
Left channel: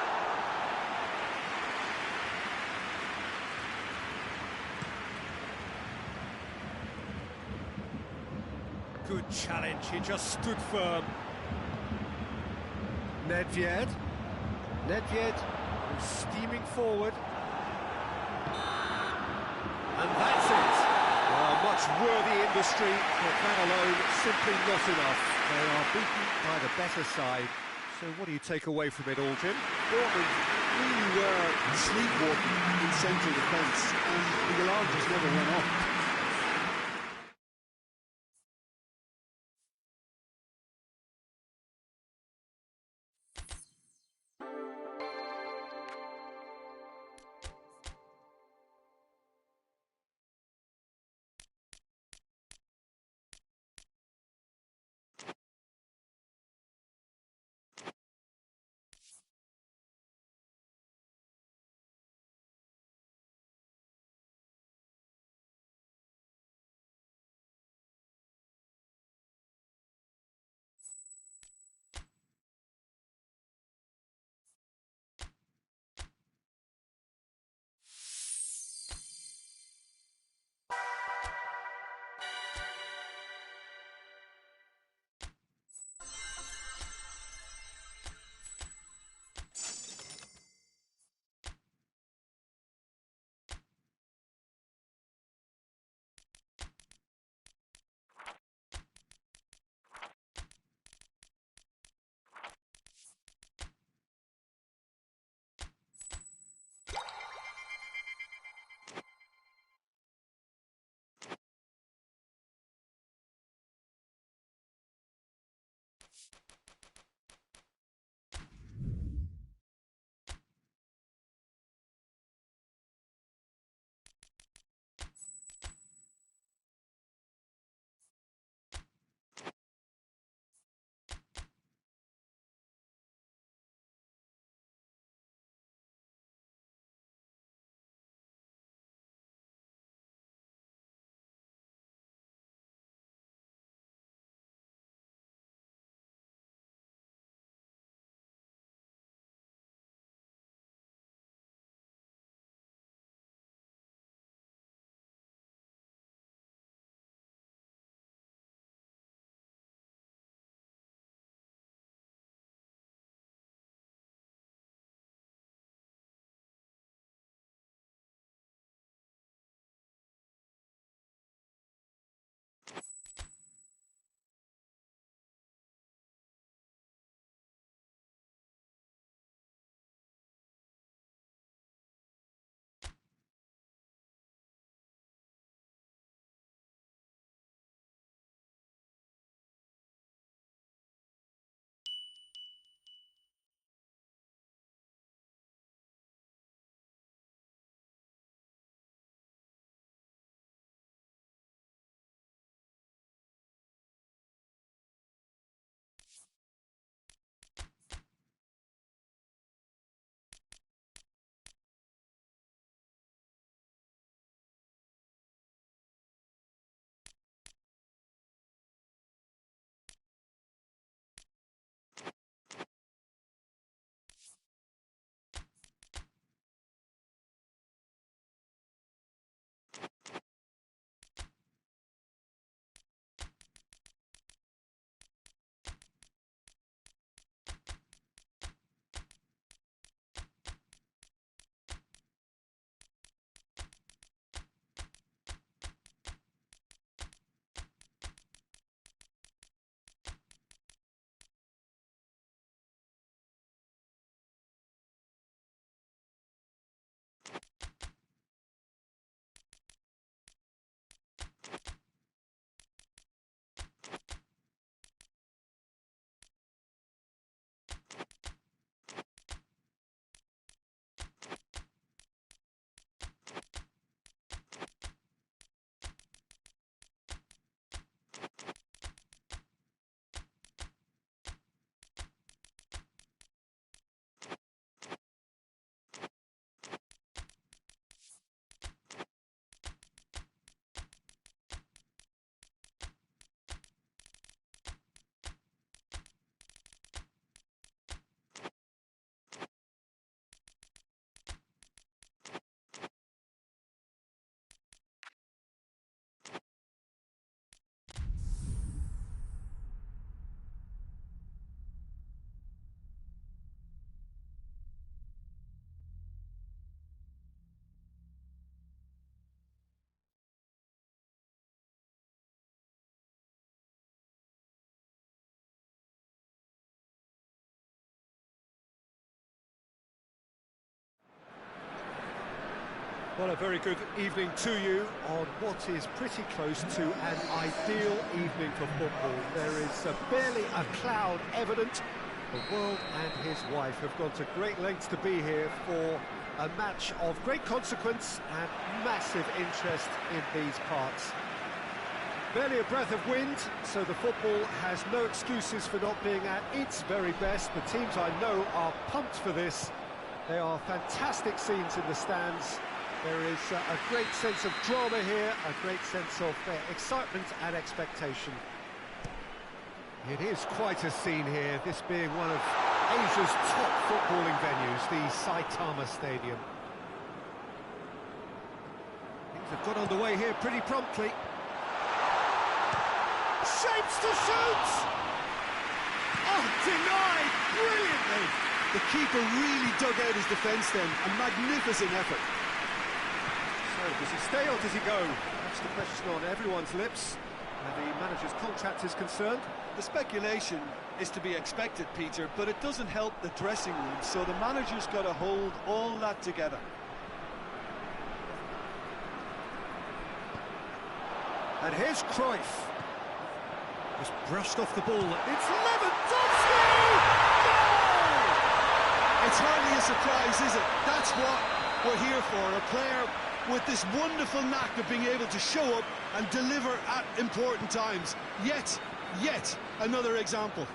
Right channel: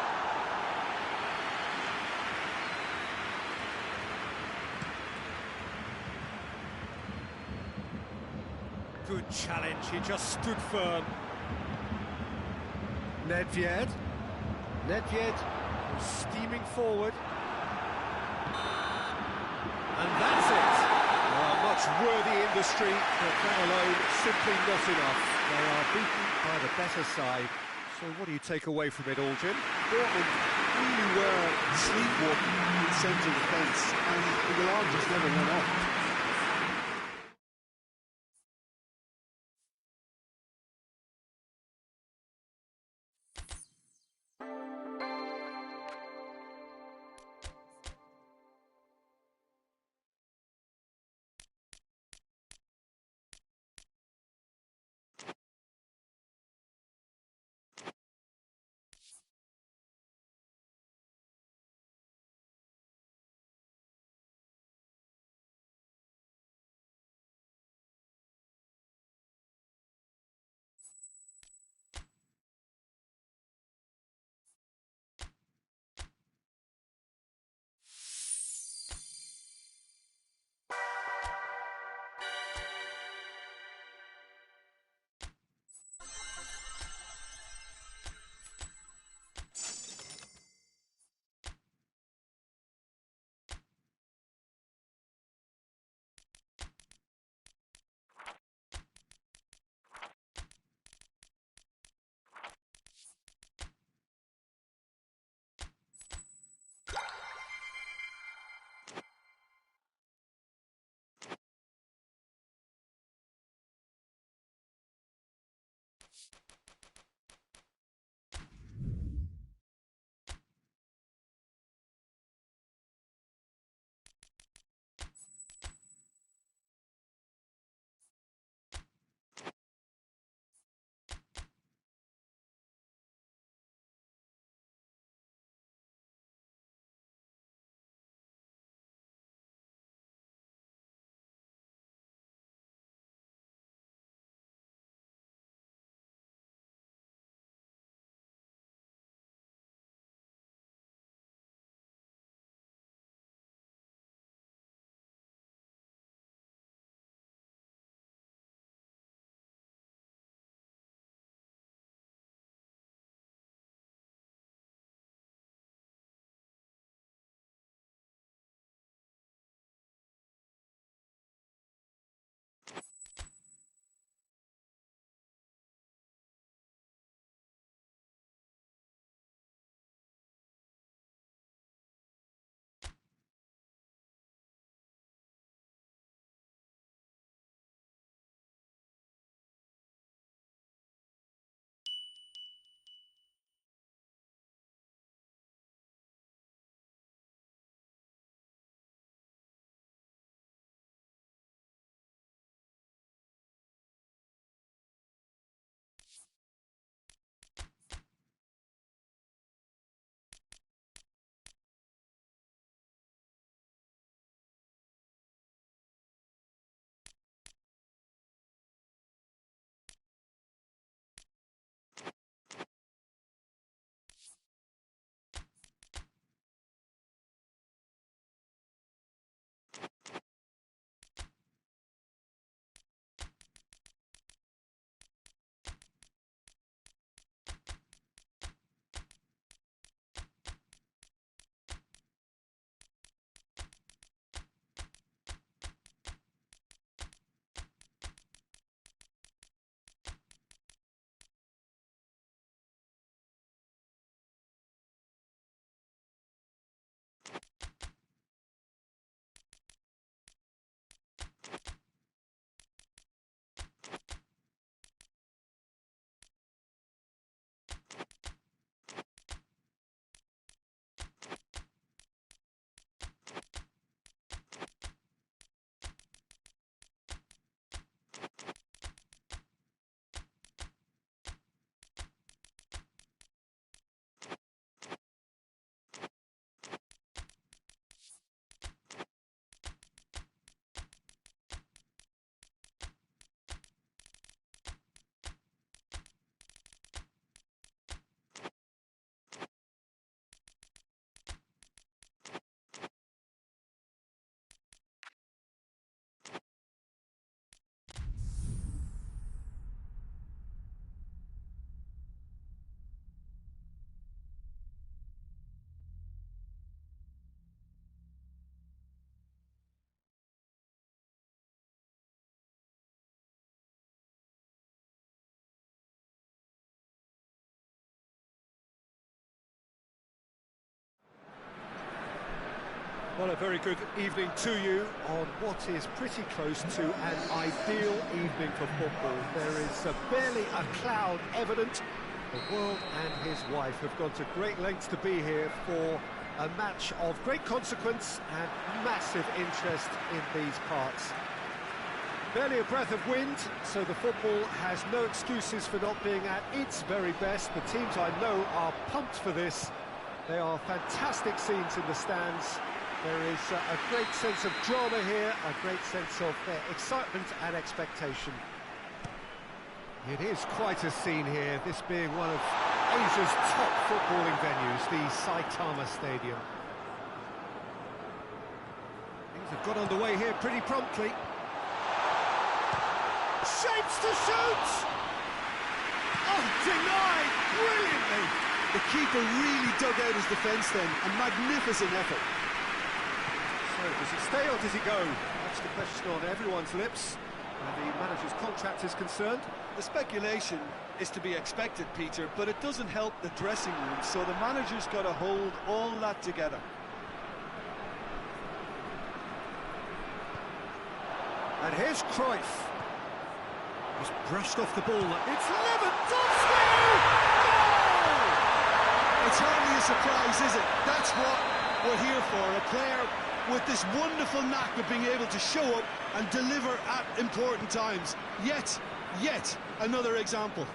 Good challenge, he just stood firm. Nedved. Nedved was steaming forward. And that's it. Much worthy industry, but that alone simply not enough. They are beaten by the better side. So what do you take away from it all, Jim? Dortmund really were sleepwalking in central defence, and the alarm just never went off. Well, a very good evening to you on what is pretty close to an ideal evening for football. There is barely a cloud evident. The world and his wife have gone to great lengths to be here for a match of great consequence and massive interest in these parts. Barely a breath of wind, so the football has no excuses for not being at its very best. The teams I know are pumped for this. There are fantastic scenes in the stands. There is a great sense of drama here, a great sense of excitement and expectation. It is quite a scene here, this being one of Asia's top footballing venues, the Saitama Stadium. Things have got underway here pretty promptly. Shapes to shoot! Oh, denied brilliantly! The keeper really dug out his defence then, a magnificent effort. So, does he stay or does he go? That's the question on everyone's lips, where the manager's contract is concerned. The speculation is to be expected, Peter, but it doesn't help the dressing room, so the manager's got to hold all that together. And here's Cruyff. He's brushed off the ball. It's Lewandowski! Goal! It's hardly a surprise, is it? That's what we're here for, a player with this wonderful knack of being able to show up and deliver at important times. Yet another example.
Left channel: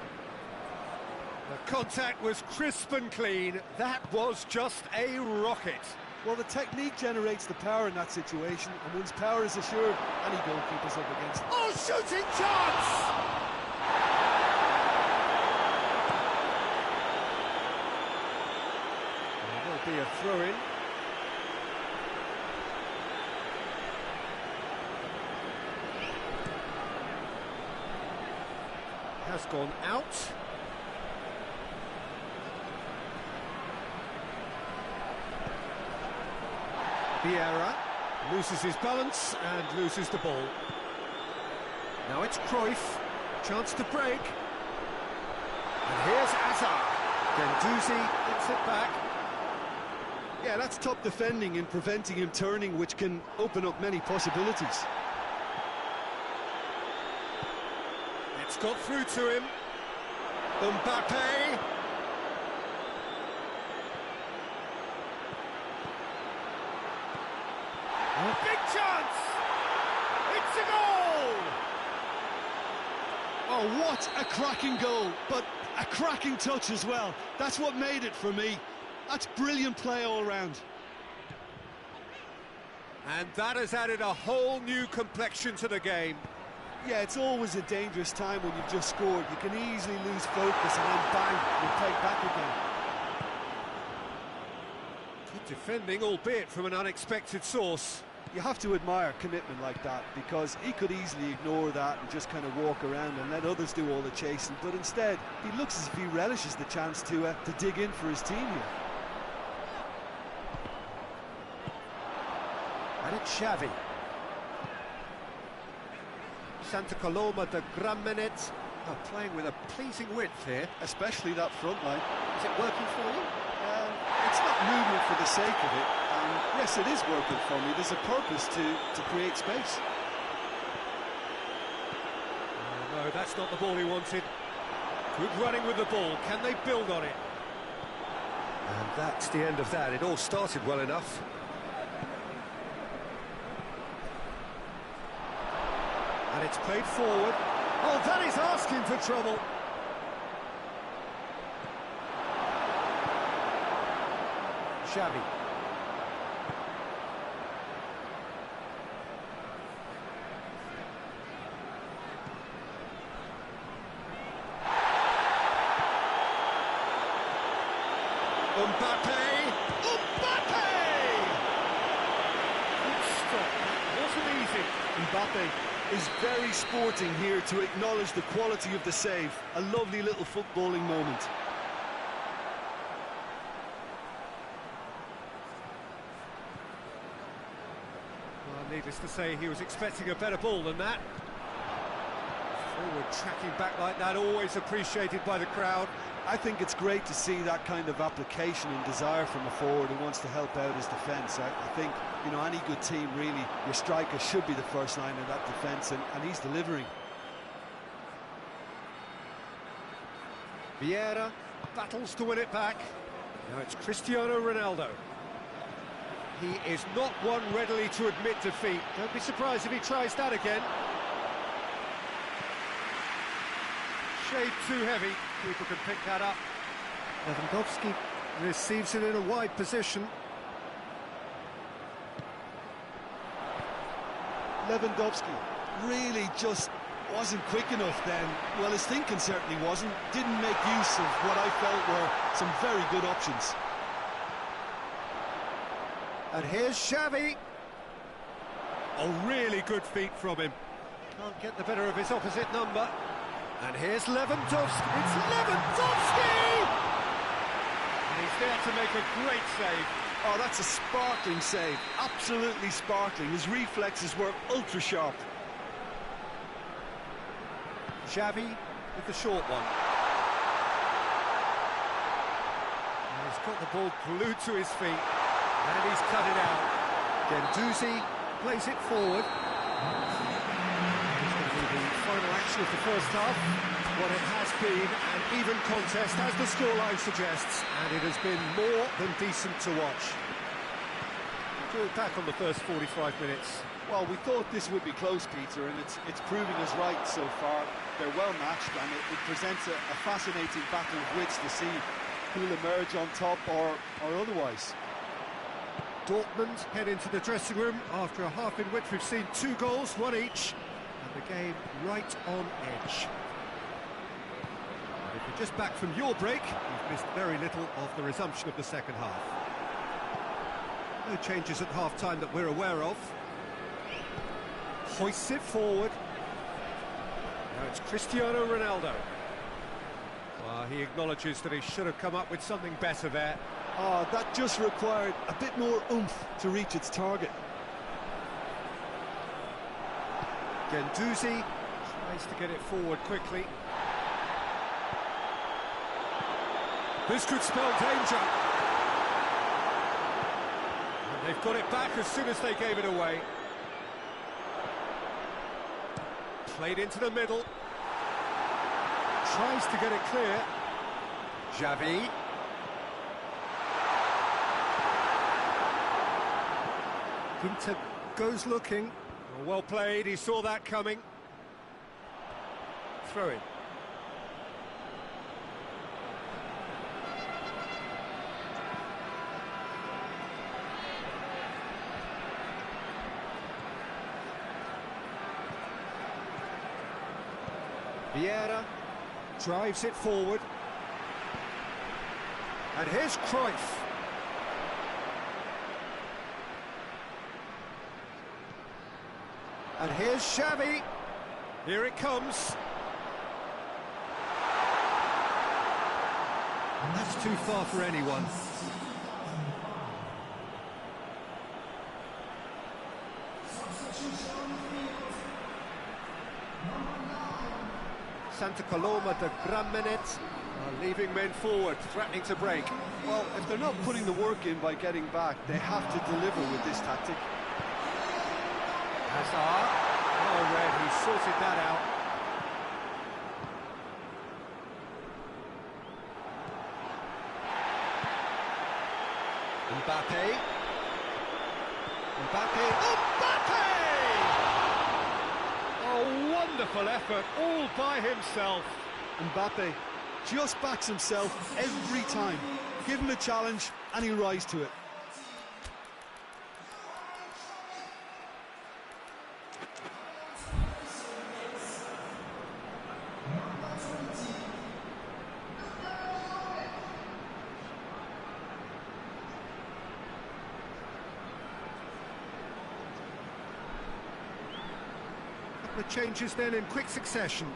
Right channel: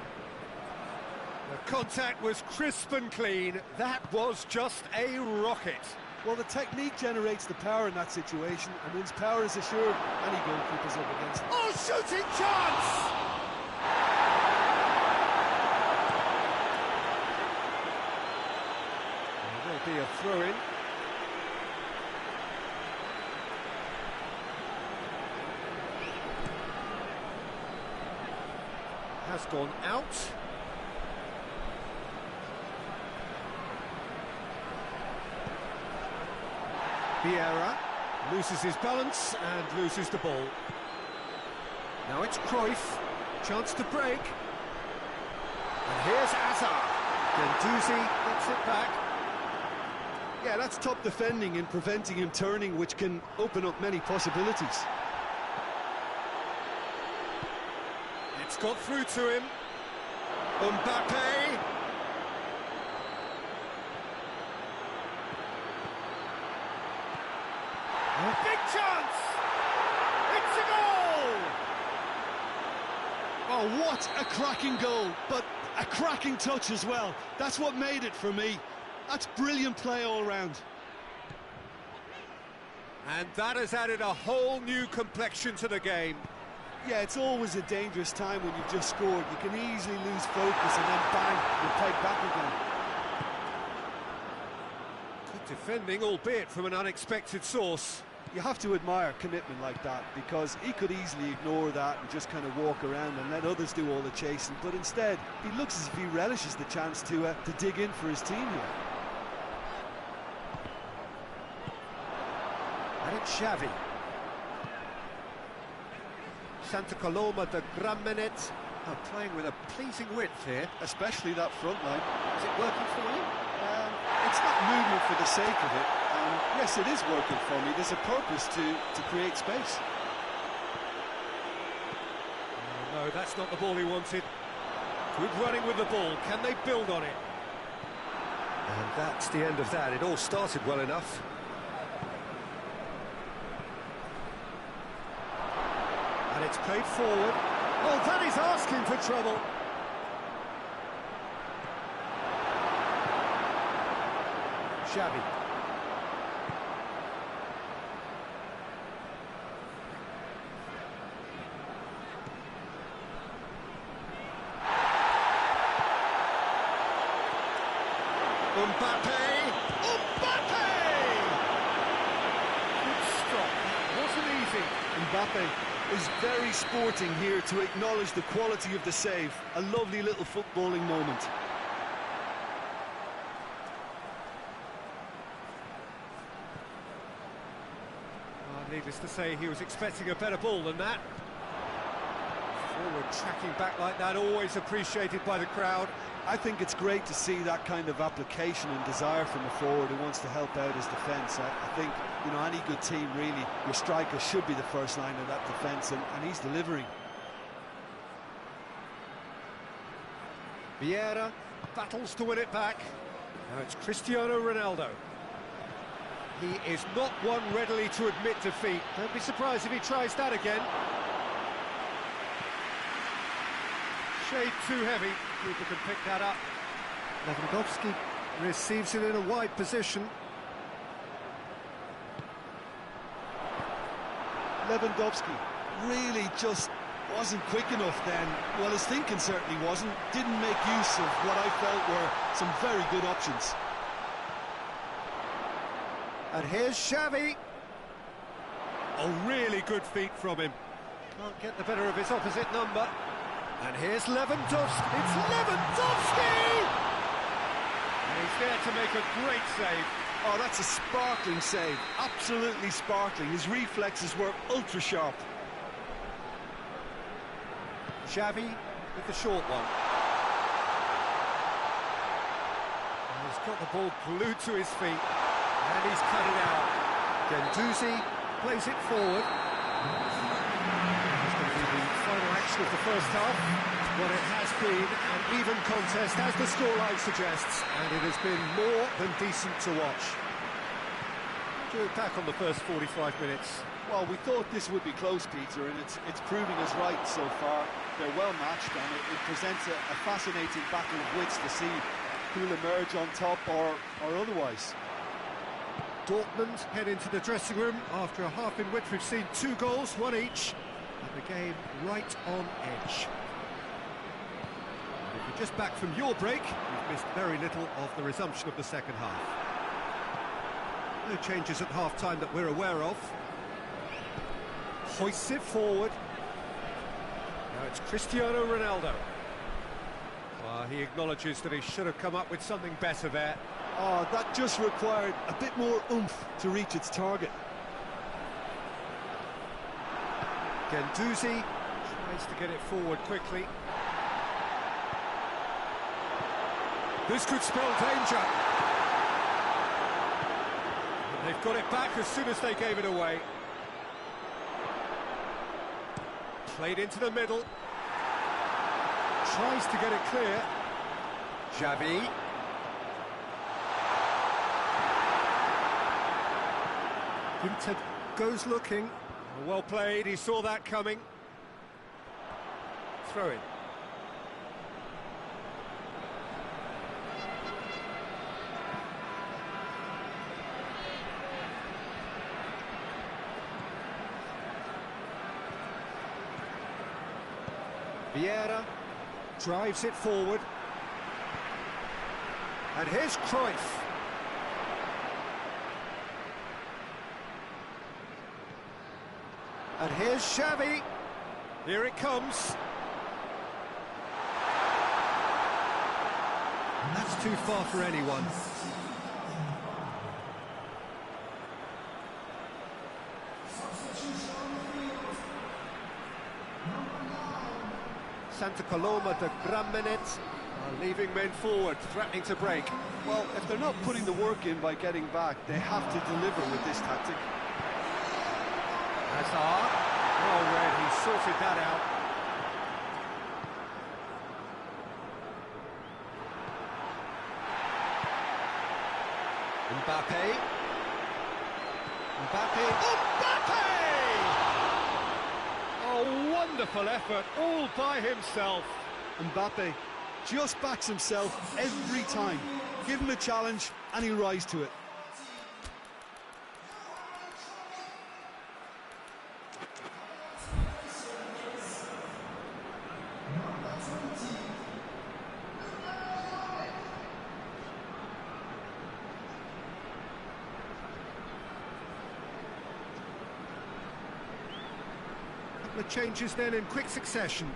The contact was crisp and clean. That was just a rocket. Well, the technique generates the power in that situation, and once power is assured, any goalkeeper's up against it. Oh, shooting chance! There will be a throw-in. Has gone out. Vieira loses his balance and loses the ball. Now it's Cruyff, chance to break. And here's Hazard. Gendouzi gets it back. Yeah, that's top defending and preventing him turning, which can open up many possibilities. It's got through to him. Mbappe. A big chance! It's a goal! Oh, what a cracking goal, but a cracking touch as well. That's what made it for me. That's brilliant play all round. And that has added a whole new complexion to the game. Yeah, it's always a dangerous time when you've just scored. You can easily lose focus and then bang, you're pegged back again. Good defending, albeit from an unexpected source. You have to admire commitment like that, because he could easily ignore that and just kind of walk around and let others do all the chasing, but instead he looks as if he relishes the chance to dig in for his team here. And it's Xavi. Santa Coloma de Gramenet are playing with a pleasing width here. Especially that front line. Is it working for you? It's not movement for the sake of it. Yes, it is working for me. There's a purpose to create space. Oh, no, that's not the ball he wanted. Good running with the ball. Can they build on it? And that's the end of that. It all started well enough. And it's played forward. Oh, that is asking for trouble. Xavi. Mbappe! Mbappe! Good stop, that wasn't easy. Mbappe is very sporting here to acknowledge the quality of the save. A lovely little footballing moment. Well, needless to say, he was expecting a better ball than that. Forward tracking back like that, always appreciated by the crowd. I think it's great to see that kind of application and desire from a forward who wants to help out his defence. I think, you know, any good team, really, your striker should be the first line of that defence, and he's delivering. Vieira battles to win it back. Now it's Cristiano Ronaldo. He is not one readily to admit defeat. Don't be surprised if he tries that again. Shade too heavy. Keeper can pick that up. Lewandowski receives it in a wide position. Lewandowski really just wasn't quick enough then. Well, his thinking certainly wasn't. Didn't make use of what I felt were some very good options. And here's Xavi. Oh, really good feet from him. Can't get the better of his opposite number. And here's Lewandowski. It's Lewandowski! And he's there to make a great save. Oh, that's a sparkling save. Absolutely sparkling. His reflexes were ultra sharp. Xavi with the short one. And he's got the ball glued to his feet. And he's cut it out. Guendouzi plays it forward. It's going to be the final action of the first half. What it has been an even contest, as the scoreline suggests, and it has been more than decent to watch. Do it back on the first 45 minutes. Well, we thought this would be close, Peter, and it's proving us right so far. They're well matched, and it presents a fascinating battle of wits to see who'll emerge on top or otherwise. Dortmund head into the dressing room after a half in which we've seen 2 goals, 1 each, and the game right on edge. And if you're just back from your break, you've missed very little of the resumption of the second half. No changes at half-time that we're aware of. Hoists it forward. Now it's Cristiano Ronaldo. Well, he acknowledges that he should have come up with something better there. Oh, that just required a bit more oomph to reach its target. Guendouzi tries to get it forward quickly. This could spell danger. And they've got it back as soon as they gave it away. Played into the middle. Tries to get it clear. Xavi. Inter goes looking. Well played, he saw that coming. Throw in. Vieira drives it forward. And here's Cruyff. And here's Xavi. Here it comes. And that's too far for anyone. Santa Coloma de Gramenet are leaving men forward, threatening to break. Well, if they're not putting the work in by getting back, they have to deliver with this tactic. Hazard. Oh, Red, he sorted that out. Mbappe. Mbappe. Oh, wonderful effort, all by himself. Mbappe just backs himself every time. Give him a challenge and he'll rise to it. The changes then in quick succession.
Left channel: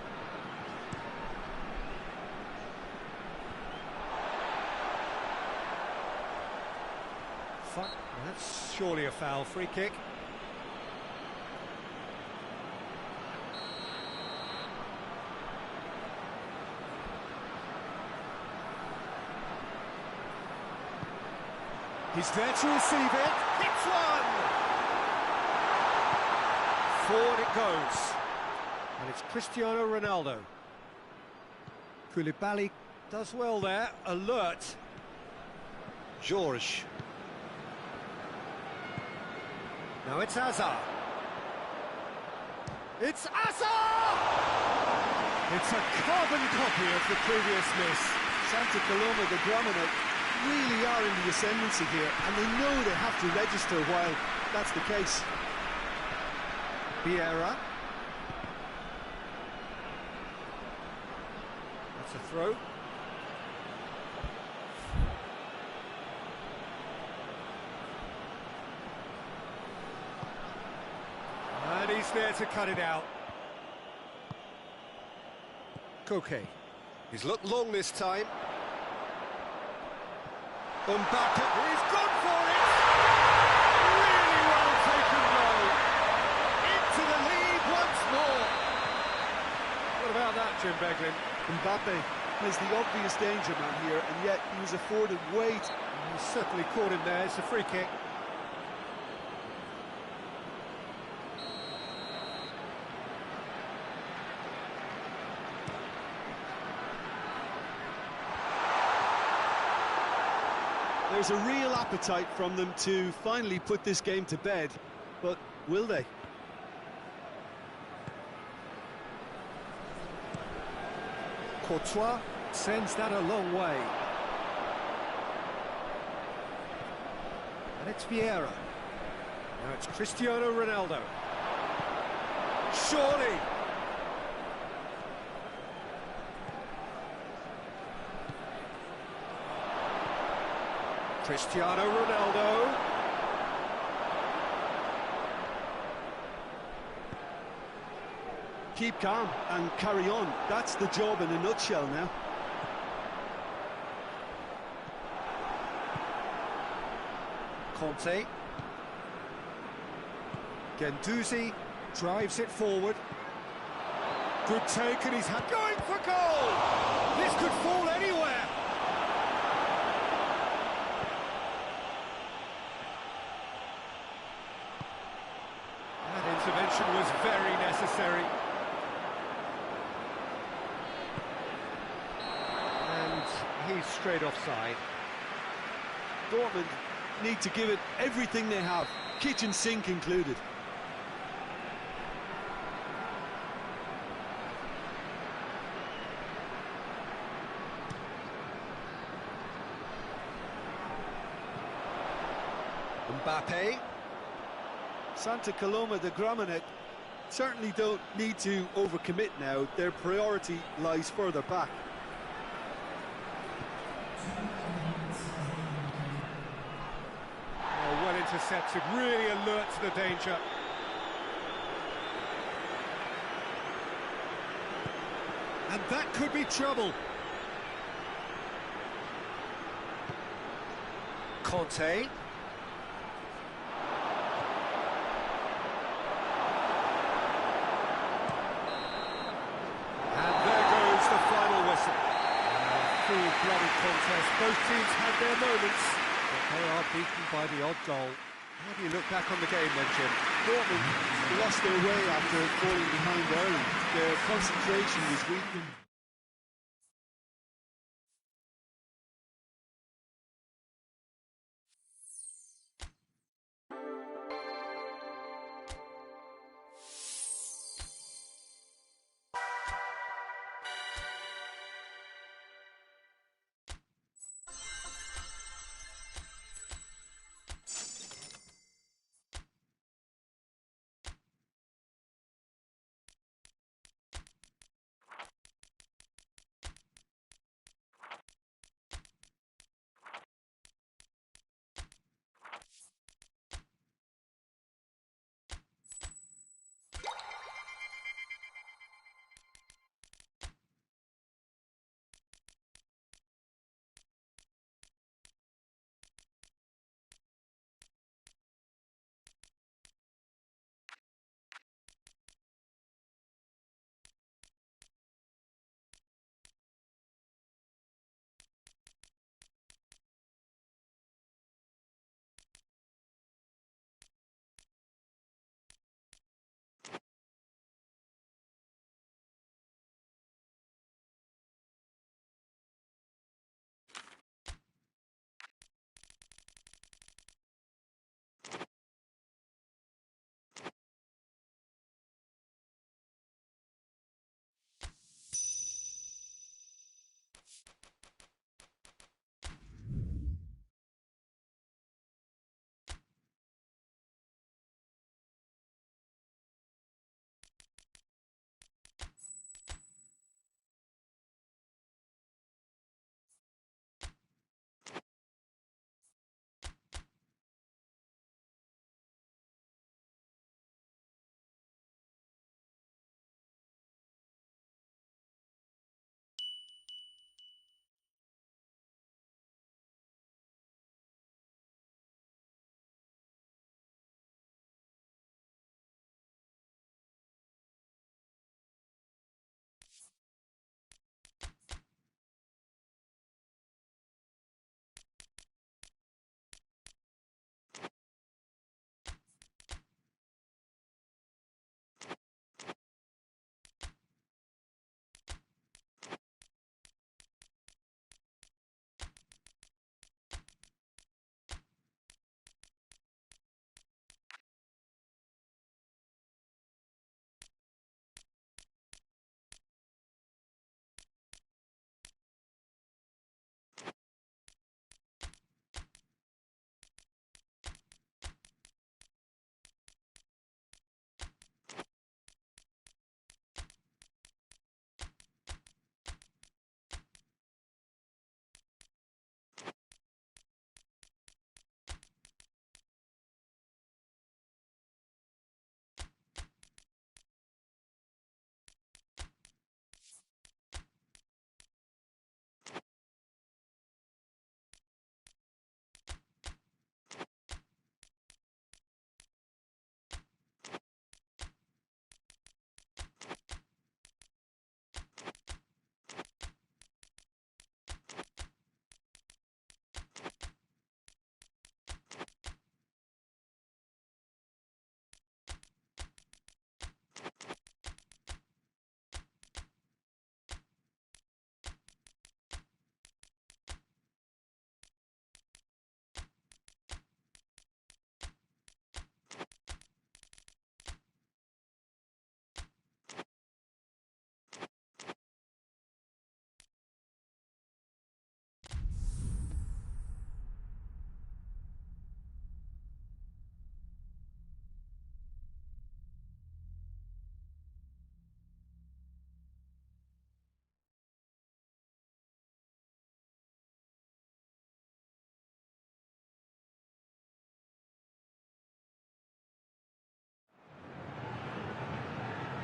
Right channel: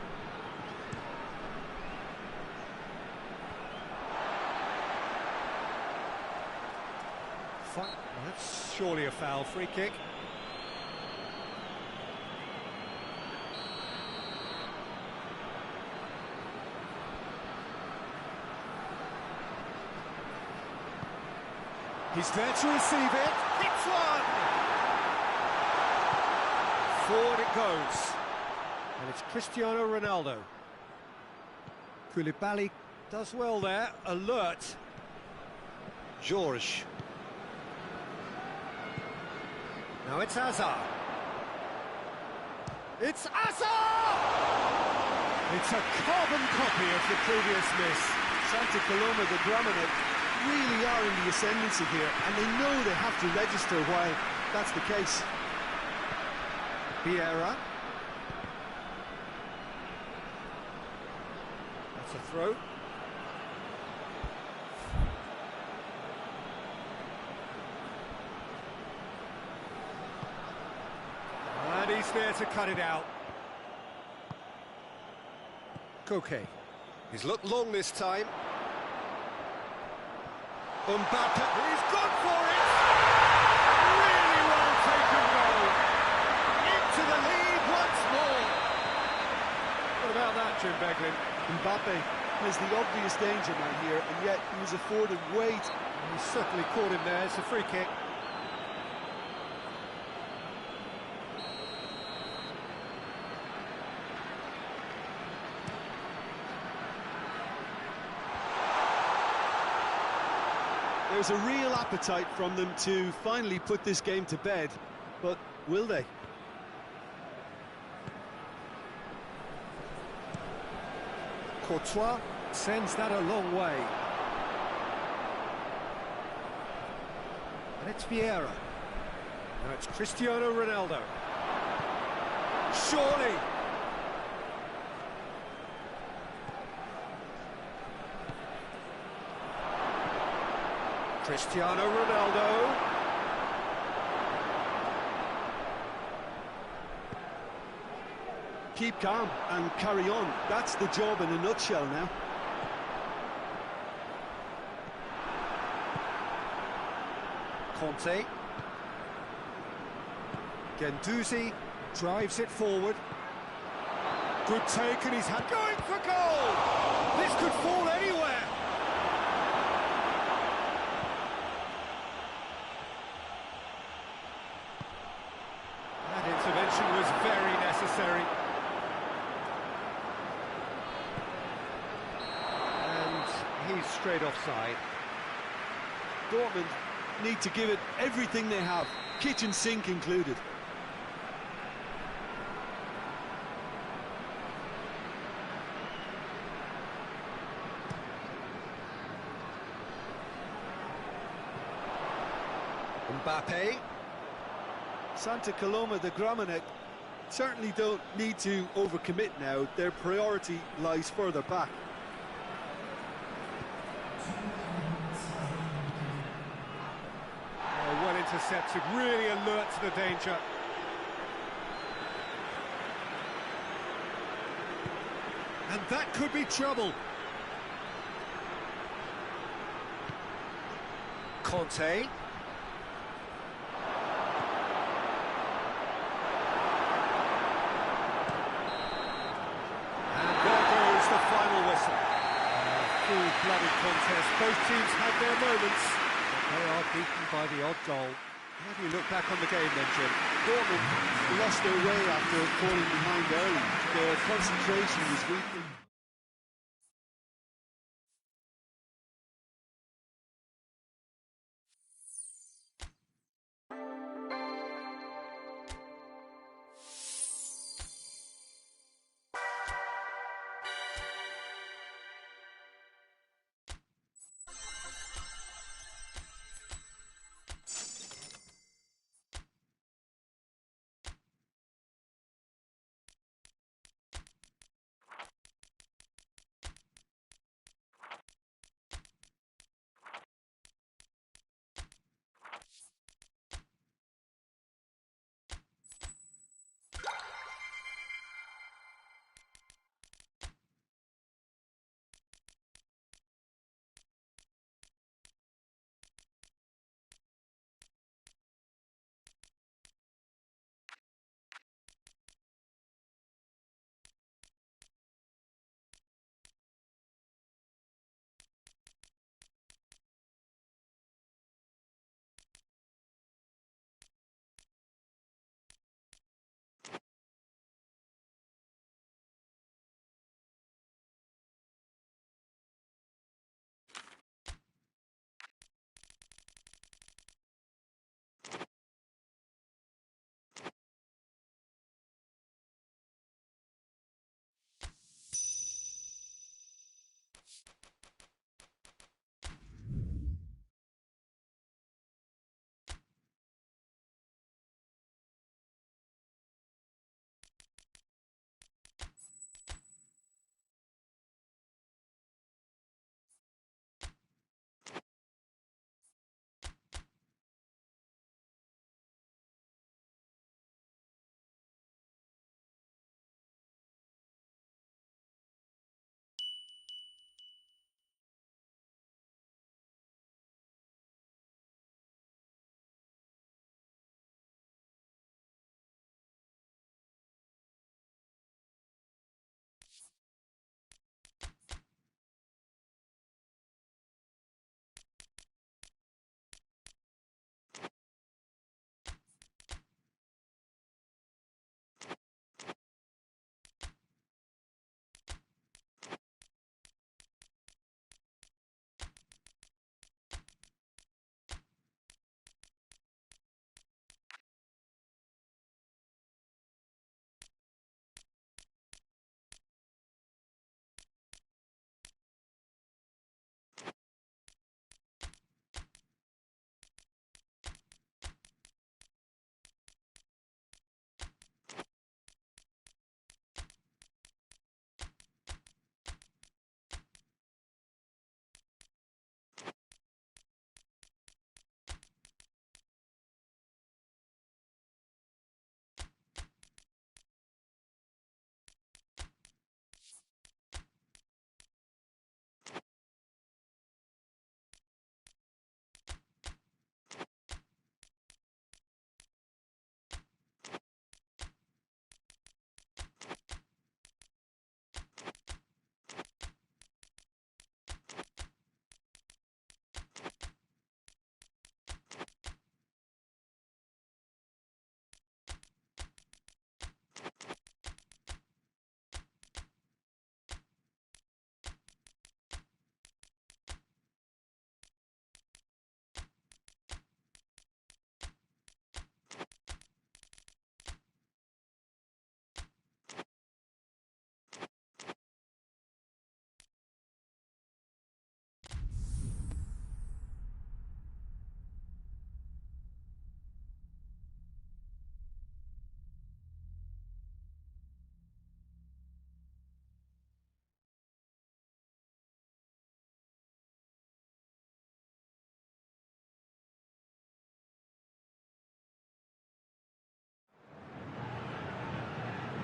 Well, that's surely a foul. Free kick. He's there to receive it. Hits one! Forward it goes. And it's Cristiano Ronaldo. Koulibaly does well there. Alert. George. Now it's Hazard. It's Hazard! It's a carbon copy of the previous miss. Santa Coloma, the Gramenet, really are in the ascendancy here, and they know they have to register while that's the case. Vieira. That's a throw. And he's there to cut it out. Koke. He's looked long this time. Mbappe, he's gone for it! Really well taken goal. Into the lead once more. What about that, Jim Beglin? Mbappe is the obvious danger man here, and yet he was afforded weight. He certainly caught him there. It's a free kick. There's a real appetite from them to finally put this game to bed, but will they? Courtois sends that a long way. And it's Vieira. Now it's Cristiano Ronaldo. Surely! Cristiano Ronaldo. Keep calm and carry on. That's the job in a nutshell now. Conte. Guendouzi drives it forward. Good take, and he's going for goal! This could fall anywhere! That intervention was very necessary. And he's straight offside. Dortmund need to give it everything they have, kitchen sink included. Mbappe. Santa Coloma, the Gramenet, certainly don't need to overcommit now. Their priority lies further back. Oh, well intercepted, really alert to the danger. And that could be trouble. Conte. And there goes the final whistle. A full-blooded contest. Both teams had their moments, but they are beaten by the odd goal. How do you look back on the game then, Jim? Dortmund lost their way after falling behind early. Their concentration was weakened.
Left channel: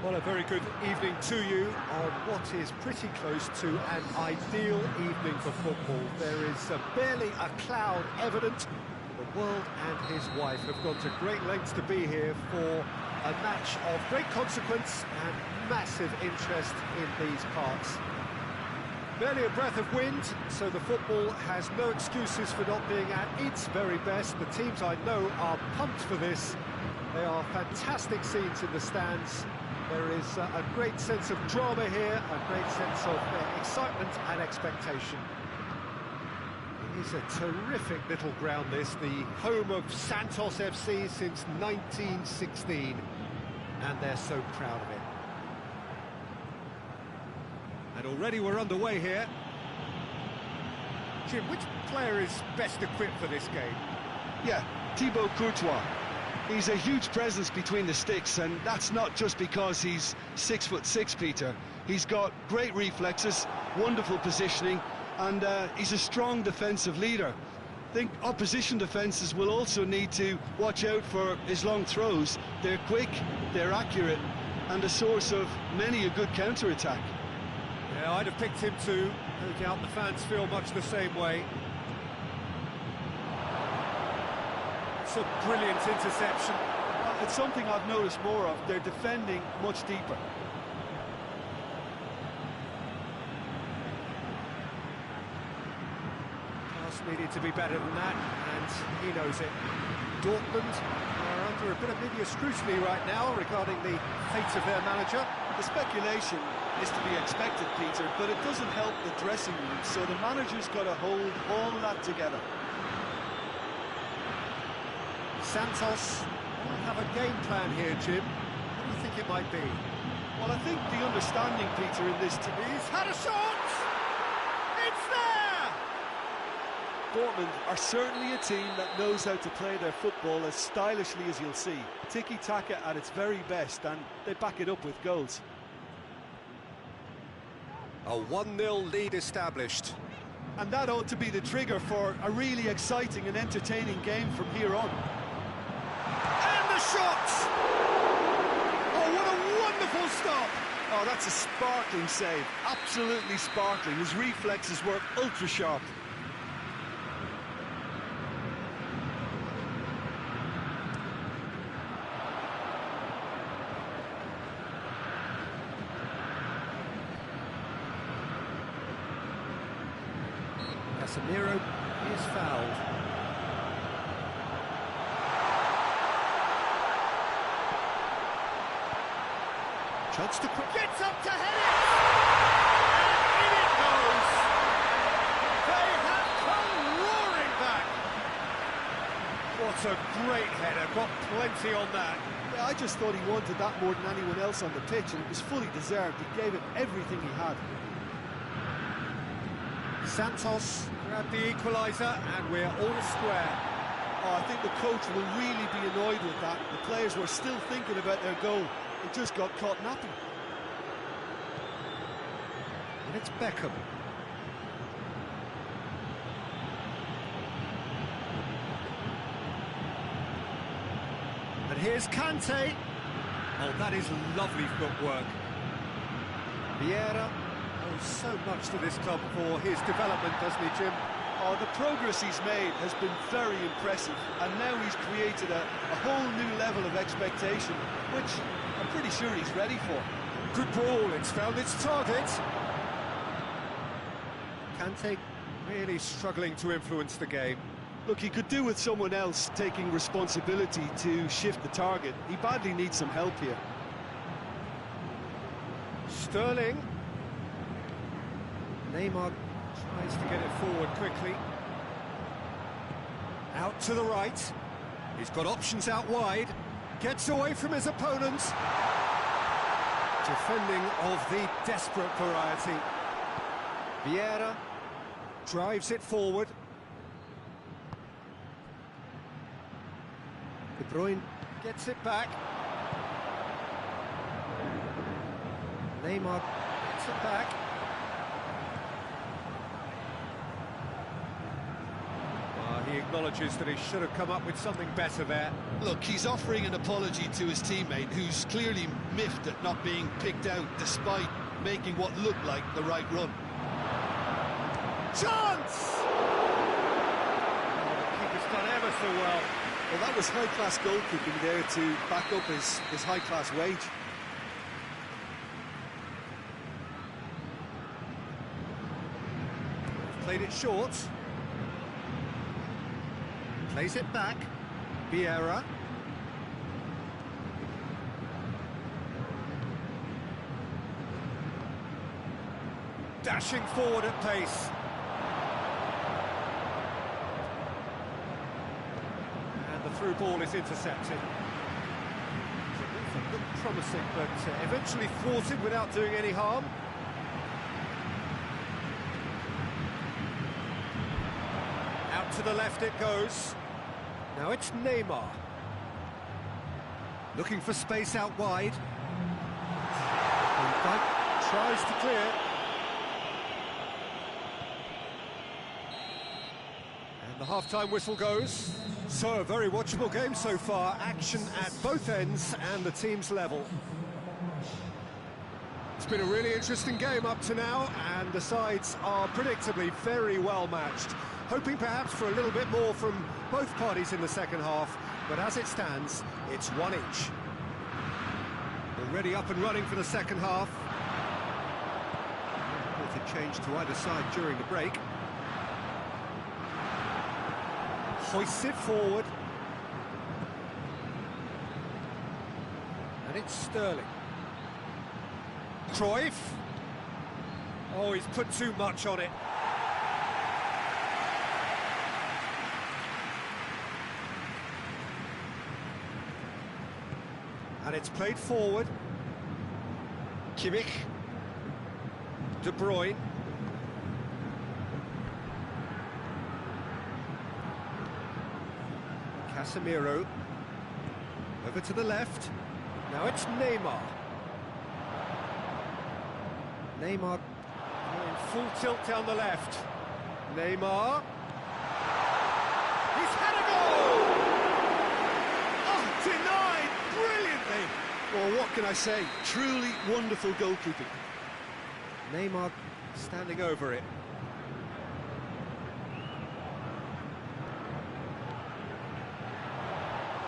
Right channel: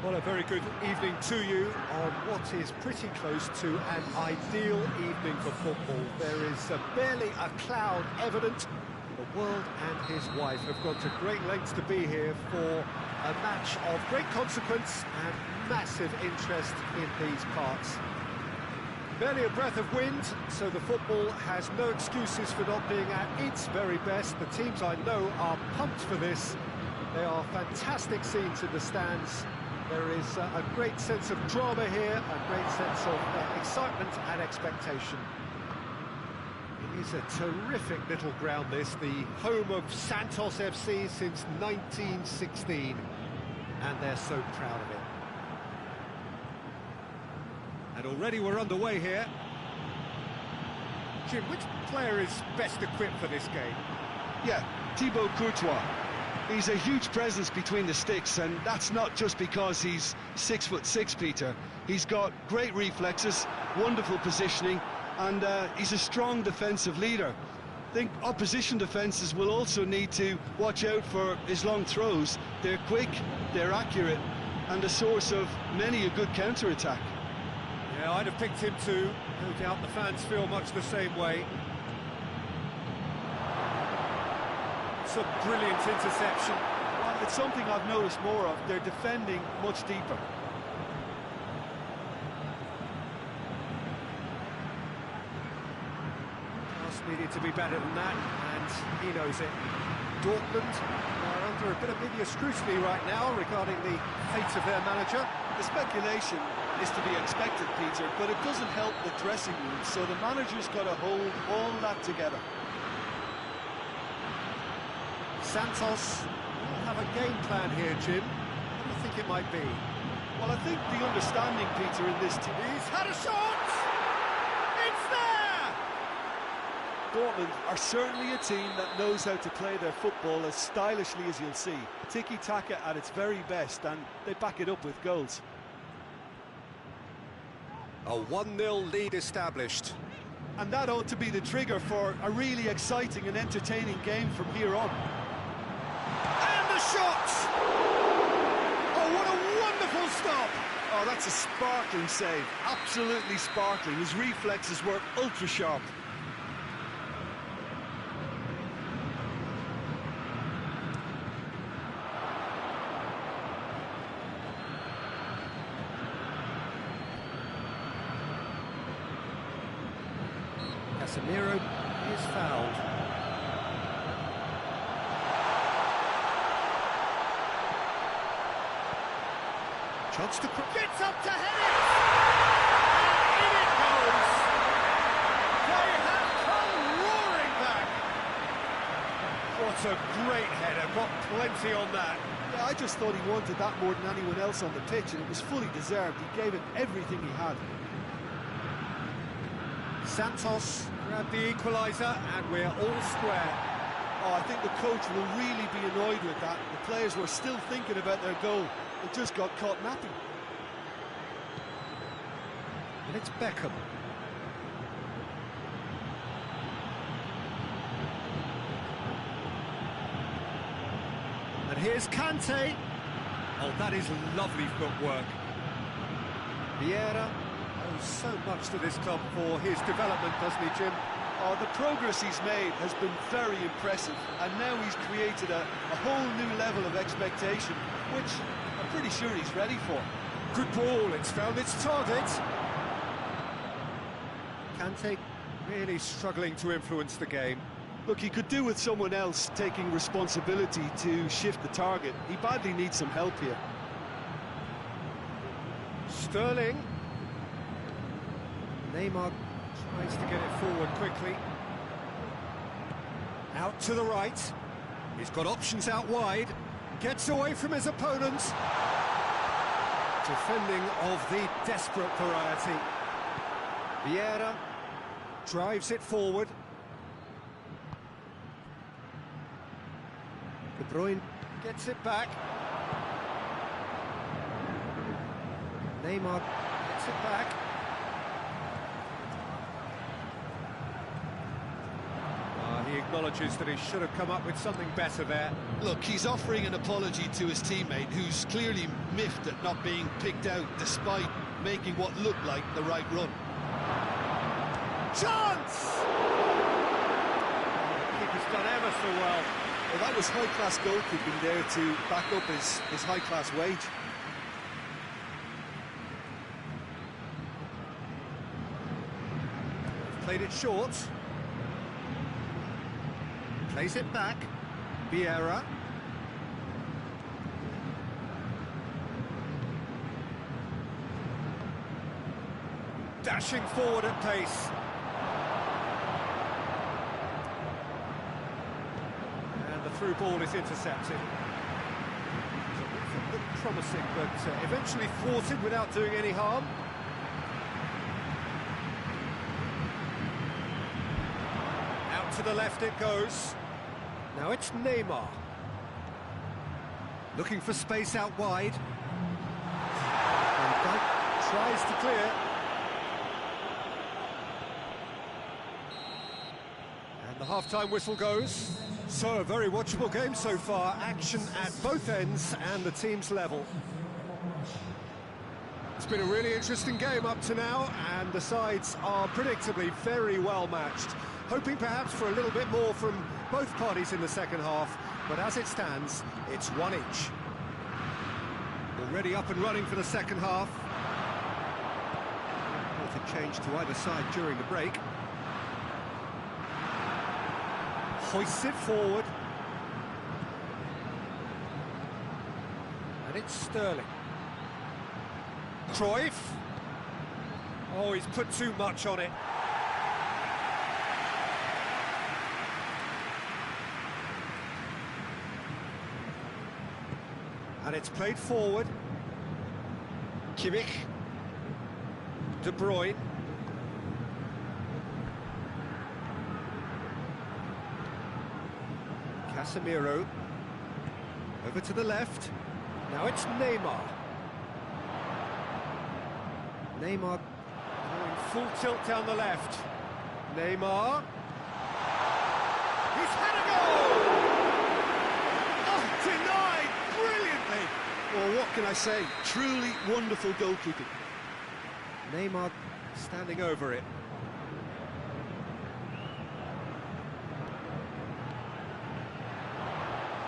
Well, a very good evening to you on what is pretty close to an ideal evening for football. There is barely a cloud evident. The world and his wife have gone to great lengths to be here for a match of great consequence and massive interest in these parts. Barely a breath of wind, so the football has no excuses for not being at its very best. The teams I know are pumped for this. They are fantastic scenes in the stands. There is a great sense of drama here, a great sense of excitement and expectation. It is a terrific little ground, this, the home of Santos FC since 1916, and they're so proud of it. And already we're underway here. Jim, which player is best equipped for this game? Yeah, Thibaut Courtois. He's a huge presence between the sticks, and that's not just because he's 6'6", Peter. He's got great reflexes, wonderful positioning, and he's a strong defensive leader. I think opposition defences will also need to watch out for his long throws. They're quick, they're accurate, and a source of many a good counter-attack. Yeah, I'd have picked him too. No doubt the fans feel much the same way. It's a brilliant interception. Well, it's something I've noticed more of. They're defending much deeper. Pass needed to be better than that, and he knows it. Dortmund are under a bit of media scrutiny right now regarding the fate of their manager. The speculation is to be expected, Peter, but it doesn't help the dressing room, so the manager's got to hold all that together. Santos will have a game plan here, Jim. What do you think it might be? Well, I think the understanding, Peter, in this team... He's had a shot! It's there! Dortmund are certainly a team that knows how to play their football as stylishly as you'll see. Tiki-taka at its very best, and they back it up with goals. A 1-0 lead established. And that ought to be the trigger for a really exciting and entertaining game from here on. And the shot! Oh, what a wonderful stop! Oh, that's a sparkling save. Absolutely sparkling. His reflexes were ultra-sharp. Casemiro is fouled. Chance to gets up to head it, and in it goes. They have come roaring back. What a great header! Got plenty on that. Yeah, I just thought he wanted that more than anyone else on the pitch, and it was fully deserved. He gave it everything he had. Santos grabbed the equaliser, and we're all square. Oh, I think the coach will really be annoyed with that. The players were still thinking about their goal and just got caught napping. And it's Beckham. And here's Kante. Oh, that is lovely footwork. Vieira owes so much to this club for his development, doesn't he, Jim? Oh, the progress he's made has been very impressive, and now he's created a whole new level of expectation, which I'm pretty sure he's ready for. Good ball, it's found its target. Kante really struggling to influence the game. Look, he could do with someone else taking responsibility to shift the target. He badly needs some help here. Sterling. Neymar tries to get it forward quickly. Out to the right. He's got options out wide. Gets away from his opponent. Defending of the desperate variety. Vieira drives it forward. De Bruyne gets it back. Neymar gets it back. He acknowledges that he should have come up with something better there. Look, he's offering an apology to his teammate, who's clearly miffed at not being picked out despite making what looked like the right run. Chance! Oh, the keeper's done ever so well. Well, that was high-class goalkeeping there to back up his high-class wage. Played it short. Plays it back. Vieira. Dashing forward at pace. And the through ball is intercepted. It looked promising, but eventually thwarted without doing any harm. Out to the left it goes. Now it's Neymar. Looking for space out wide. Van Dijk tries to clear. And the half-time whistle goes. So, a very watchable game so far. Action at both ends and the team's level. It's been a really interesting game up to now, and the sides are predictably very well matched. Hoping perhaps for a little bit more from both parties in the second half, but as it stands, it's one each. Already up and running for the second half. Reported change to either side during the break. Hoists it forward. And it's Sterling. Cruyff. Oh, he's put too much on it. And it's played forward. Kimmich. De Bruyne. Casemiro. Over to the left. Now it's Neymar. Neymar going full tilt down the left. Neymar. He's had a goal! Oh, denied brilliantly! Well, what can I say? Truly wonderful goalkeeping. Neymar standing over it.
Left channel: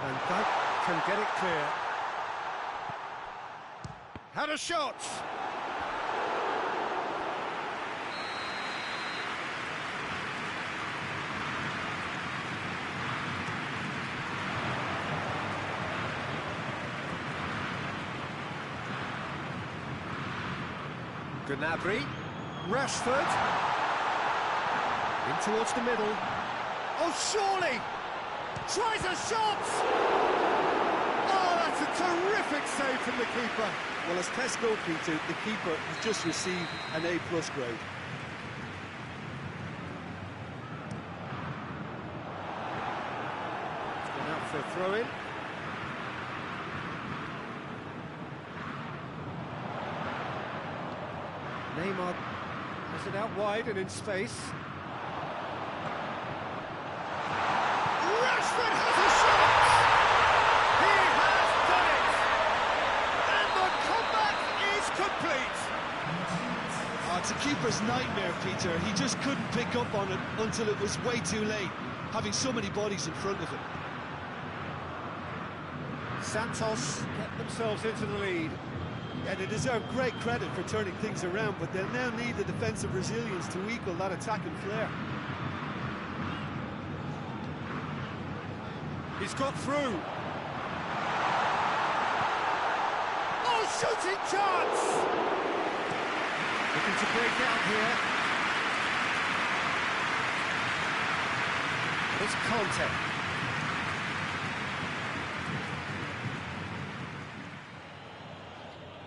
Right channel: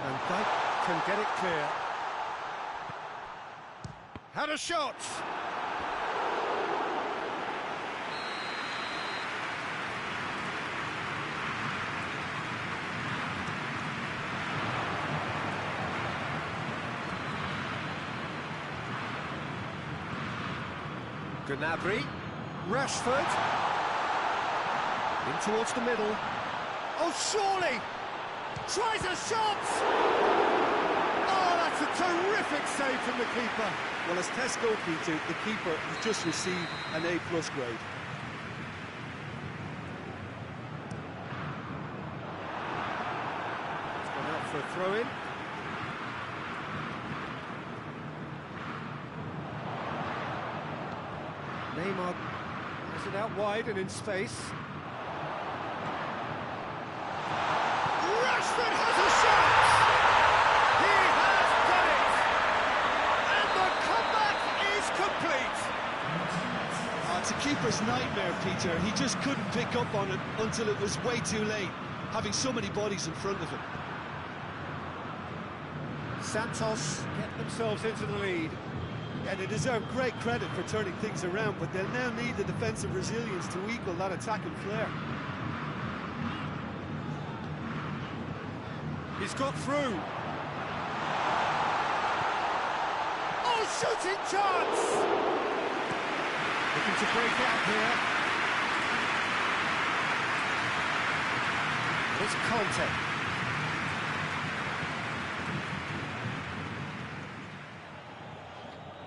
Van Dijk can get it clear. Had a shot! Gnabry, Rashford, in towards the middle. Oh, surely! Tries a shot! Oh, that's a terrific save from the keeper. Well, as test goalkeeper, the keeper has just received an A+ grade. It's gone out for a throw-in. Neymar has it out wide and in space. Rashford has a shot! He has done it! And the comeback is complete! It's a keeper's nightmare, Peter. He just couldn't pick up on it until it was way too late, having so many bodies in front of him. Santos get themselves into the lead. And they deserve great credit for turning things around, but they'll now need the defensive resilience to equal that attacking flair. He's got through. Oh, shooting chance! Looking to break out here. And it's Conte.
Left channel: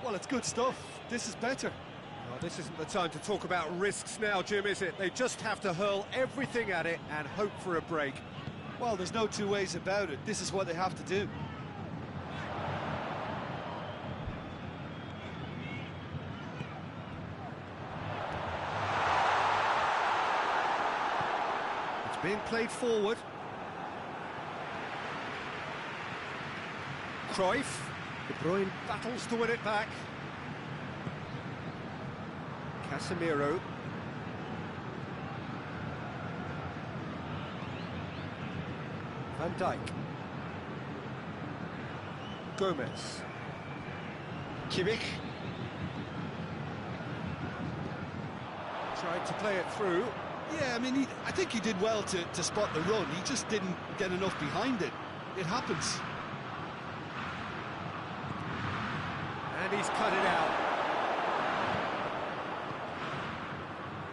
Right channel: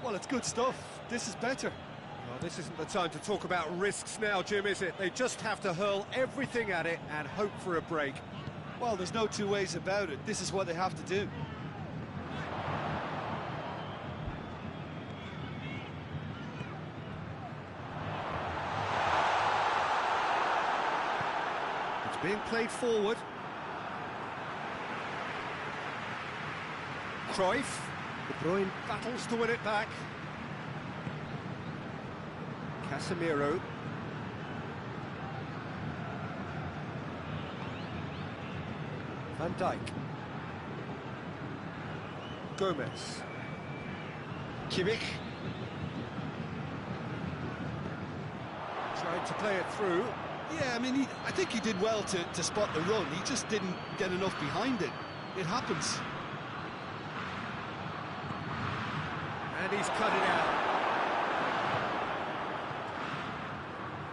Well, it's good stuff. This is better. Oh, this isn't the time to talk about risks now, Jim, is it? They just have to hurl everything at it and hope for a break. Well, there's no two ways about it. This is what they have to do. It's being played forward. Cruyff. De Bruyne battles to win it back. Casemiro. Van Dijk. Gomez. Kimmich. Tried to play it through. Yeah, I mean, I think he did well to spot the run. He just didn't get enough behind it. It happens. And he's cut it out.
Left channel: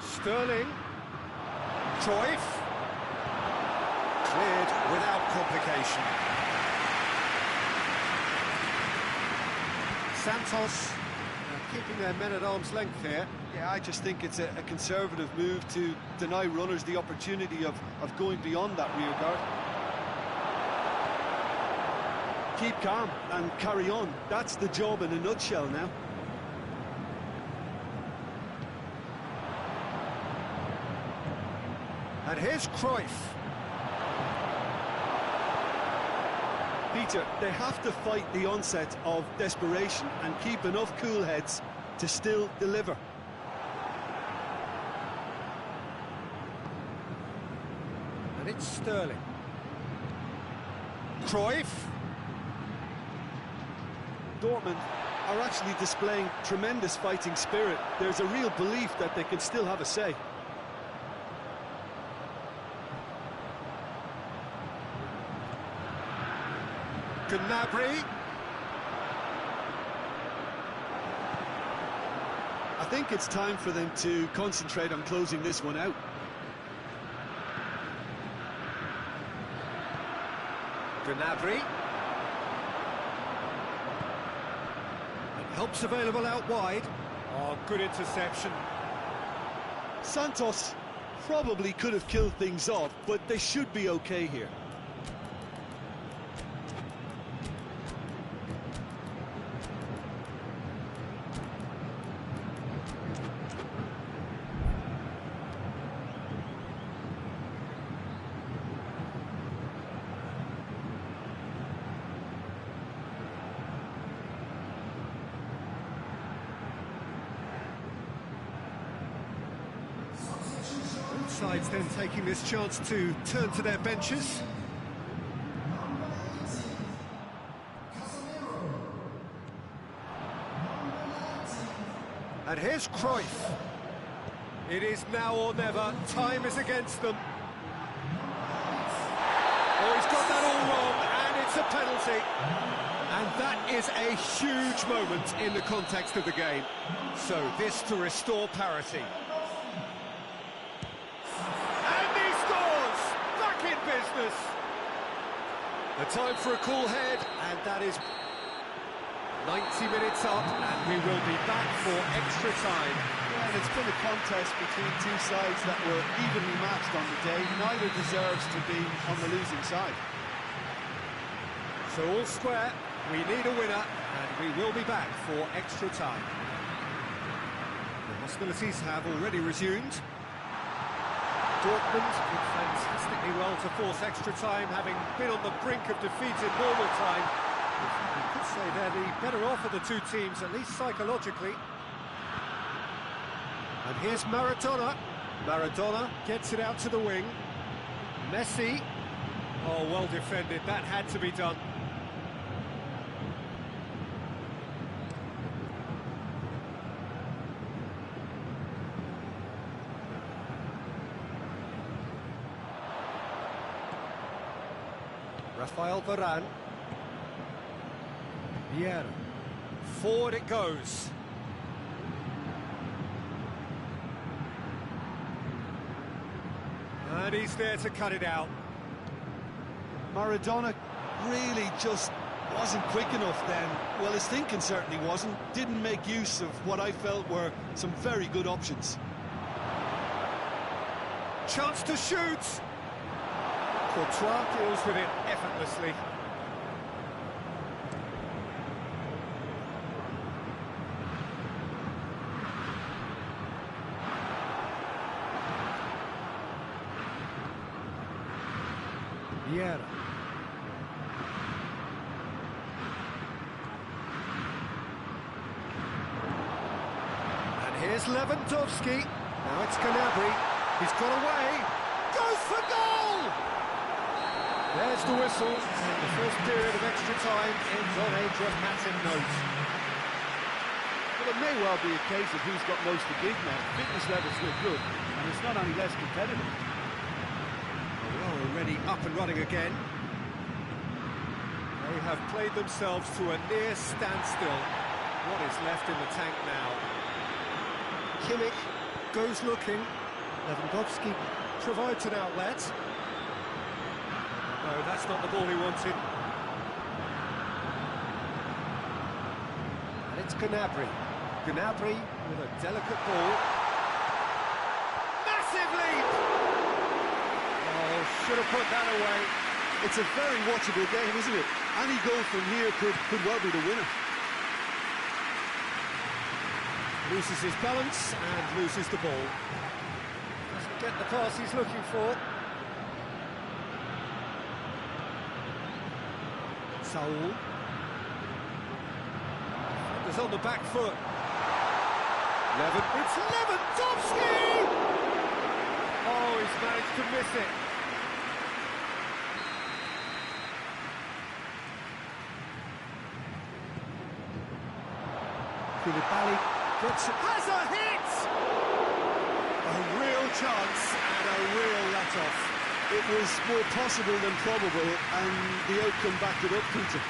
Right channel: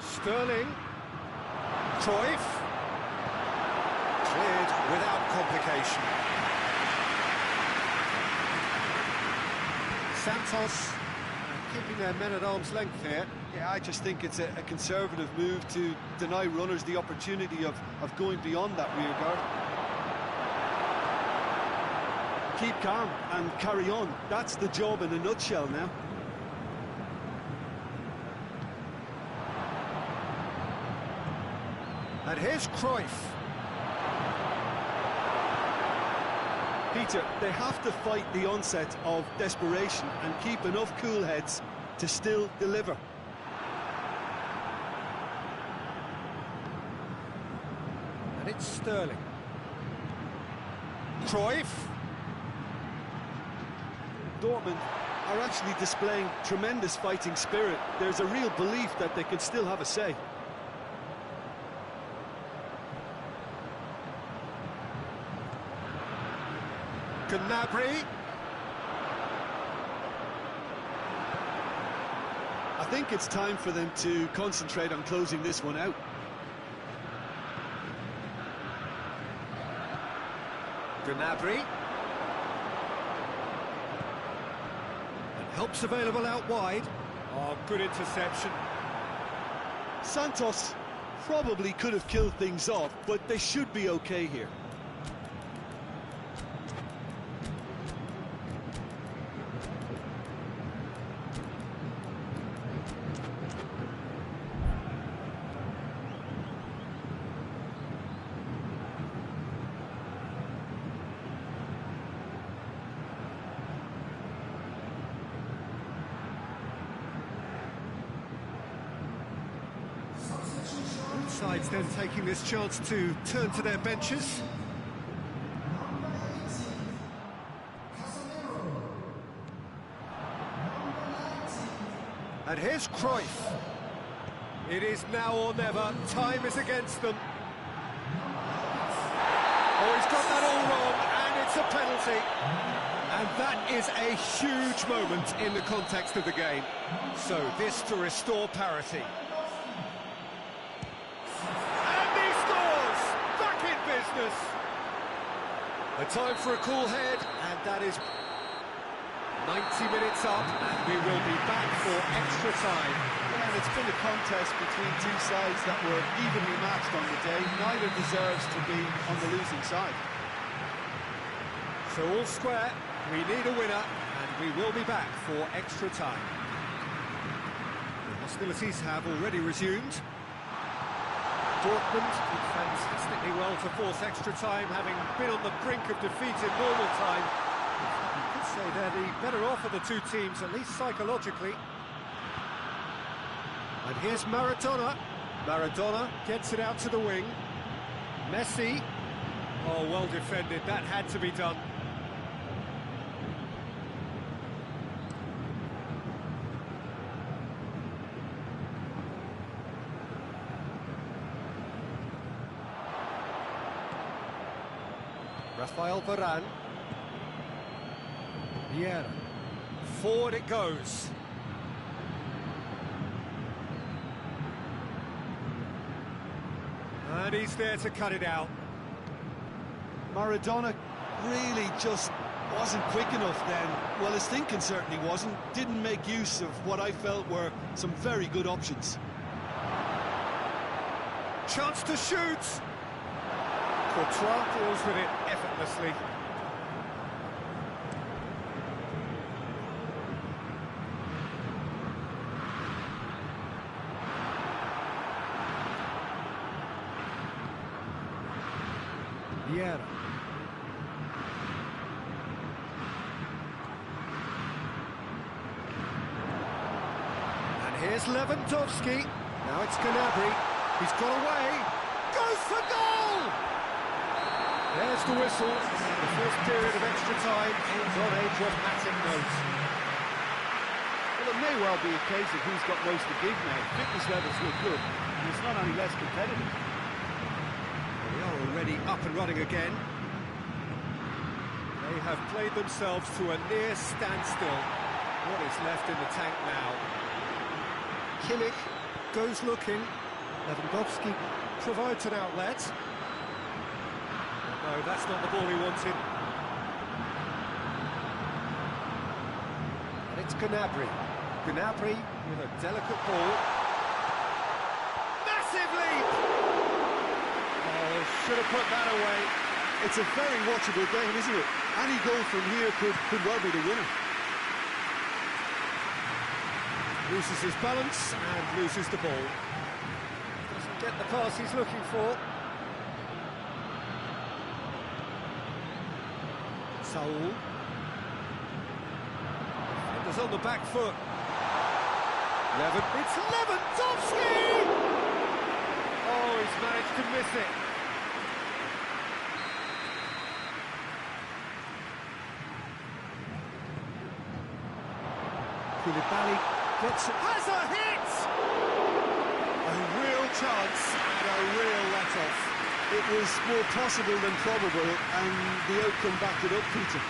Sterling. Cruyff. Cleared without complication. Santos keeping their men at arm's length here. Yeah, I just think it's a conservative move to deny runners the opportunity of going beyond that rear guard. Keep calm and carry on. That's the job in a nutshell now. And here's Cruyff. Peter, they have to fight the onset of desperation and keep enough cool heads to still deliver. And it's Sterling. Cruyff. Dortmund are actually displaying tremendous fighting spirit. There's a real belief that they can still have a say. Gnabry. I think it's time for them to concentrate on closing this one out. Gnabry. And help's available out wide. Oh, good interception. Santos probably could have killed things off, but they should be okay here. Both sides then taking this chance to turn to their benches. And here's Cruyff. It is now or never. Time is against them. Oh, he's got that all wrong, and it's a penalty. And that is a huge moment in the context of the game. So this to restore parity. And he scores! Back in business! A time for a cool head, and that is 90 minutes up, and we will be back for extra time. Yeah, and it's been a contest between two sides that were evenly matched on the day. Neither deserves to be on the losing side. So all square, we need a winner, and we will be back for extra time. The hostilities have already resumed. Dortmund did fantastically well to force extra time, having been on the brink of defeat in normal time. You could say they're the better off of the two teams, at least psychologically. And here's Maradona. Maradona gets it out to the wing. Messi. Oh, well defended. That had to be done. Rafael Varane. Vieira. Forward it goes. And he's there to cut it out. Maradona really just wasn't quick enough then. Well, his thinking certainly wasn't. Didn't make use of what I felt were some very good options. Chance to shoot. Courtois deals with it effortlessly. Vieira. Here's Lewandowski. Now it's Gnabry. He's got away. Goes for goal! There's the whistle, and the first period of extra time ends on a dramatic note. Well, it may well be a case of who's got most to give now. Fitness levels look good, and it's not any less competitive. Well, we are already up and running again. They have played themselves to a near standstill. What is left in the tank now? Kimmich goes looking. Lewandowski provides an outlet. No, that's not the ball he wanted. And it's Gnabry. Gnabry with a delicate ball. Massive leap! Oh, should have put that away. It's a very watchable game, isn't it? Any goal from here could well be the winner. Loses his balance and loses the ball. Doesn't get the pass he's looking for. Saul. Defenders on the back foot. It's Lewandowski! Oh, he's managed to miss it. Koulibaly gets it. Has a hit! A real chance and a real let-off. It was more possible than probable, and the outcome backed it up, Peter.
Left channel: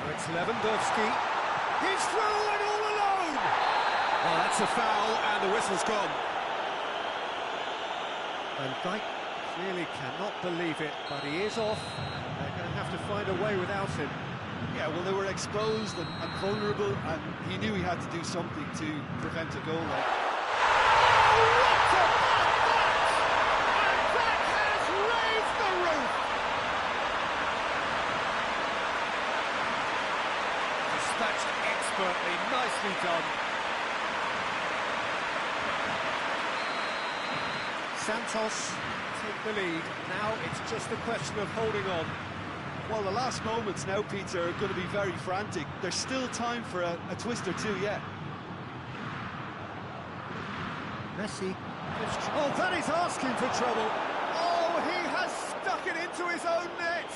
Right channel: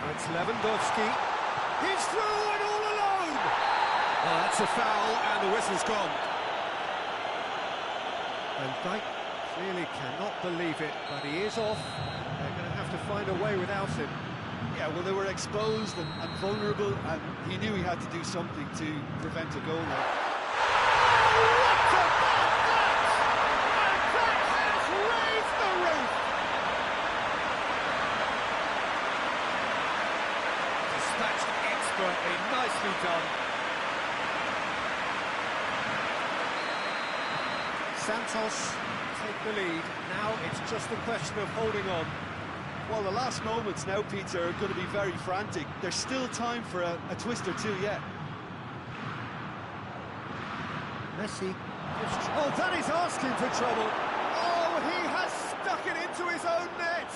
Now it's Lewandowski. He's through and all alone! Oh, that's a foul, and the whistle's gone. And Dijk clearly cannot believe it, but he is off. They're going to have to find a way without him. Yeah, well, they were exposed and vulnerable, and he knew he had to do something to prevent a goal there. Oh, what about that? And that has raised the roof! Dispatched expertly, nicely done. Santos take the lead. Now it's just a question of holding on. Well, the last moments now, Peter, are going to be very frantic. There's still time for a twist or two yet. Messi. Oh, that is asking for trouble. Oh, he has stuck it into his own net.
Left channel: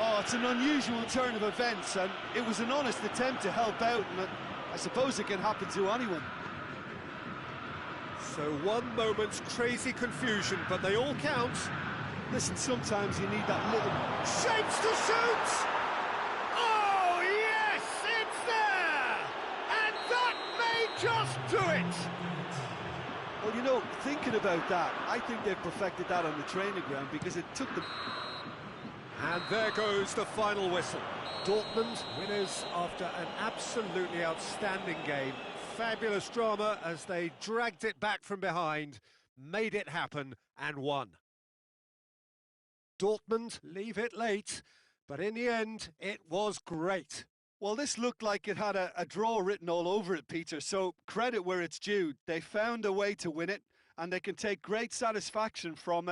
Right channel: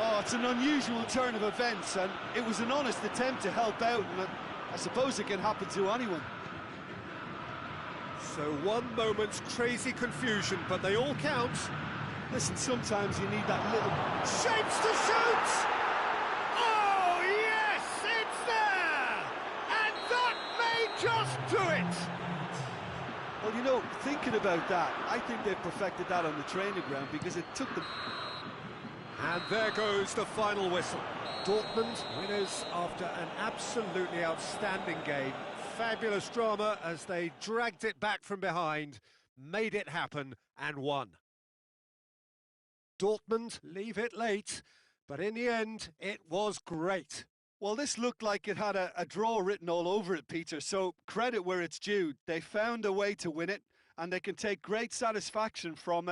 Oh, it's an unusual turn of events, and it was an honest attempt to help out, and I suppose it can happen to anyone. So one moment's crazy confusion, but they all count. Listen, sometimes you need that little... Shapes to shoot! Oh, yes, it's there! And that may just do it! Well, you know, thinking about that, I think they've perfected that on the training ground, because it took them... And there goes the final whistle. Dortmund winners after an absolutely outstanding game. Fabulous drama as they dragged it back from behind, made it happen and won. Dortmund leave it late, but in the end, it was great. Well, this looked like it had a draw written all over it, Peter, so credit where it's due. They found a way to win it, and they can take great satisfaction from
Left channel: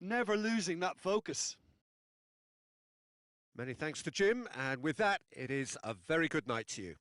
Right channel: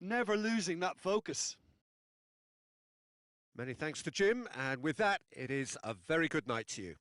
never losing that focus. Many thanks to Jim, and with that, it is a very good night to you.